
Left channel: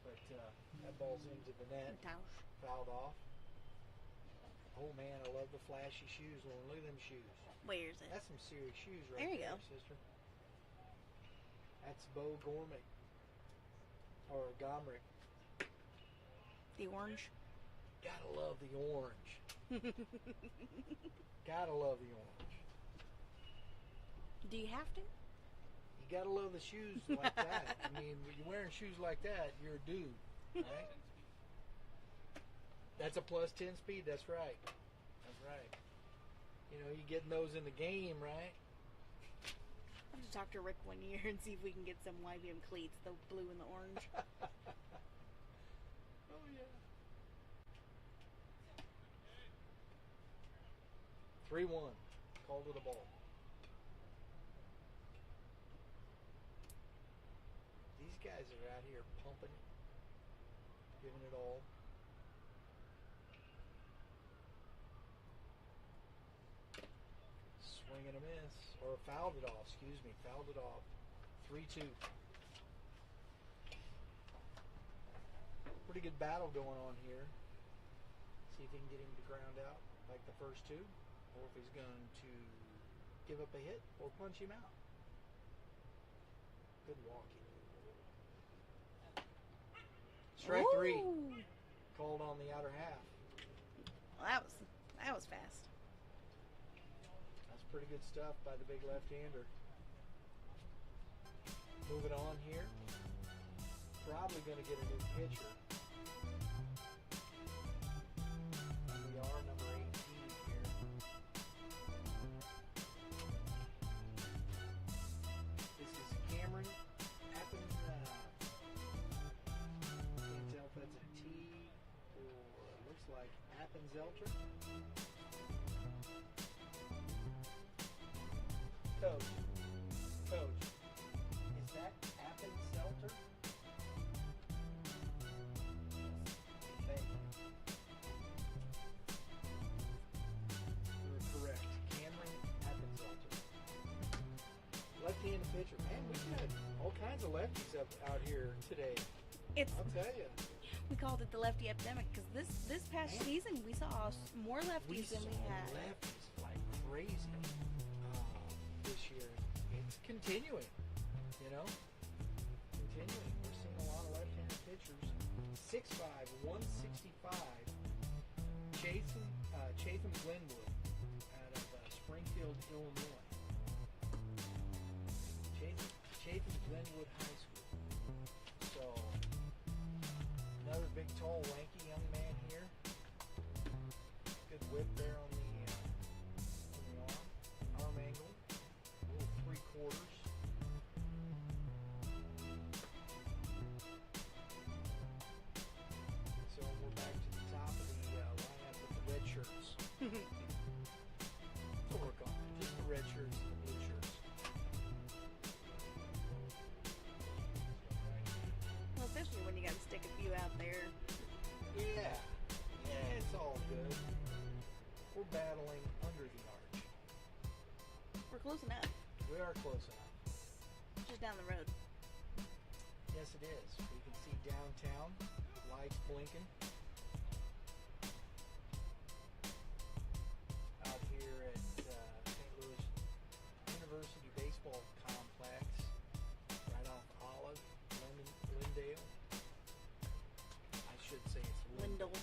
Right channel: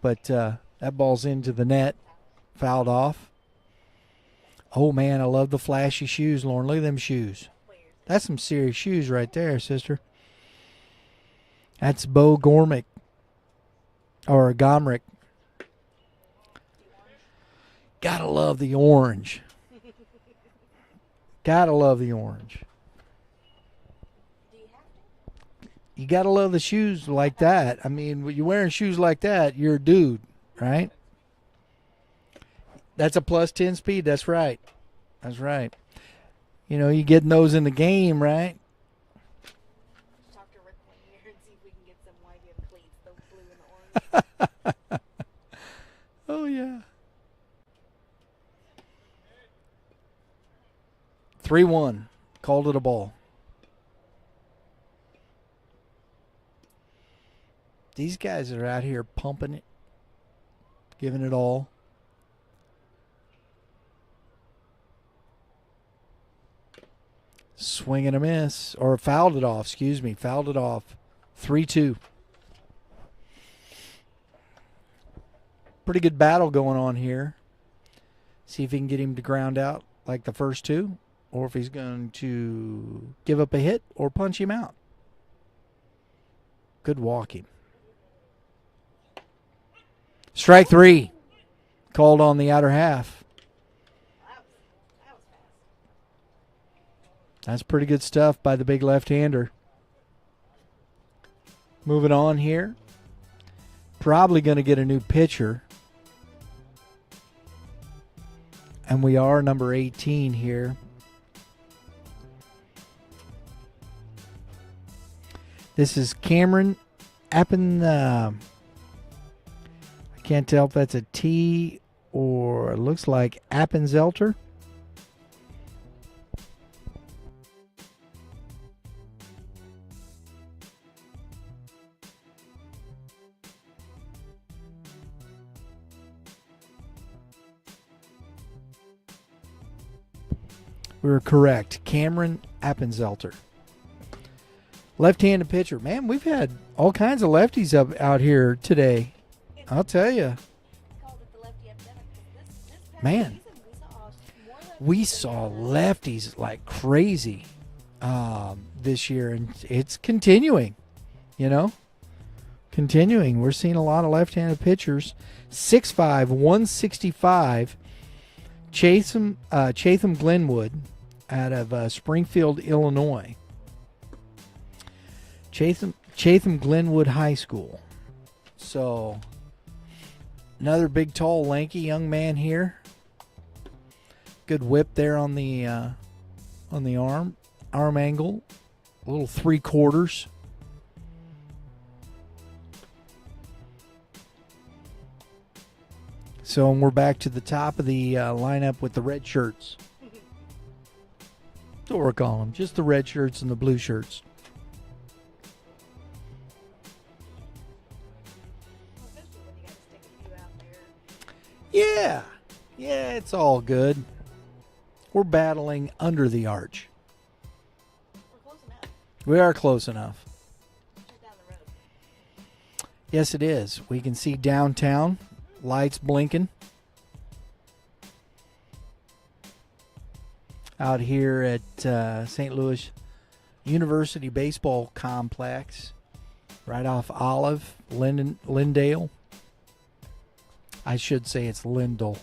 but that ball's into the net, Matouche. fouled off. Oh man, I love the flashy shoes, Lauren. Look at them shoes. Where's it? That's some serious shoes right there, sister. That's Bo Gormick or Gomrick. The orange. Gotta love the orange. Gotta love the orange. Do you have to? You gotta love the shoes like that. I mean, when you're wearing shoes like that, you're a dude, right? That's a plus 10 speed. That's right. That's right. You know, you getting those in the game, right? Talk to Rick one year and see if we can get some YBM cleats, the blue and the orange. Oh, yeah. 3-1. Called it a ball. These guys are out here pumping it, giving it all. Swing and a miss. Or fouled it off, excuse me. Fouled it off. 3-2. Pretty good battle going on here. See if he can get him to ground out like the first two, or if he's going to give up a hit or punch him out. Good walking. Strike 3. Called on the outer half. Well, that was fast. That's pretty good stuff by the big left-hander. Moving on here. Probably going to get a new pitcher. And we are number 18 here. This is Cameron Appen. I can't tell if that's a T or it looks like Appenzelter. We were correct. Cameron Appenzelter. Left-handed pitcher. Man, we've had all kinds of lefties out here today. I'll tell you. We called it the lefty epidemic because this past Man. season we saw more lefties. We than saw had. lefties like crazy this year, and it's continuing, Continuing. We're seeing a lot of left-handed pitchers. 6'5", 165. Chatham Glenwood out of Springfield, Illinois. Chatham Glenwood High School. So, another big, tall, lanky young man here. Good whip there on the arm angle. A little 3/4. So we're back to the top of the lineup with the red shirts. That's what we're calling them. Just the red shirts and the blue shirts. Well, especially when you got to stick a few out there. Yeah, it's all good. We're battling under the arch. We're close enough. We are close enough. Just down the road. Yes, it is. We can see downtown. Lights blinking. Out here at St. Louis University Baseball Complex. Right off Olive, Lindale. I should say it's Lindell.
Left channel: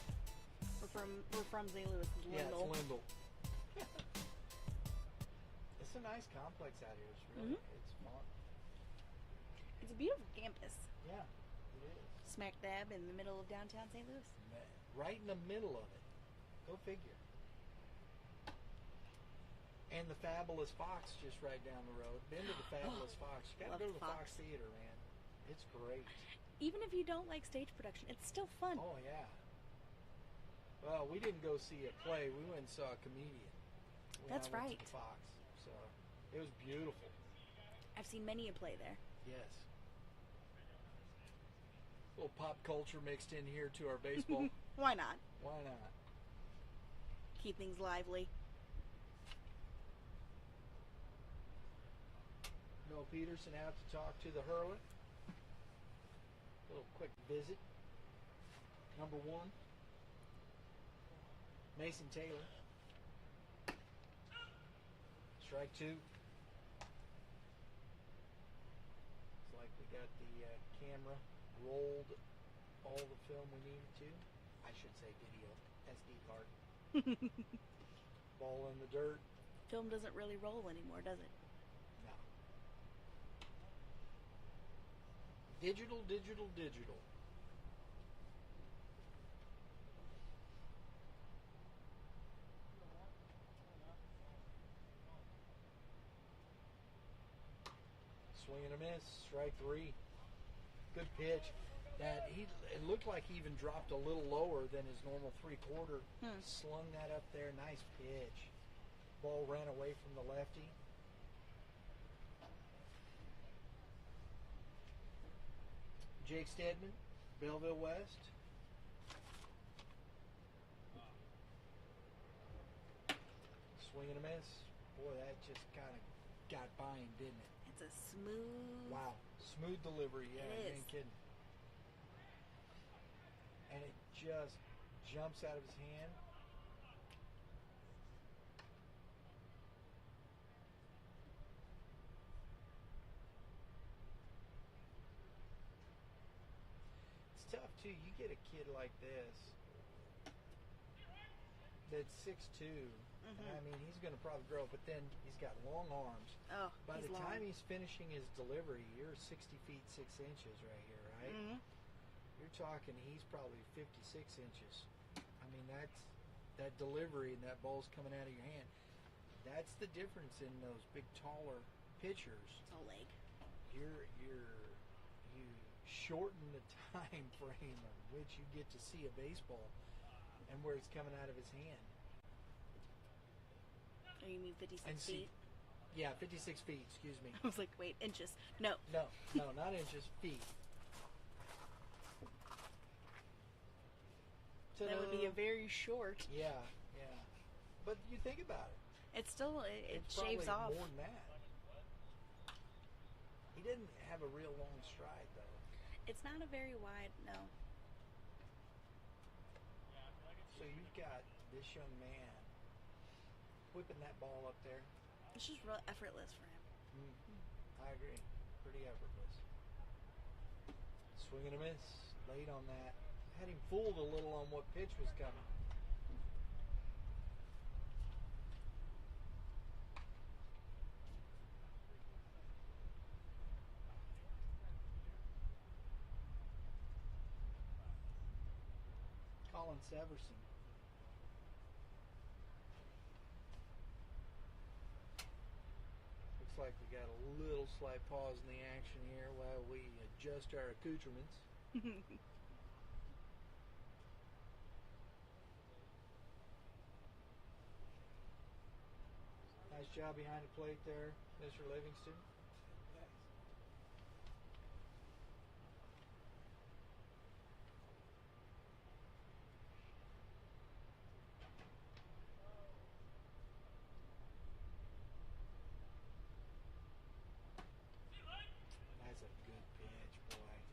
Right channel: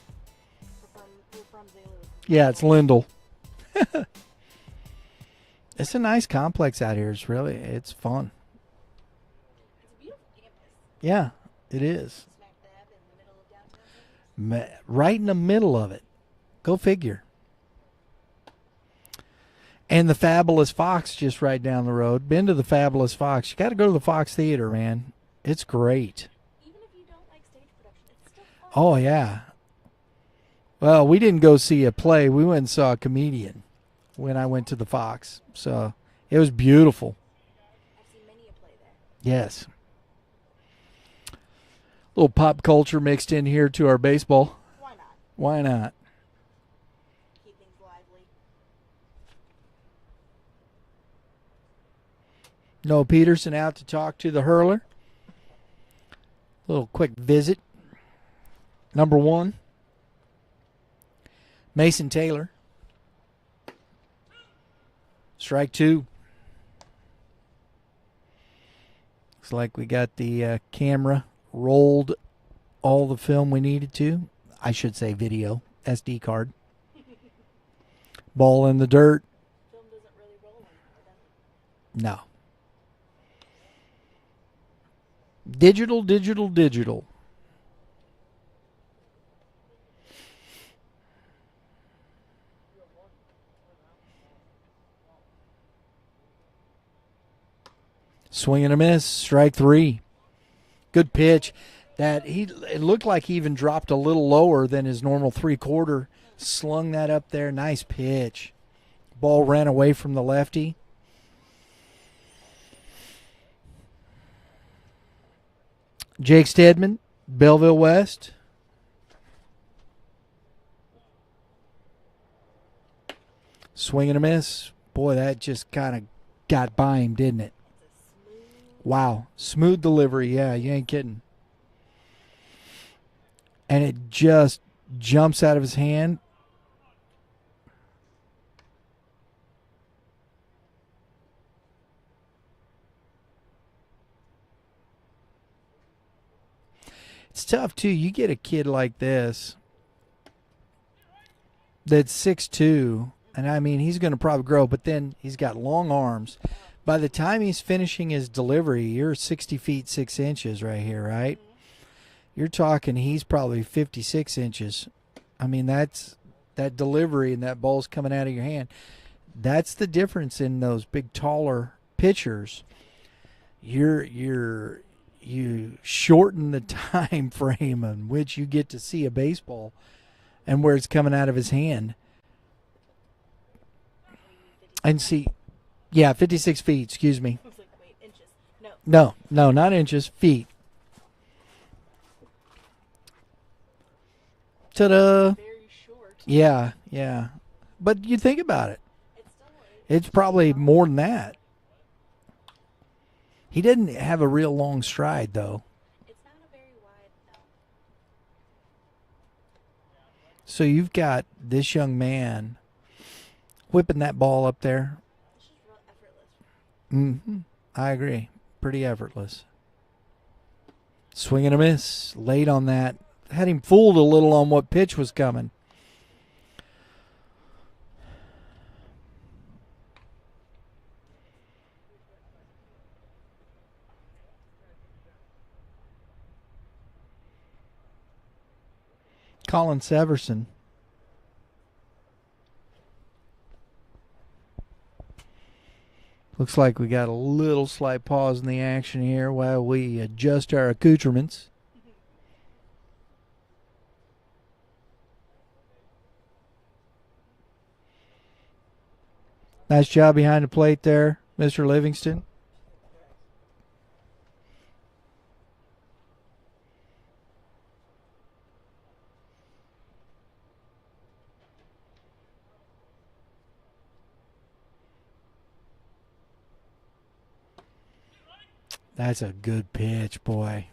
We're from St. Louis. Yeah, it's Lindell. It's a nice complex out here. It's fun. It's a beautiful campus. Yeah, it is. Smack dab in the middle of downtown St. Louis. Right in the middle of it. Go figure. And the Fabulous Fox just right down the road. Been to the Fabulous Fox. You got to go to the Fox Theater, man. It's great. Even if you don't like stage production, it's still fun. Oh, yeah. Well, we didn't go see a play. We went and saw a comedian when I went to the Fox. So it was beautiful. I've seen many a play there. Yes. A little pop culture mixed in here to our baseball. Why not? Why not? Keep things lively. Noah Peterson out to talk to the hurler. Little quick visit. Number 1. Mason Taylor. Strike 2. Looks like we got the camera rolled all the film we needed to. I should say video. SD card. Ball in the dirt. Film doesn't really roll anymore, does it? No. Digital. Swing and a miss. Strike 3. Good pitch. It looked like he even dropped a little lower than his normal 3/4. Slung that up there. Nice pitch. Ball ran away from the lefty. Jake Stedman, Belleville West. Swing and a miss. Boy, that just kind of got by him, didn't it? It's a smooth Wow. Smooth delivery. Yeah, you ain't kidding. And it just jumps out of his hand. It's tough, too. You get a kid like this that's 6'2", and I mean, he's going to probably grow, but then he's got long arms. Oh. By the time he's finishing his delivery, you're 60 feet 6 inches right here, right? Mhm. You're talking he's probably 56 inches. I mean, that's that delivery and that ball's coming out of your hand. That's the difference in those big, taller pitchers. You shorten the time frame in which you get to see a baseball and where it's coming out of his hand. Oh, you mean 56 And see, yeah, 56 feet, excuse me. I was like, wait, inches. No. No, not inches, feet. Ta-da. Very short. Yeah. But you think about it. It's still. It's probably more than that. He didn't have a real long stride, though. It's not a very wide, no. So you've got this young man whipping that ball up there. It's just real effortless for him. Mm-hmm. I agree. Pretty effortless. Swing and a miss. Late on that. Had him fooled a little on what pitch was coming. Colin Severson. Looks like we got a little slight pause in the action here while we adjust our accoutrements. Nice job behind the plate there, Mr. Livingston. That's a good pitch, boy.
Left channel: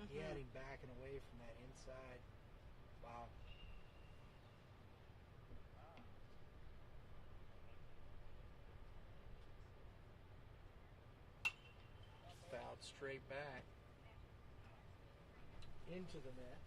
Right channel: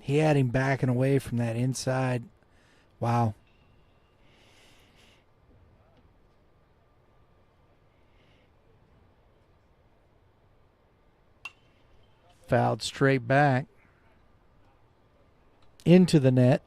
He had him backing away from that inside. Wow. Fouled straight back into the net.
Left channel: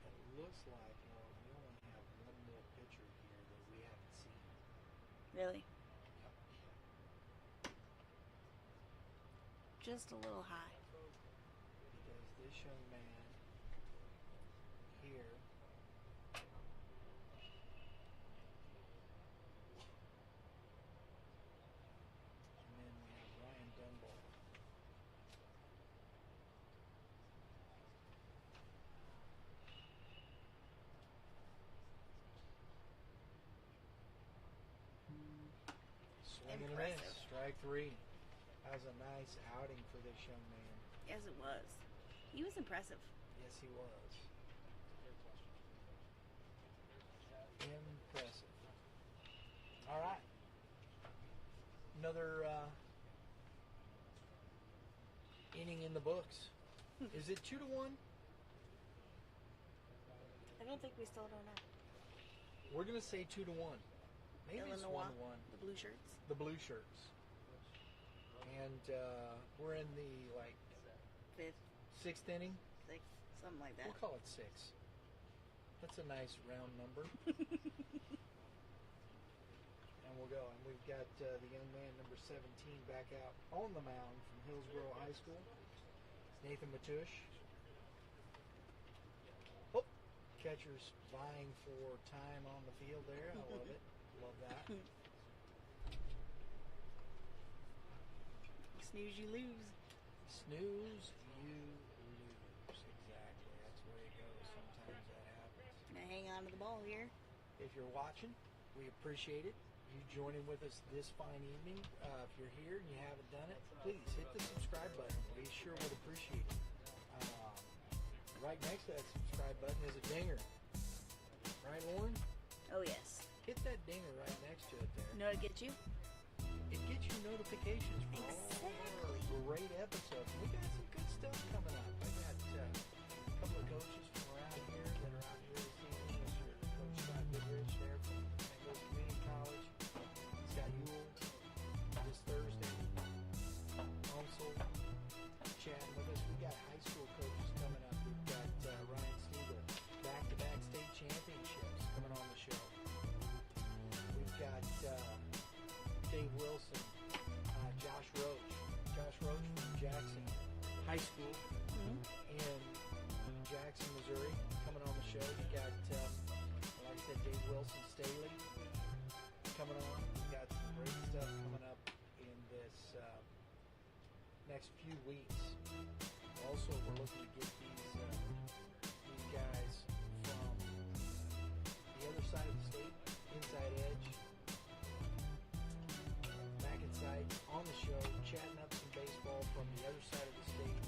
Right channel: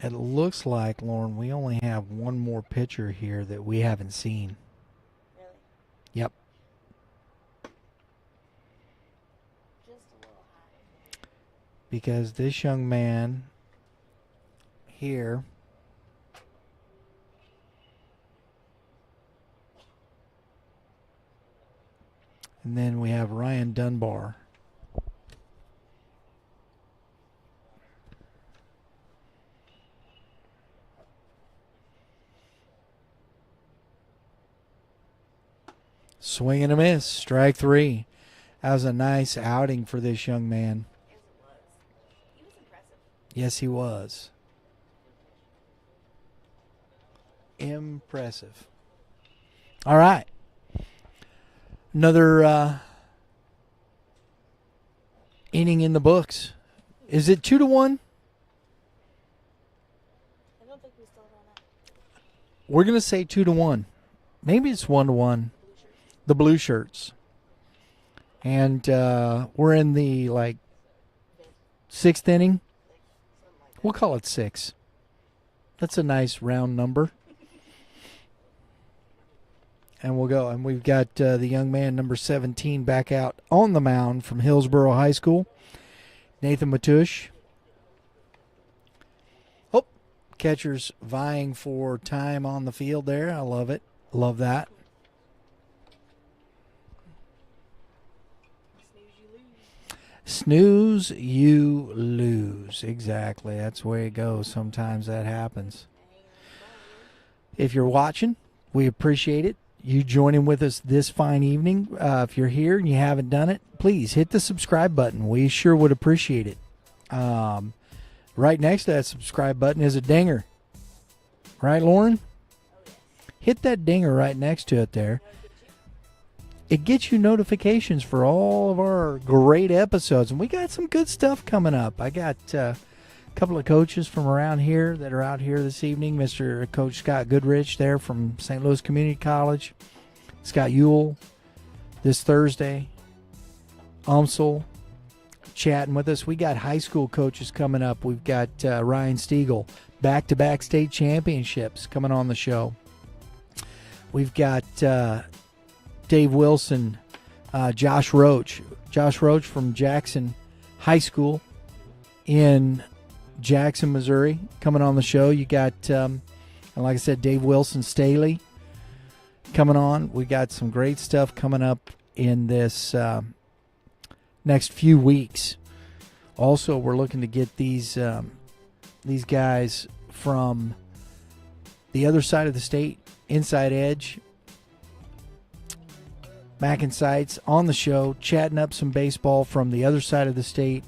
It looks like, Lauren, we only have one more pitcher here that we haven't seen. Really? Yep. Just a little high. Because this young man here and then we have Ryan Dunbar. Swing and a miss. Strike three. That was a nice outing for this young man. Yes, it was. He was impressive. Yes, he was. Impressive. All right. Another inning in the books. Is it 2-1? I don't think we still don't know. We're going to say 2-1. Maybe it's 1-1. The blue shirts. The blue shirts. And we're in the, Fifth, sixth inning. sixth, something like that. We'll call it 6. That's a nice round number. And we'll go. And we've got the young man, number 17, back out on the mound from Hillsborough High School, Nathan Matush. Oh, catcher's vying for time on the field there. I love it. Love that. Snooze, you lose. Snooze, you lose. Exactly. That's the way it goes. Sometimes that happens. Now hang on to the ball here. If you're watching, we appreciate it. You joining with us this fine evening. If you're here and you haven't done it, please hit the subscribe button. We sure would appreciate it. Right next to that subscribe button is a dinger. Right, Lauren? Oh, yes. Hit that dinger right next to it there. You know what it gets you? It gets you notifications for all of our great episodes. And we got some good stuff coming up. I got a couple of coaches from around here that are out here this evening. Mr. Coach Scott Goodrich there from St. Louis Community College. Scott Ewell this Thursday. Umsel chatting with us. We got high school coaches coming up. We've got Ryan Stiegel, back-to-back state championships coming on the show. We've got Dave Wilson, Josh Roach. Josh Roach from Jackson High School in Jackson, Missouri, coming on the show. You got, like I said, Dave Wilson Staley coming on. We got some great stuff coming up in this next few weeks. Also, we're looking to get these guys from the other side of the state, Inside Edge, Mac and Sights, on the show, chatting up some baseball from the other side of the state.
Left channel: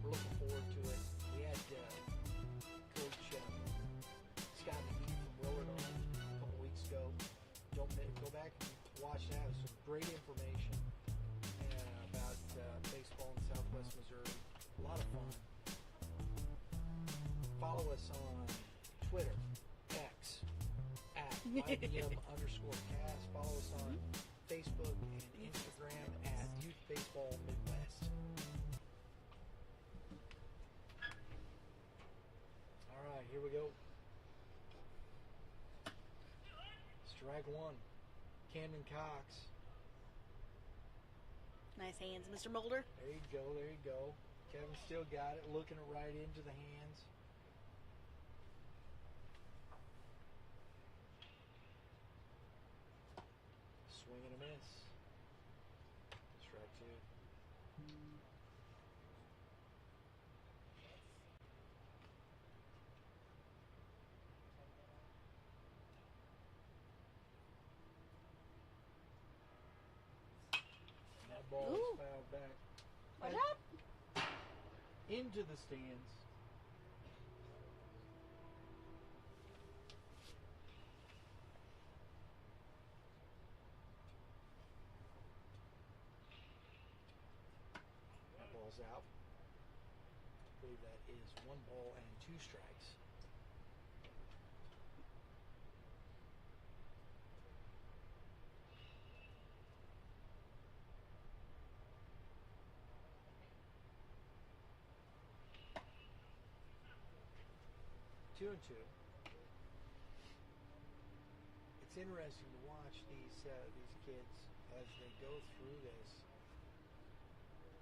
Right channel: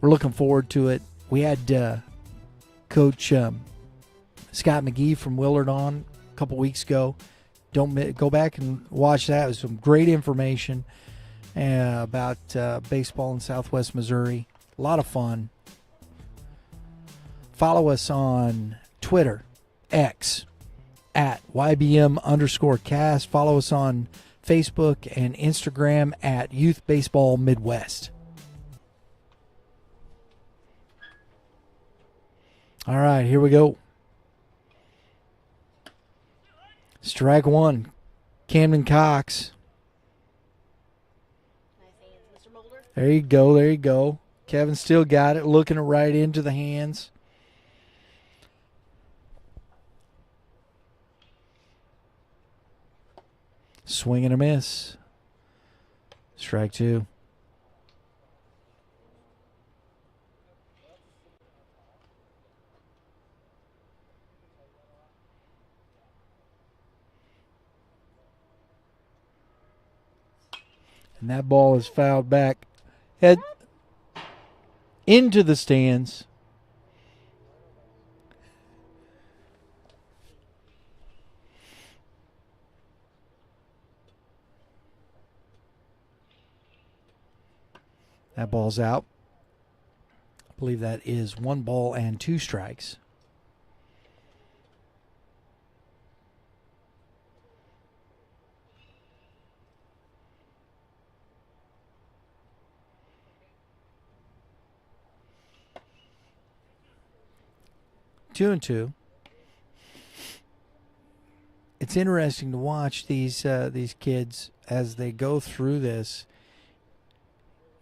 We're looking forward to it. We had Coach Scott McGee from Willard on a couple weeks ago. Don't go back and watch that. It was some great information about baseball in Southwest Missouri. A lot of fun. Follow us on Twitter, X, at YBM_cast. Follow us on Facebook and Instagram at Youth Baseball Midwest. All right, here we go. Strike one, Camden Cox. Nice hands, Mr. Moulder. There you go, there you go. Kevin still got it, looking right into the hands. Swing and a miss. Strike two. And that ball is fouled back. Head into the stands. That ball's out. I believe that is 1 ball and 2 strikes. Two and two. It's interesting to watch these kids as they go through this.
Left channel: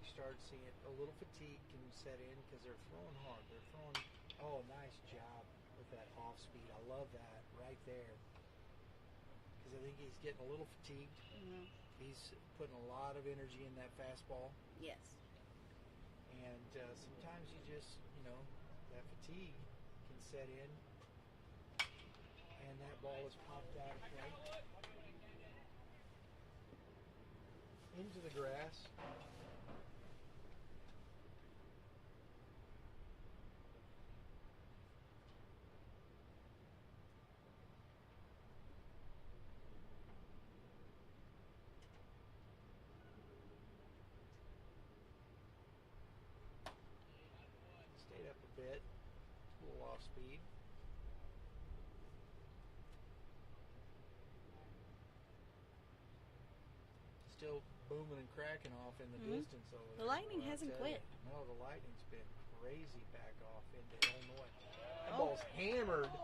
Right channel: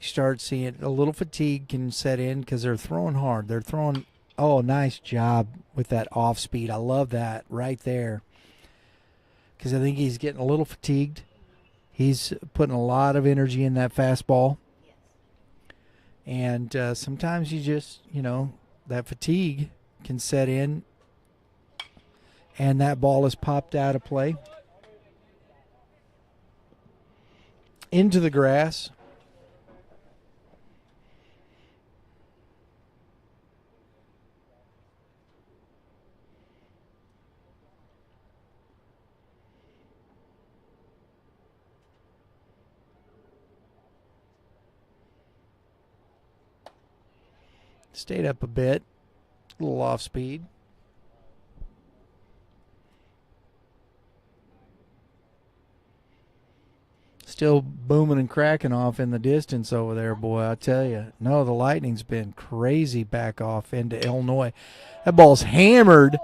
You start seeing a little fatigue can set in because they're throwing hard. They're throwing. Oh, nice job with that off speed. I love that right there. Because I think he's getting a little fatigued. He's putting a lot of energy in that fastball. Yes. And sometimes you just, that fatigue can set in, and that ball is popped out of play into the grass. Stayed up a bit. A little off speed. Still booming and cracking off in the distance over there, boy, I tell you. No, the lightning's been crazy back off into Illinois. That ball's hammered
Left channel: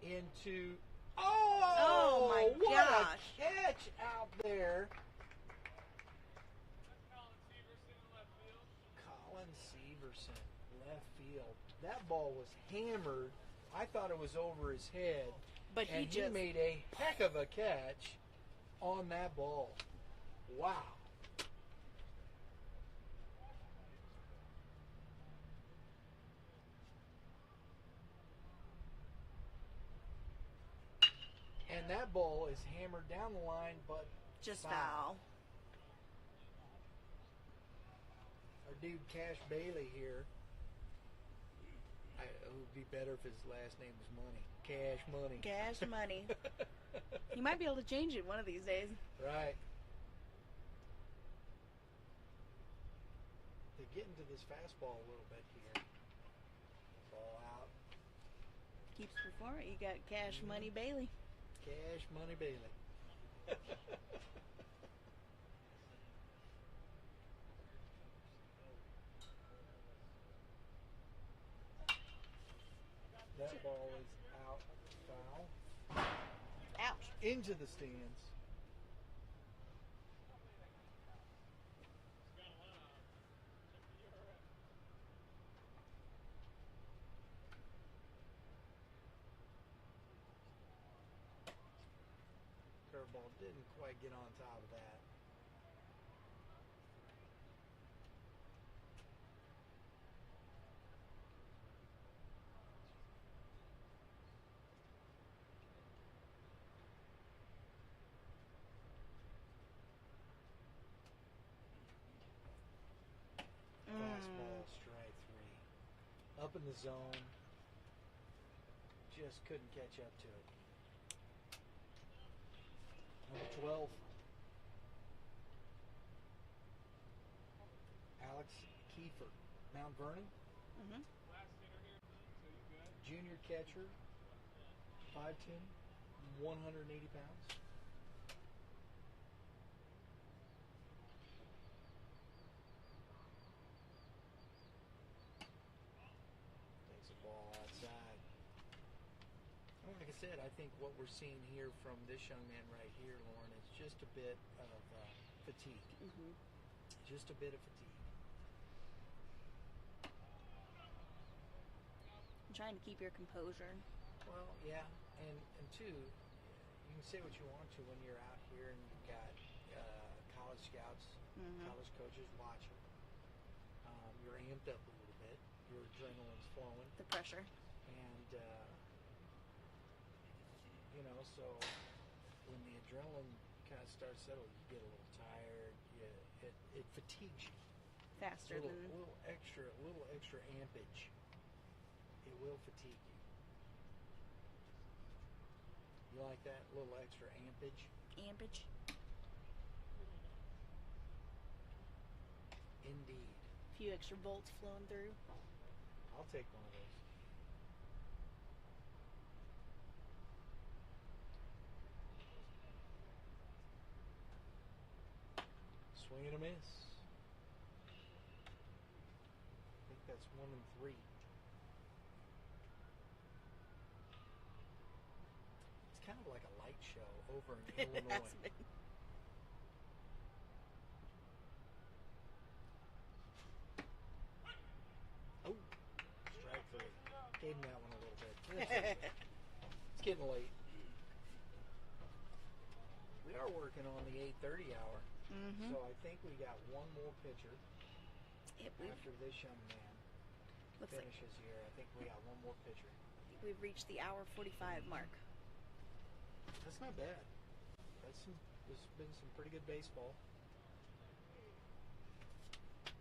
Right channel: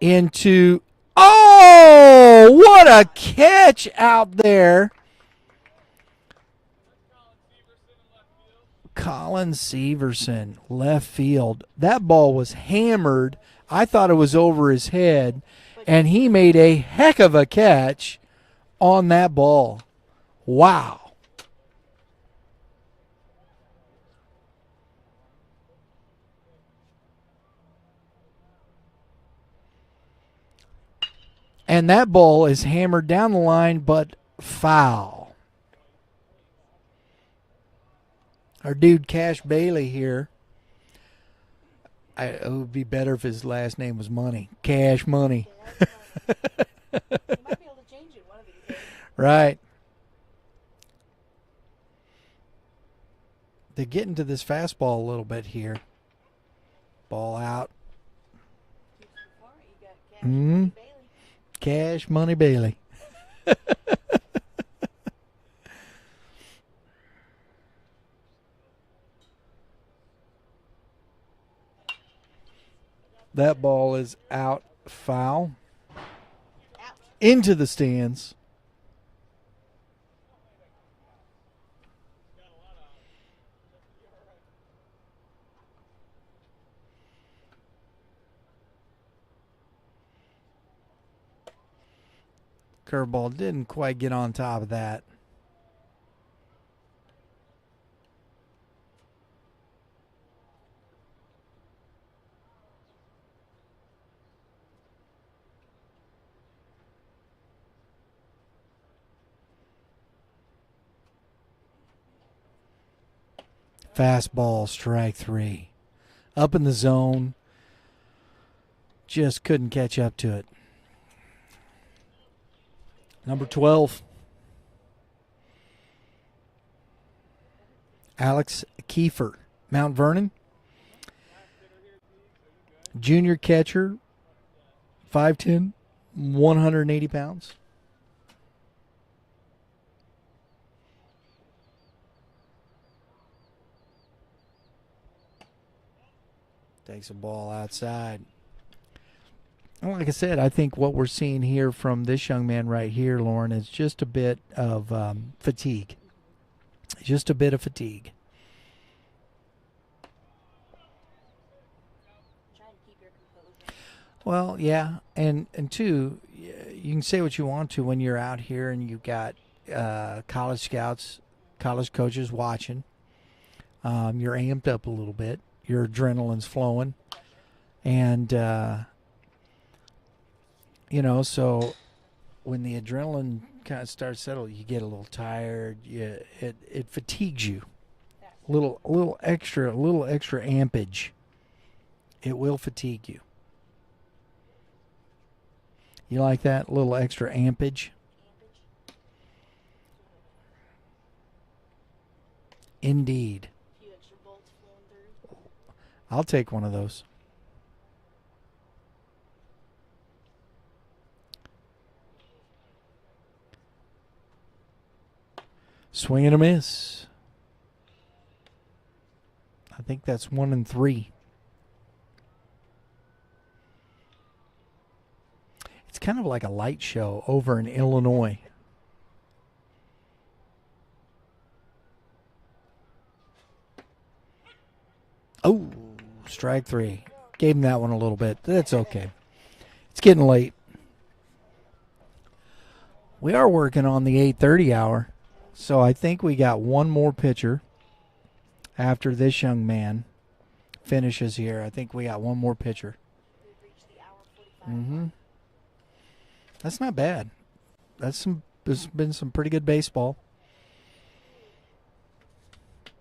into... Oh, what a catch out there. Colin Severson, left field. That ball was hammered. I thought it was over his head, and he made a heck of a catch on that ball. Wow. And that ball is hammered down the line, but foul. Our dude Cash Bailey here It would be better if his last name was Money. Cash Money. Cash money. You might be able to change it one of these days. Right. They're getting to this fastball a little bit here. Ball out. Keeps before it. You got Cash Mhm. Money Bailey. Cash Money Bailey. That ball is out, foul, Ouch. into the stands. Curveball didn't quite get on top of that. Fastball, strike three. Up in the zone. Just couldn't catch up to it. Number 12. Alex Kiefer, Mount Vernon. Junior catcher, 5'10", 180 pounds. Takes a ball outside. And like I said, I think what we're seeing here from this young man right here, Lauren, is just a bit of fatigue. Just a bit of fatigue. I'm trying to keep your composure. Well, yeah, and two, you can say what you want to when you're out here and you've got college scouts, college coaches watching. You're amped up a little bit. Your adrenaline's flowing. The pressure. And, so when the adrenaline kind of starts to settle, you get a little tired. It fatigues you. Faster. A little extra ampage. It will fatigue you. You like that? A little extra ampage? Ampage. Indeed. A few extra volts flowing through. I'll take one of those. Swing and a miss. I think that's 1-3. It's kind of like a light show over in Illinois. Oh, strike three. Gave him that one a little bit. That's okay. It's getting late. We are working on the 8:30 hour, so I think we got one more pitcher after this young man finishes here. I think we got one more pitcher. We've reached the hour 45 Mm-hmm. mark. That's not bad. There's been some pretty good baseball.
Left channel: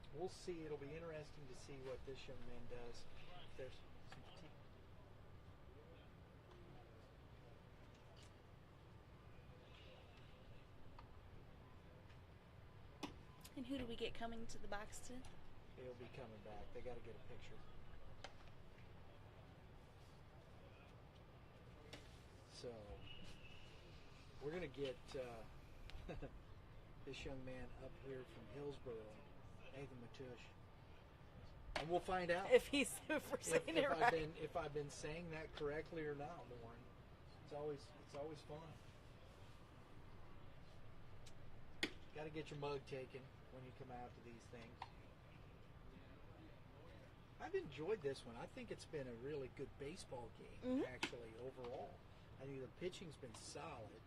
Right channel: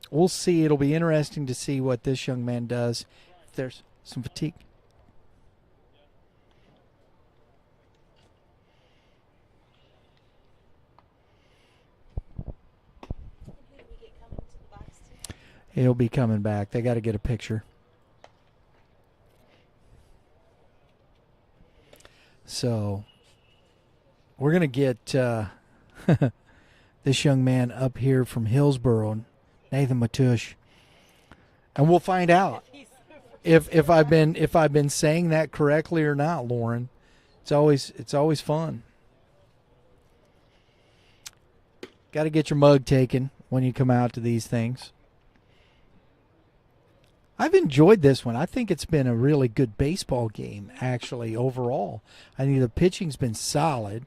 We'll see. It'll be interesting to see what this young man does. If there's some fatigue. And who do we get coming to the box today? He'll be coming back. They got to get a picture. So we're going to get this young man up here from Hillsboro, Nathan Matush, and we'll find out If he's the first if I've been saying that correctly or not, Lauren. It's always fun. Got to get your mug taken when you come out to these things. I've enjoyed this one. I think it's been a really good baseball game, actually, overall. I think the pitching's been solid.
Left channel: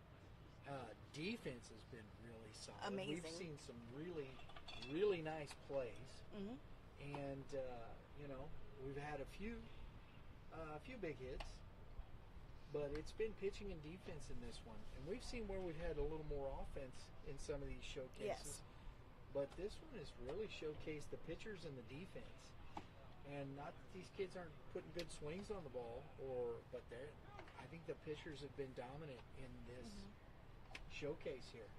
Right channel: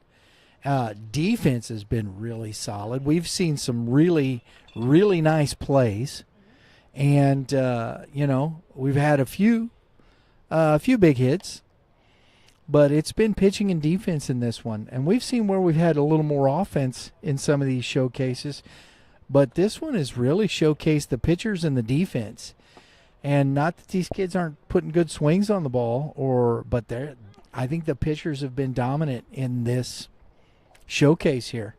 Defense has been really solid. We've seen some really, really nice plays. And, we've had a few big hits. But it's been pitching and defense in this one. And we've seen where we've had a little more offense in some of these showcases. But this one has really showcased the pitchers and the defense. And not that these kids aren't putting good swings on the ball, but I think the pitchers have been dominant in this showcase here.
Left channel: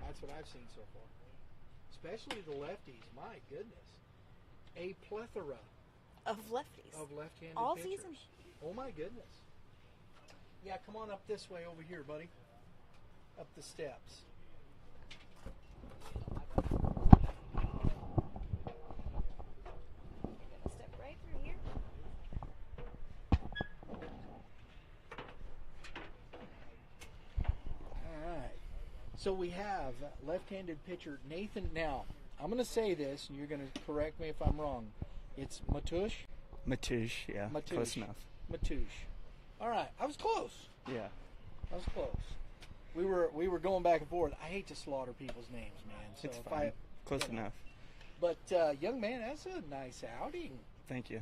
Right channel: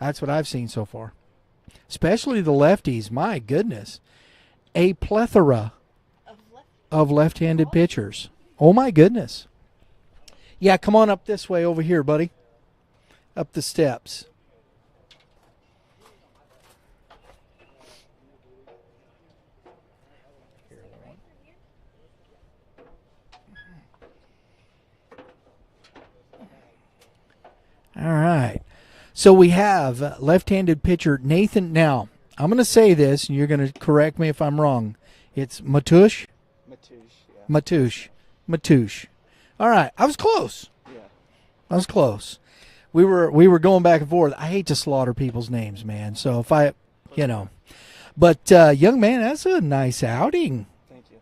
That's what I've seen so far. Especially the lefties. My goodness. A plethora Of lefties. of left-handed pitchers. Oh, my goodness. Yeah, come on up this way over here, buddy. Up the steps. Right through here. All right. So we have left-handed pitcher Nathan. Now, I'm going to say this, and you're going to correct me if I'm wrong. It's Matoush? Matoush, yeah. Matoush. Matoush. All right. I was close. Yeah. I was close. We were going back and forth. I hate to slaughter people's names, man. So if I, Close enough. But young man, that's a nice outing. Thank you.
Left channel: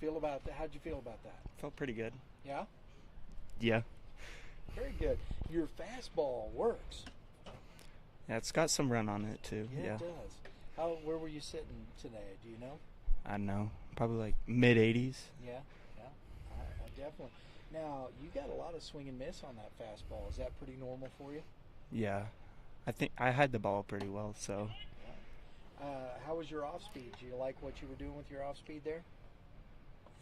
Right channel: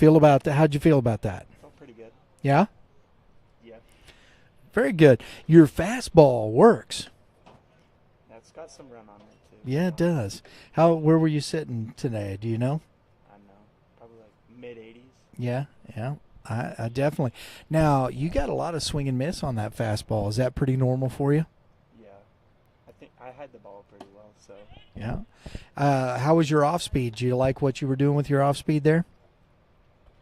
How'd you feel about that? Felt pretty good. Yeah? Yeah. Very good. Your fastball works. Yeah, it's got some run on it too. Yeah, it does. Where were you sitting today? Do you know? I don't know. Probably like mid-80s. Yeah. I definitely. Now, you got a lot of swing and miss on that fastball. Is that pretty normal for you? Yeah. I think I had the ball pretty well, so. Yeah. How was your off speed? Do you like what you were doing with your off speed there?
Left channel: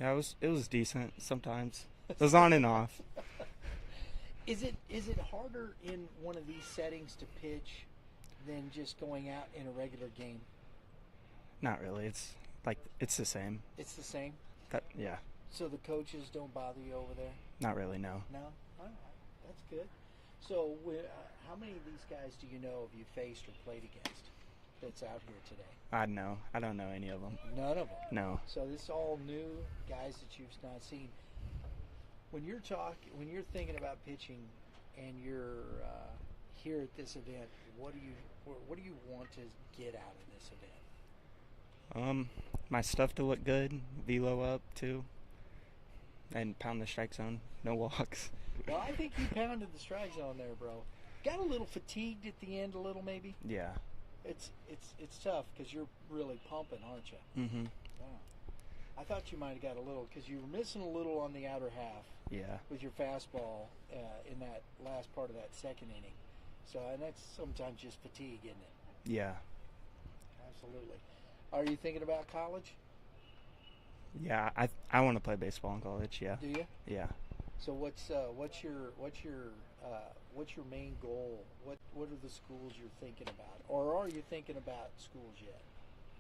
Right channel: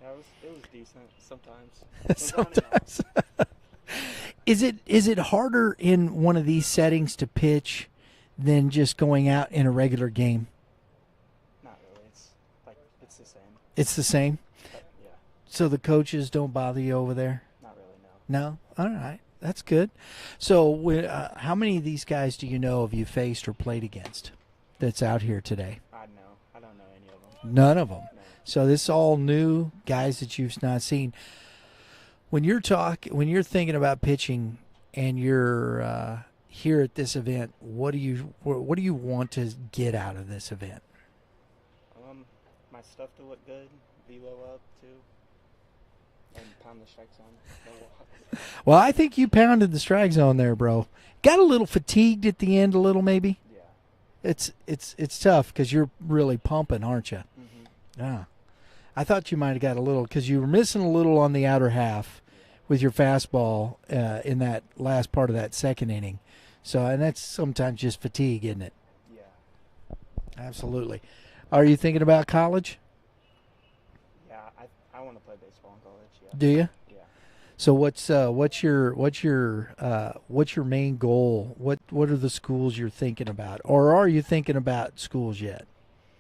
Yeah, it was decent sometimes. It was on and off. Is it harder in one of these settings to pitch than just going out in a regular game? Not really. It's the same. It's the same? But, yeah. So the coaches don't bother you over there? Not really, no. No? All right. That's good. So how many of these guys do you know have you faced or played against that's out here today? I don't know any of them. None of them? No. So this is all new guys that you've not seen. When you're thinking about pitching and you're here at this event, what do you want to get out of this event? My stuff to look good, velo up too, and pound the strike zone. No walks. Well, I think you pounded the strike zone there, bro. Got a little fatigued at the end, a little maybe. Yeah. It's tough because you're really pumping, aren't you? Mm-hmm. Yeah. I thought you might have got a little because you were missing a little on the outer half. Yeah. With your fastball in that last part of that second inning. So, and that's sometimes just fatigue, isn't it? Yeah. Absolutely. Are you thinking about college? Yeah, I want to play baseball in college. Yeah. Do you? Yeah. So what's your main goal? What are the schools you're thinking about, or are you thinking about schools yet?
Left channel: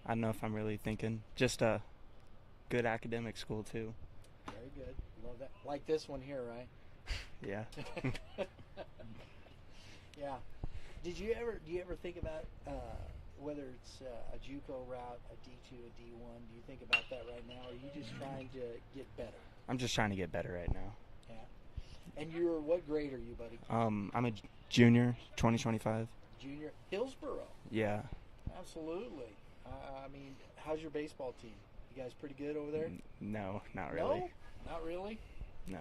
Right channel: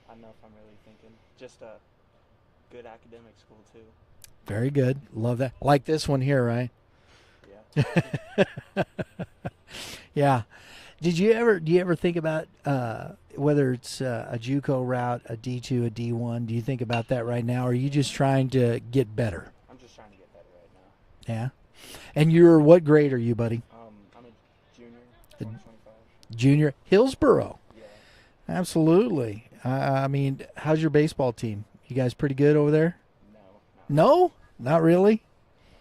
I don't know if I'm really thinking. Just a good academic school too. Very good. Love that. Like this one here, right? Yeah. Yeah. Do you ever think about whether it's a JUCO route, a D2, a D1? Do you think about that right now, or are you just trying to get better? I'm just trying to get better right now. Yeah. And what grade are you, buddy? I'm a junior, 2025. Junior. Hillsboro. Yeah. Absolutely. I mean, how's your baseball team? You guys pretty good over there? No, not really. No? Not really? No.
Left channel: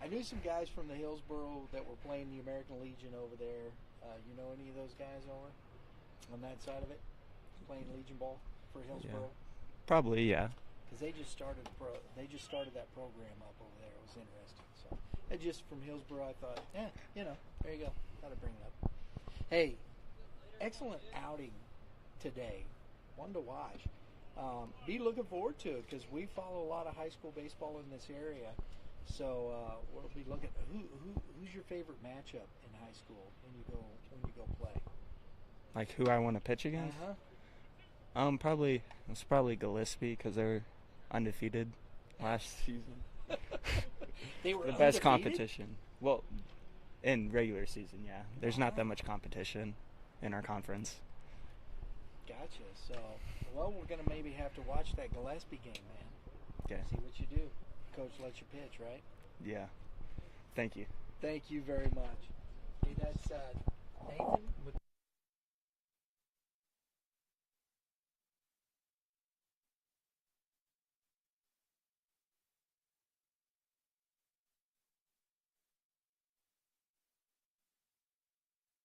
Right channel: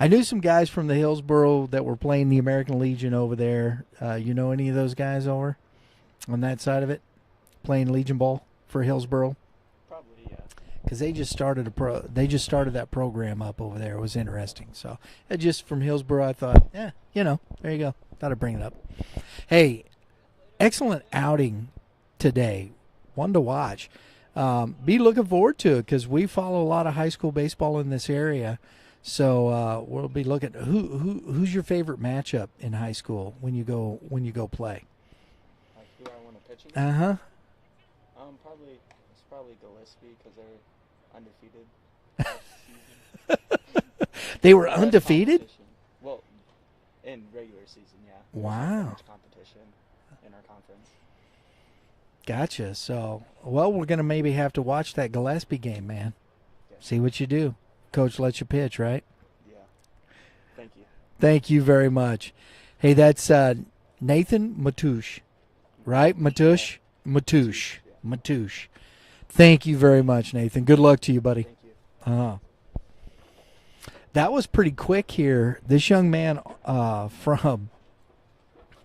I knew some guys from the Hillsboro that were playing the American Legion over there. You know any of those guys over on that side of it? Playing Legion ball for Hillsboro? Probably, yeah. Because they just started that program up over there. It was interesting. So just from Hillsboro, I thought, there you go. Thought I'd bring it up. Hey, excellent outing today. One to watch. Be looking forward to it because we follow a lot of high school baseball in this area. So we'll be looking. Who's your favorite matchup in high school when you go play? Like who I want to pitch against? It's probably Gillespie because they're undefeated last season. They were Best undefeated? competition. Well, in regular season, yeah. There's not Wow. that much competition in our conference. Gotcha. So, we're going to maybe have to watch that Gillespie game, man. Yeah. See what you do. Coach lets you pitch, right? Yeah. Thank you. Thank you very much. Hey, that's Nathan Matoush, right? Matoush? Matoush. Thank you very much, Nathan. Good luck to you, buddy. Thank you. That was pretty quick here. This young man from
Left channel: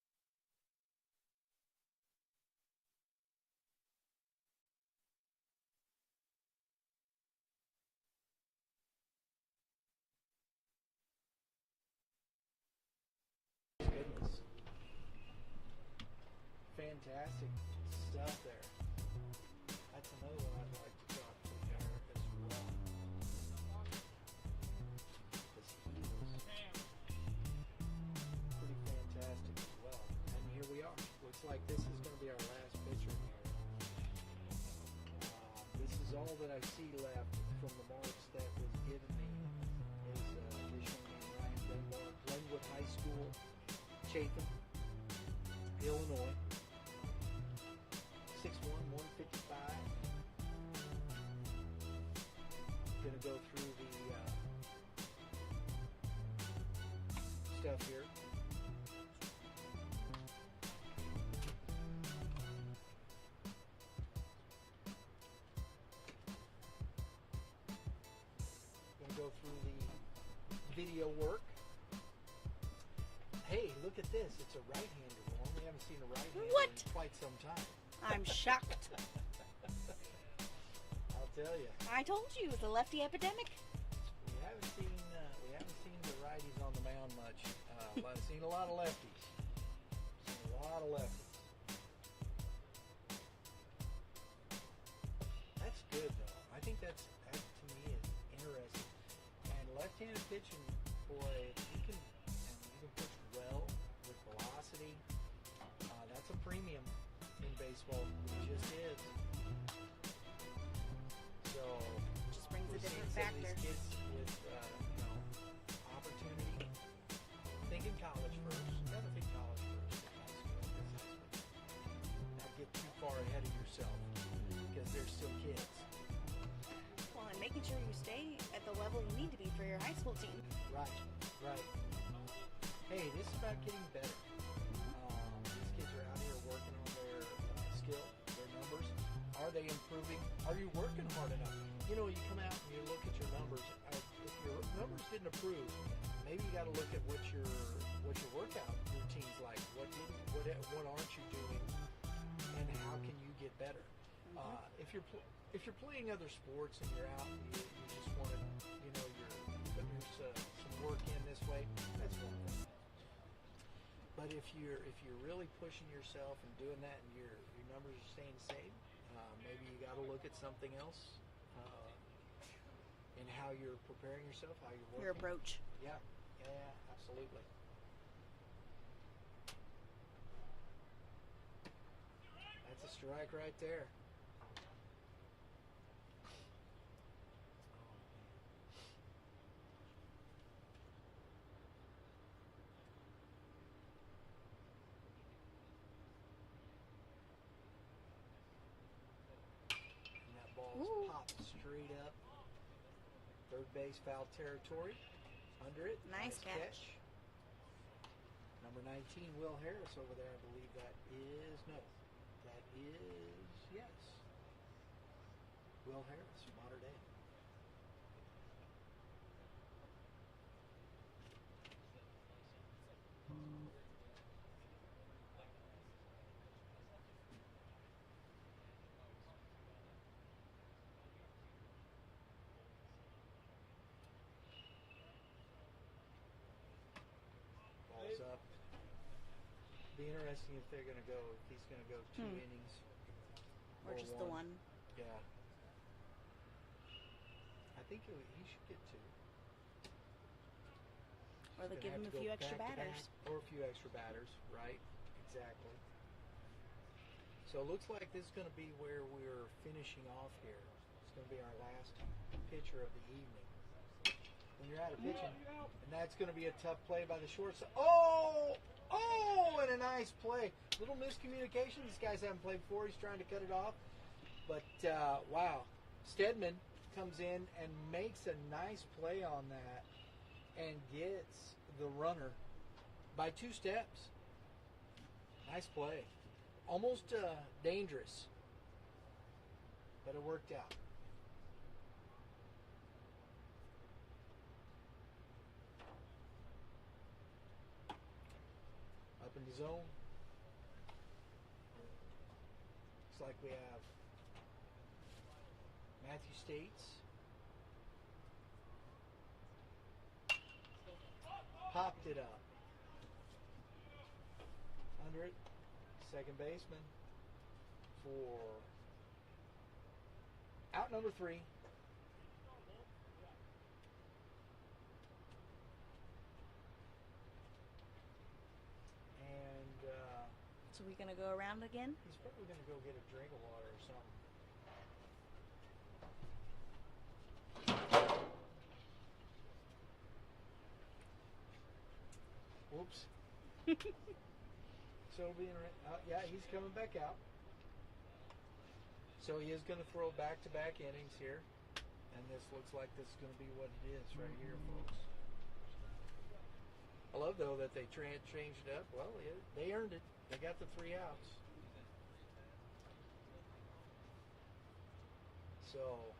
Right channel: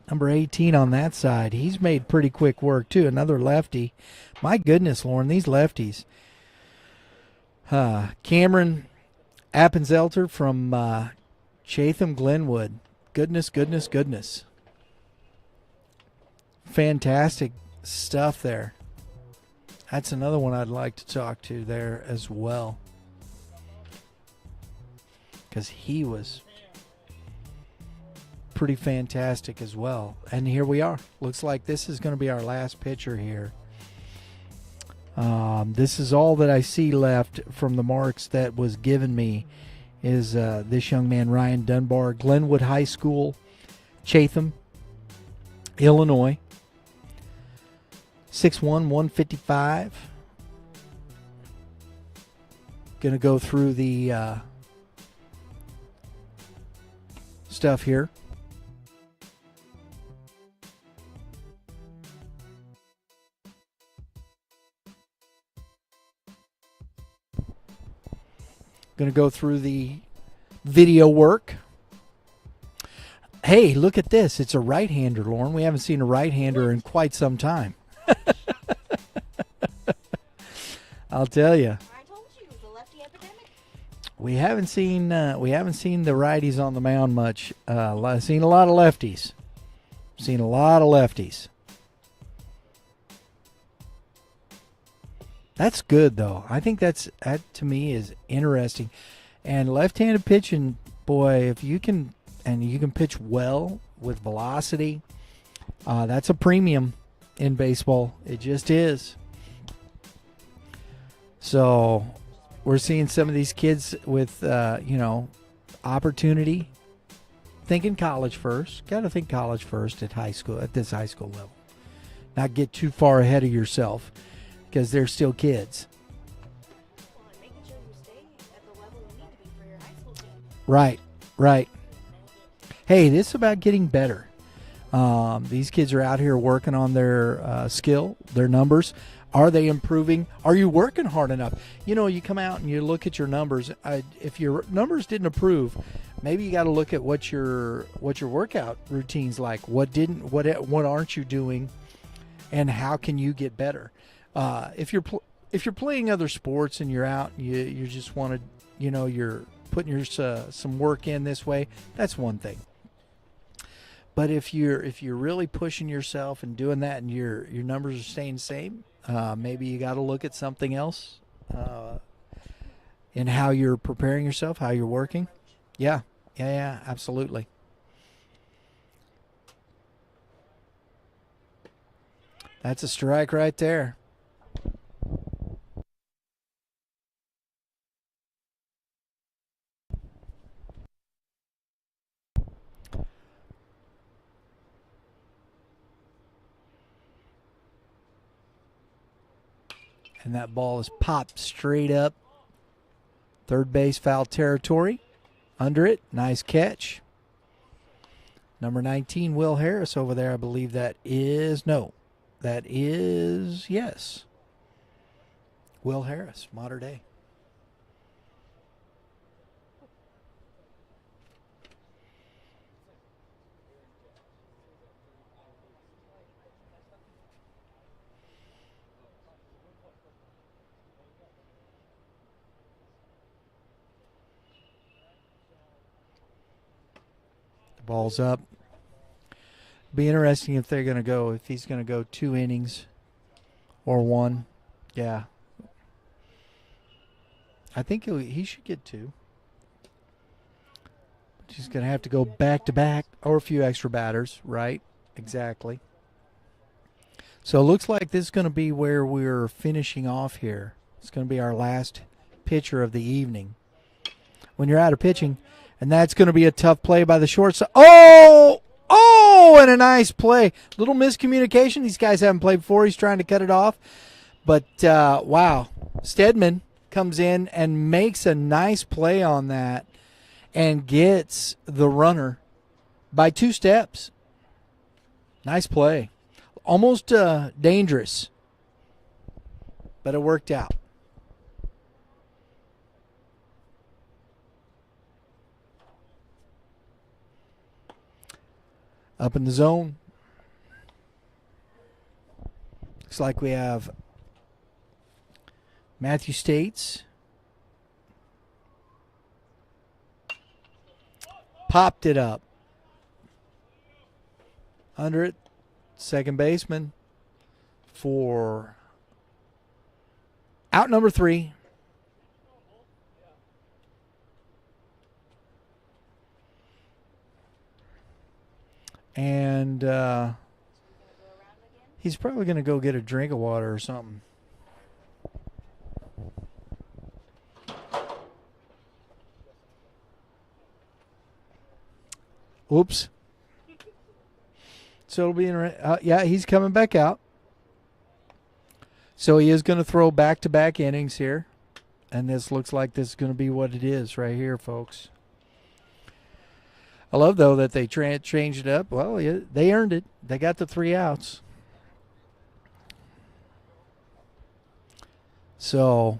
number 18 on that side, he's made pretty quick work, too. Another lefty. My goodness, Lauren, these lefties. Cameron Appenzelter from Chatham Glenwood. Goodness, goodness, goodness. Fantastic stuff there. That's another one I'd like to talk to there as well, because he was pretty fantastic as well. And here we are. Looks like this is going to be our last picture here. This is all that I see left from the marks that was given me is this young man, Ryan Dunbar, Glenwood High School, Chatham, Illinois. 6'1", 155. Going to go through the stuff here. Going to go through the video work. Hey, look at this. It's a right-hander, Lauren. We haven't seen a right-hander in quite some time. I'm shocked. I'll tell you. I told you, the lefty epidemic. We haven't seen the righties on the mound much. I've seen a lot of lefties. Seen a lot of lefties. That's good though. I think that to me is interesting. And left-handed pitching, boy, if you can pitch well with velocity, that's a premium in baseball. It just is. So we're seeing some of these kids with opportunity. Thinking college first. Got to think college first at this high school level. Not get too far ahead of yourself, because they're still kids. Well, and making sure you stay at the level you need to be for your high school team. Right. Hey, this is about getting better. These kids are out here working on their skill, their numbers. Are they improving? Are you working hard enough? You come out and you look at your numbers. If your numbers didn't improve, maybe you got to look at what your workout routine's like. What aren't you doing, and how can you get better? If you're playing other sports and you're out, and you just want to, you're putting some work in this way. That's one thing. But if you're really pushing yourself and doing that, and your numbers are staying the same, maybe you got to look at something else in how you're preparing yourself, how you're working. Yeah, absolutely. That's a strike right there. And that ball is popped straight up. Third base foul territory. Under it. Nice catch. Number 19, Will Harris over there. I believe that is, yes. Will Harris, Modern Day. Ball's up. Be interesting if he's going to go 2 innings or one. Yeah. I think he should get 2. He's going to have to go back to back, or a few extra batters, right? Exactly. So it looks like this is going to be where we're finishing off here. It's going to be our last pitcher of the evening. When you're out of pitching, and that's going to be a tough play by the shortstop. Oh, and a nice play. Little miscommunication. These guys haven't played before. He's trying to cut it off. But, wow. Stedman comes in and makes a nice play on that and gets the runner by 2 steps. Nice play. Almost dangerous, but it worked out. Up in the zone. Looks like we have Matthew States, Popped it up. Under it, second baseman for out number 3. And So we gonna go around again? he's probably going to go get a drink of water or something. Oops. So it'll be yeah, he's coming back out. So he is going to throw back-to-back innings here. And this looks like this is going to be what it is right here, folks. I love, though, that they changed it up. Well, yeah, they earned it. They got the 3 outs. So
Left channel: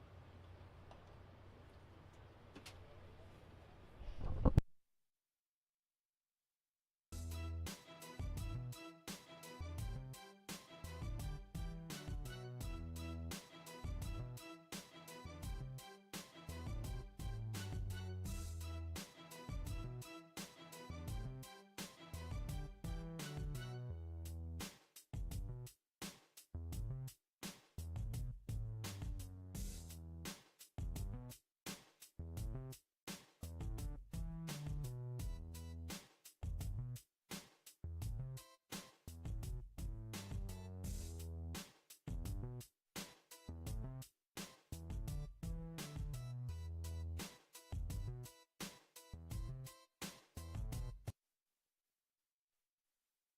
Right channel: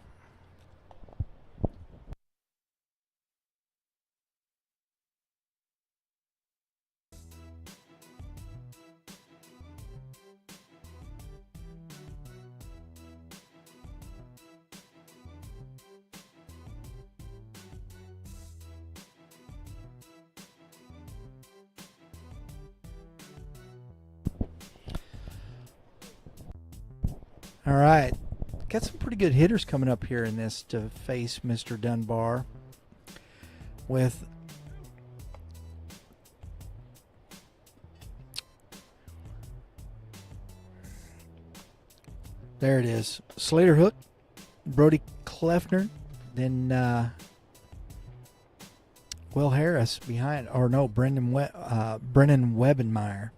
all right. Got some pretty good hitters coming up here in this to face Mr. Dunbar with there it is. Slater Hook, Brody Kleffner, then Will Harris behind, or no, Brennan Webenmeyer.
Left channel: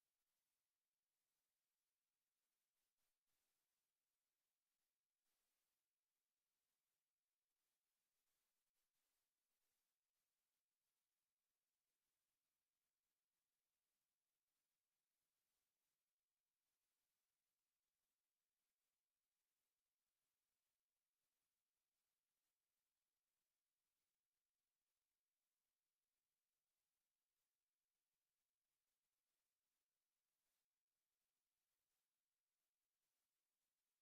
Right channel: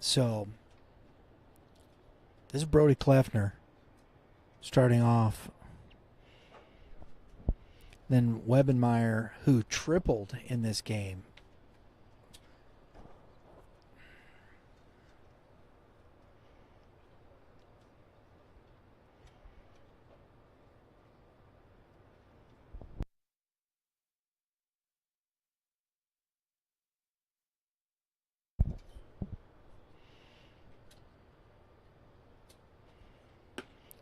So this is Brody Kleffner starting off. Then Webenmeyer, who tripled in this game.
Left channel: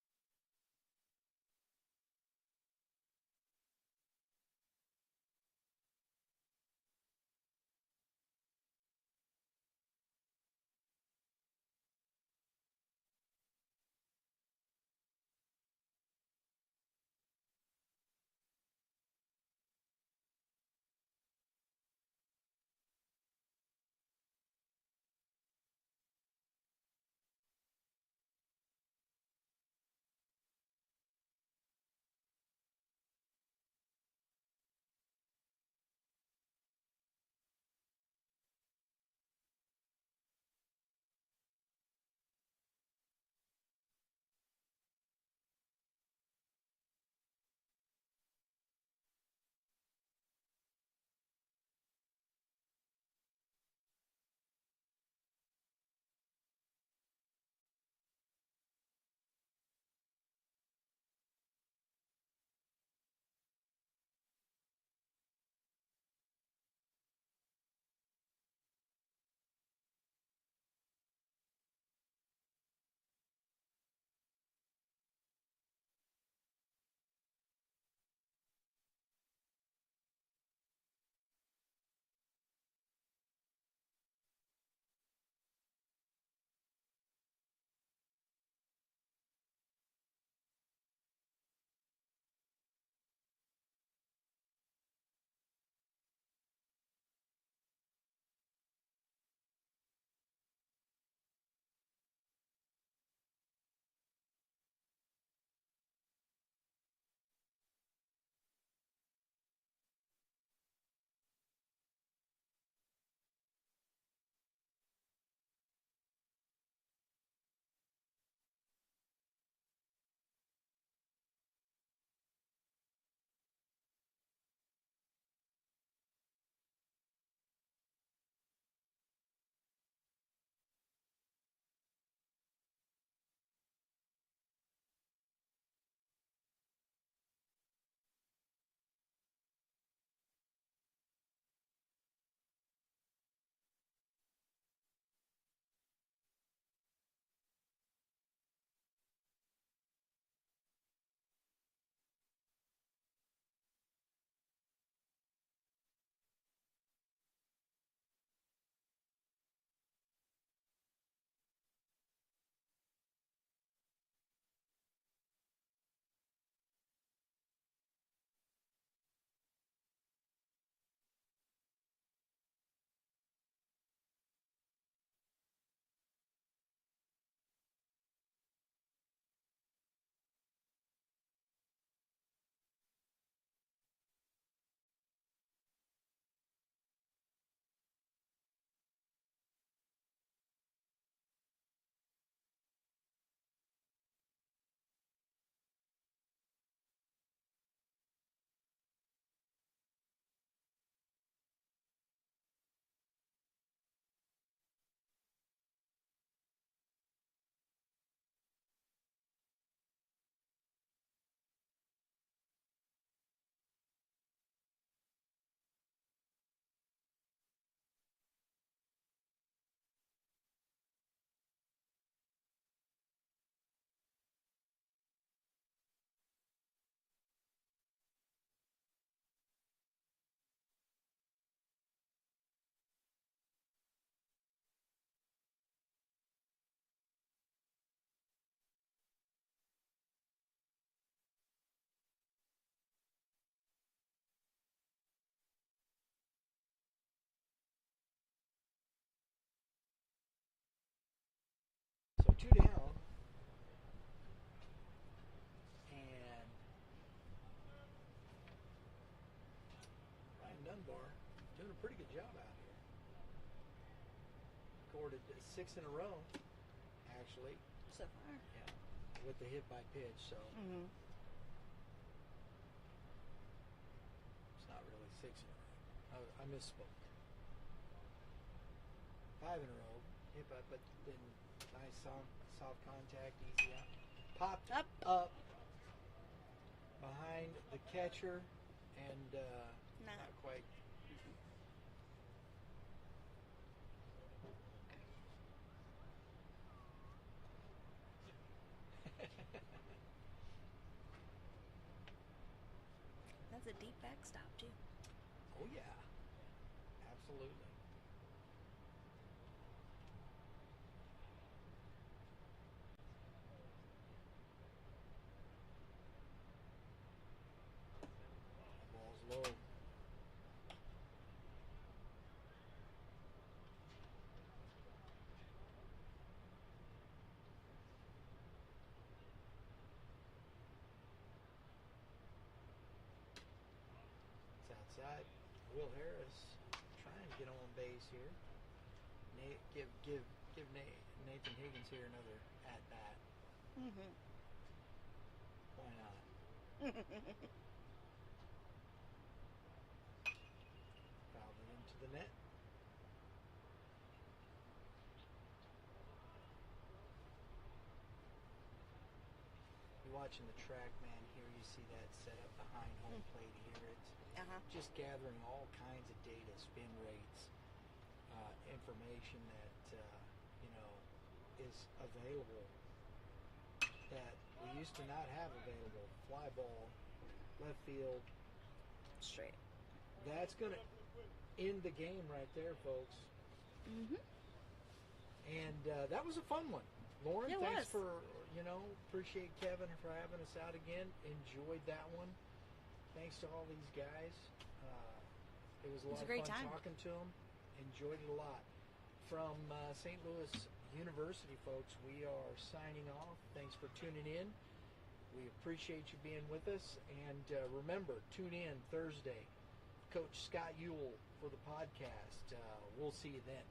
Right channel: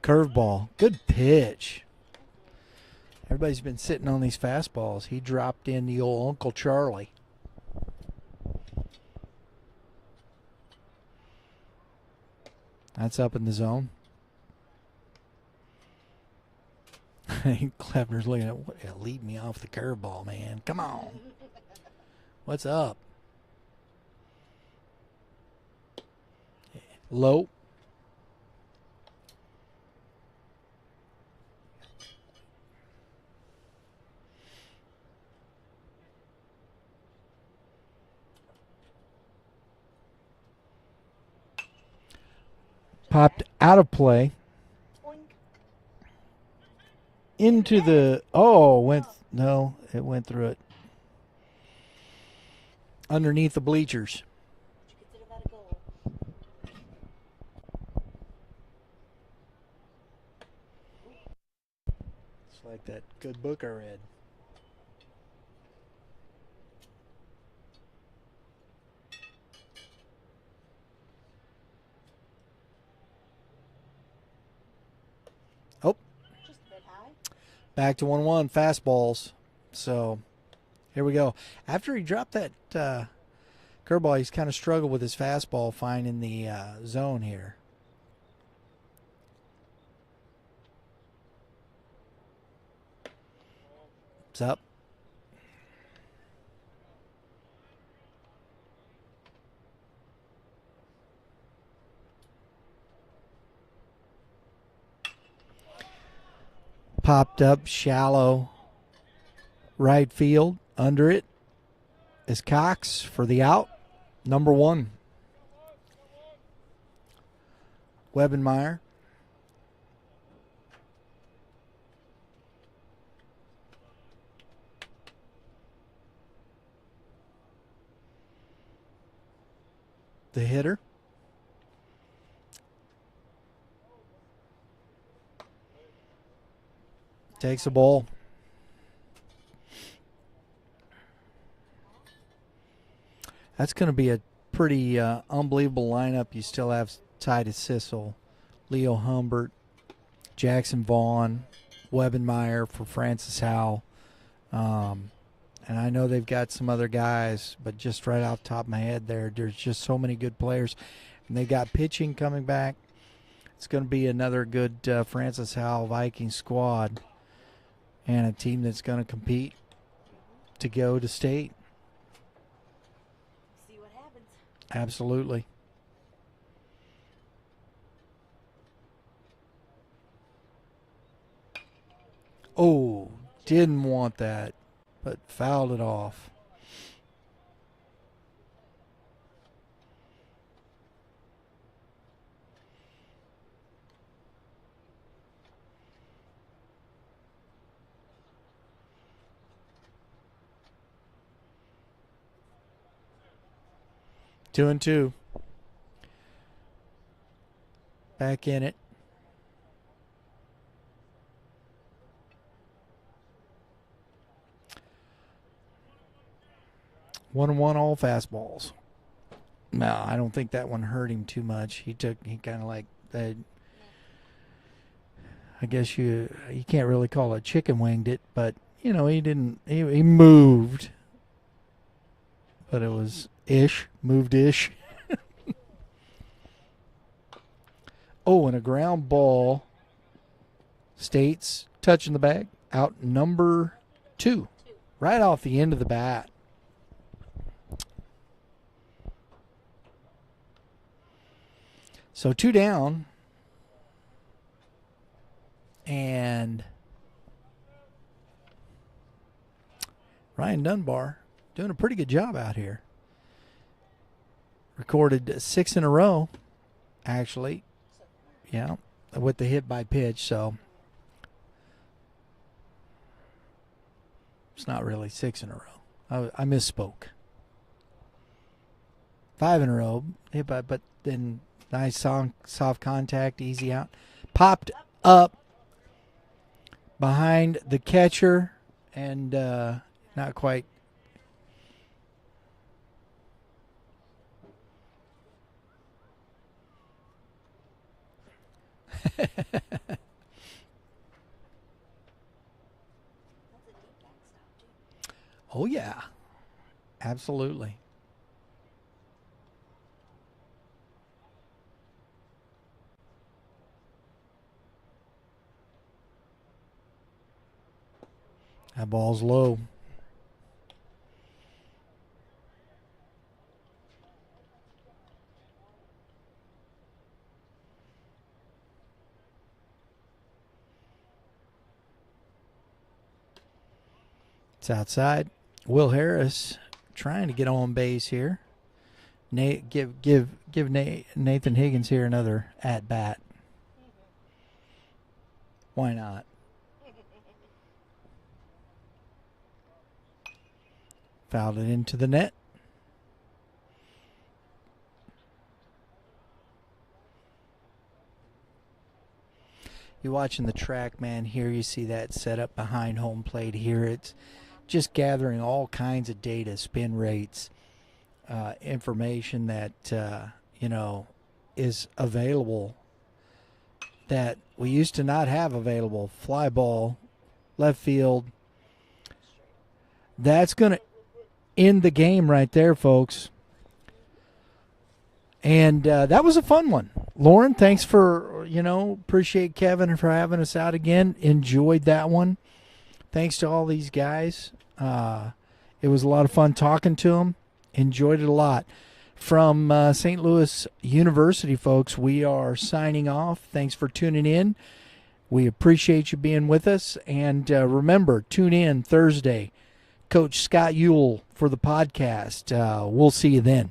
Curveball. Good pitch. Everybody's been sitting on these fastballs. He dropped in the old Uncle Charlie. That's up in the zone. Kleffner's looking at what, lead me off the curveball, man. Come on. What's up? Low. Popped out of play. Into the, it went through it. Underneath the bleachers. Would you consider that a goal? It's like that good book I read. Just a bit high. Back to 1-1 fastballs. So here we go. After he dropped that curveball, he's kind of struggled with his fastball finding the zone here. It's up. Popped up shallow right field. Under it is Cox for the out. Number 1. Webenmeyer. The hitter. Takes the ball. That's going to be a pretty unbelievable lineup. You still have Titus Sissel, Leo Humbert, Jackson Vaughn, Webenmeyer for Francis Howell. And I know they've got some other guys, but just right off the top of my head there's just so many good players. And they've got pitching coming back. It's going to be another good Francis Howell Viking squad and a team that's going to compete to go to state. See what happens. Absolutely. Oh, didn't want that, but fouled it off. Two and two. Back in it. 1-1 all fastballs. No, I don't think that one hurt him too much. He kind of like that. I guess you can't really call it chicken winged it, but he didn't. He moved, but it was moved ish. Oh, and a ground ball. States touching the bag. Out number 2, right off the end of the bat. So 2 down, and Ryan Dunbar doing a pretty good job out here. Recorded 6 in a row, actually. So far. Yeah, with the hit by pitch, so it's not really 6 in a row. I misspoke. 5 in a row, hit by, but then nice soft contact, easy out. Popped up behind the catcher and not quite. That's a deep backstop, too. Oh, yeah. Absolutely. That ball's low. It's outside. Will Harris trying to get on base here. Give Nathan Higgins here another at bat. Why not? Fouled it into the net. You're watching the track, man. Here you see that set up behind home plate. Here it's just gathering all kinds of data, spin rates, information that is available that we used to not have available. Fly ball, left field. Straight. That's going to end the game right there, folks. And that was a fun one. Lauren, thanks for, appreciate Kevin for having us out again. Enjoyed that one. Thanks to all these guys. It was a lot of fun talking to them. Enjoyed it a lot. From St. Louis University, folks, we are signing off. Thanks for tuning in. We appreciate you being with us. And remember, tune in Thursday. Coach Scott Ewell for the podcast. We'll see you then.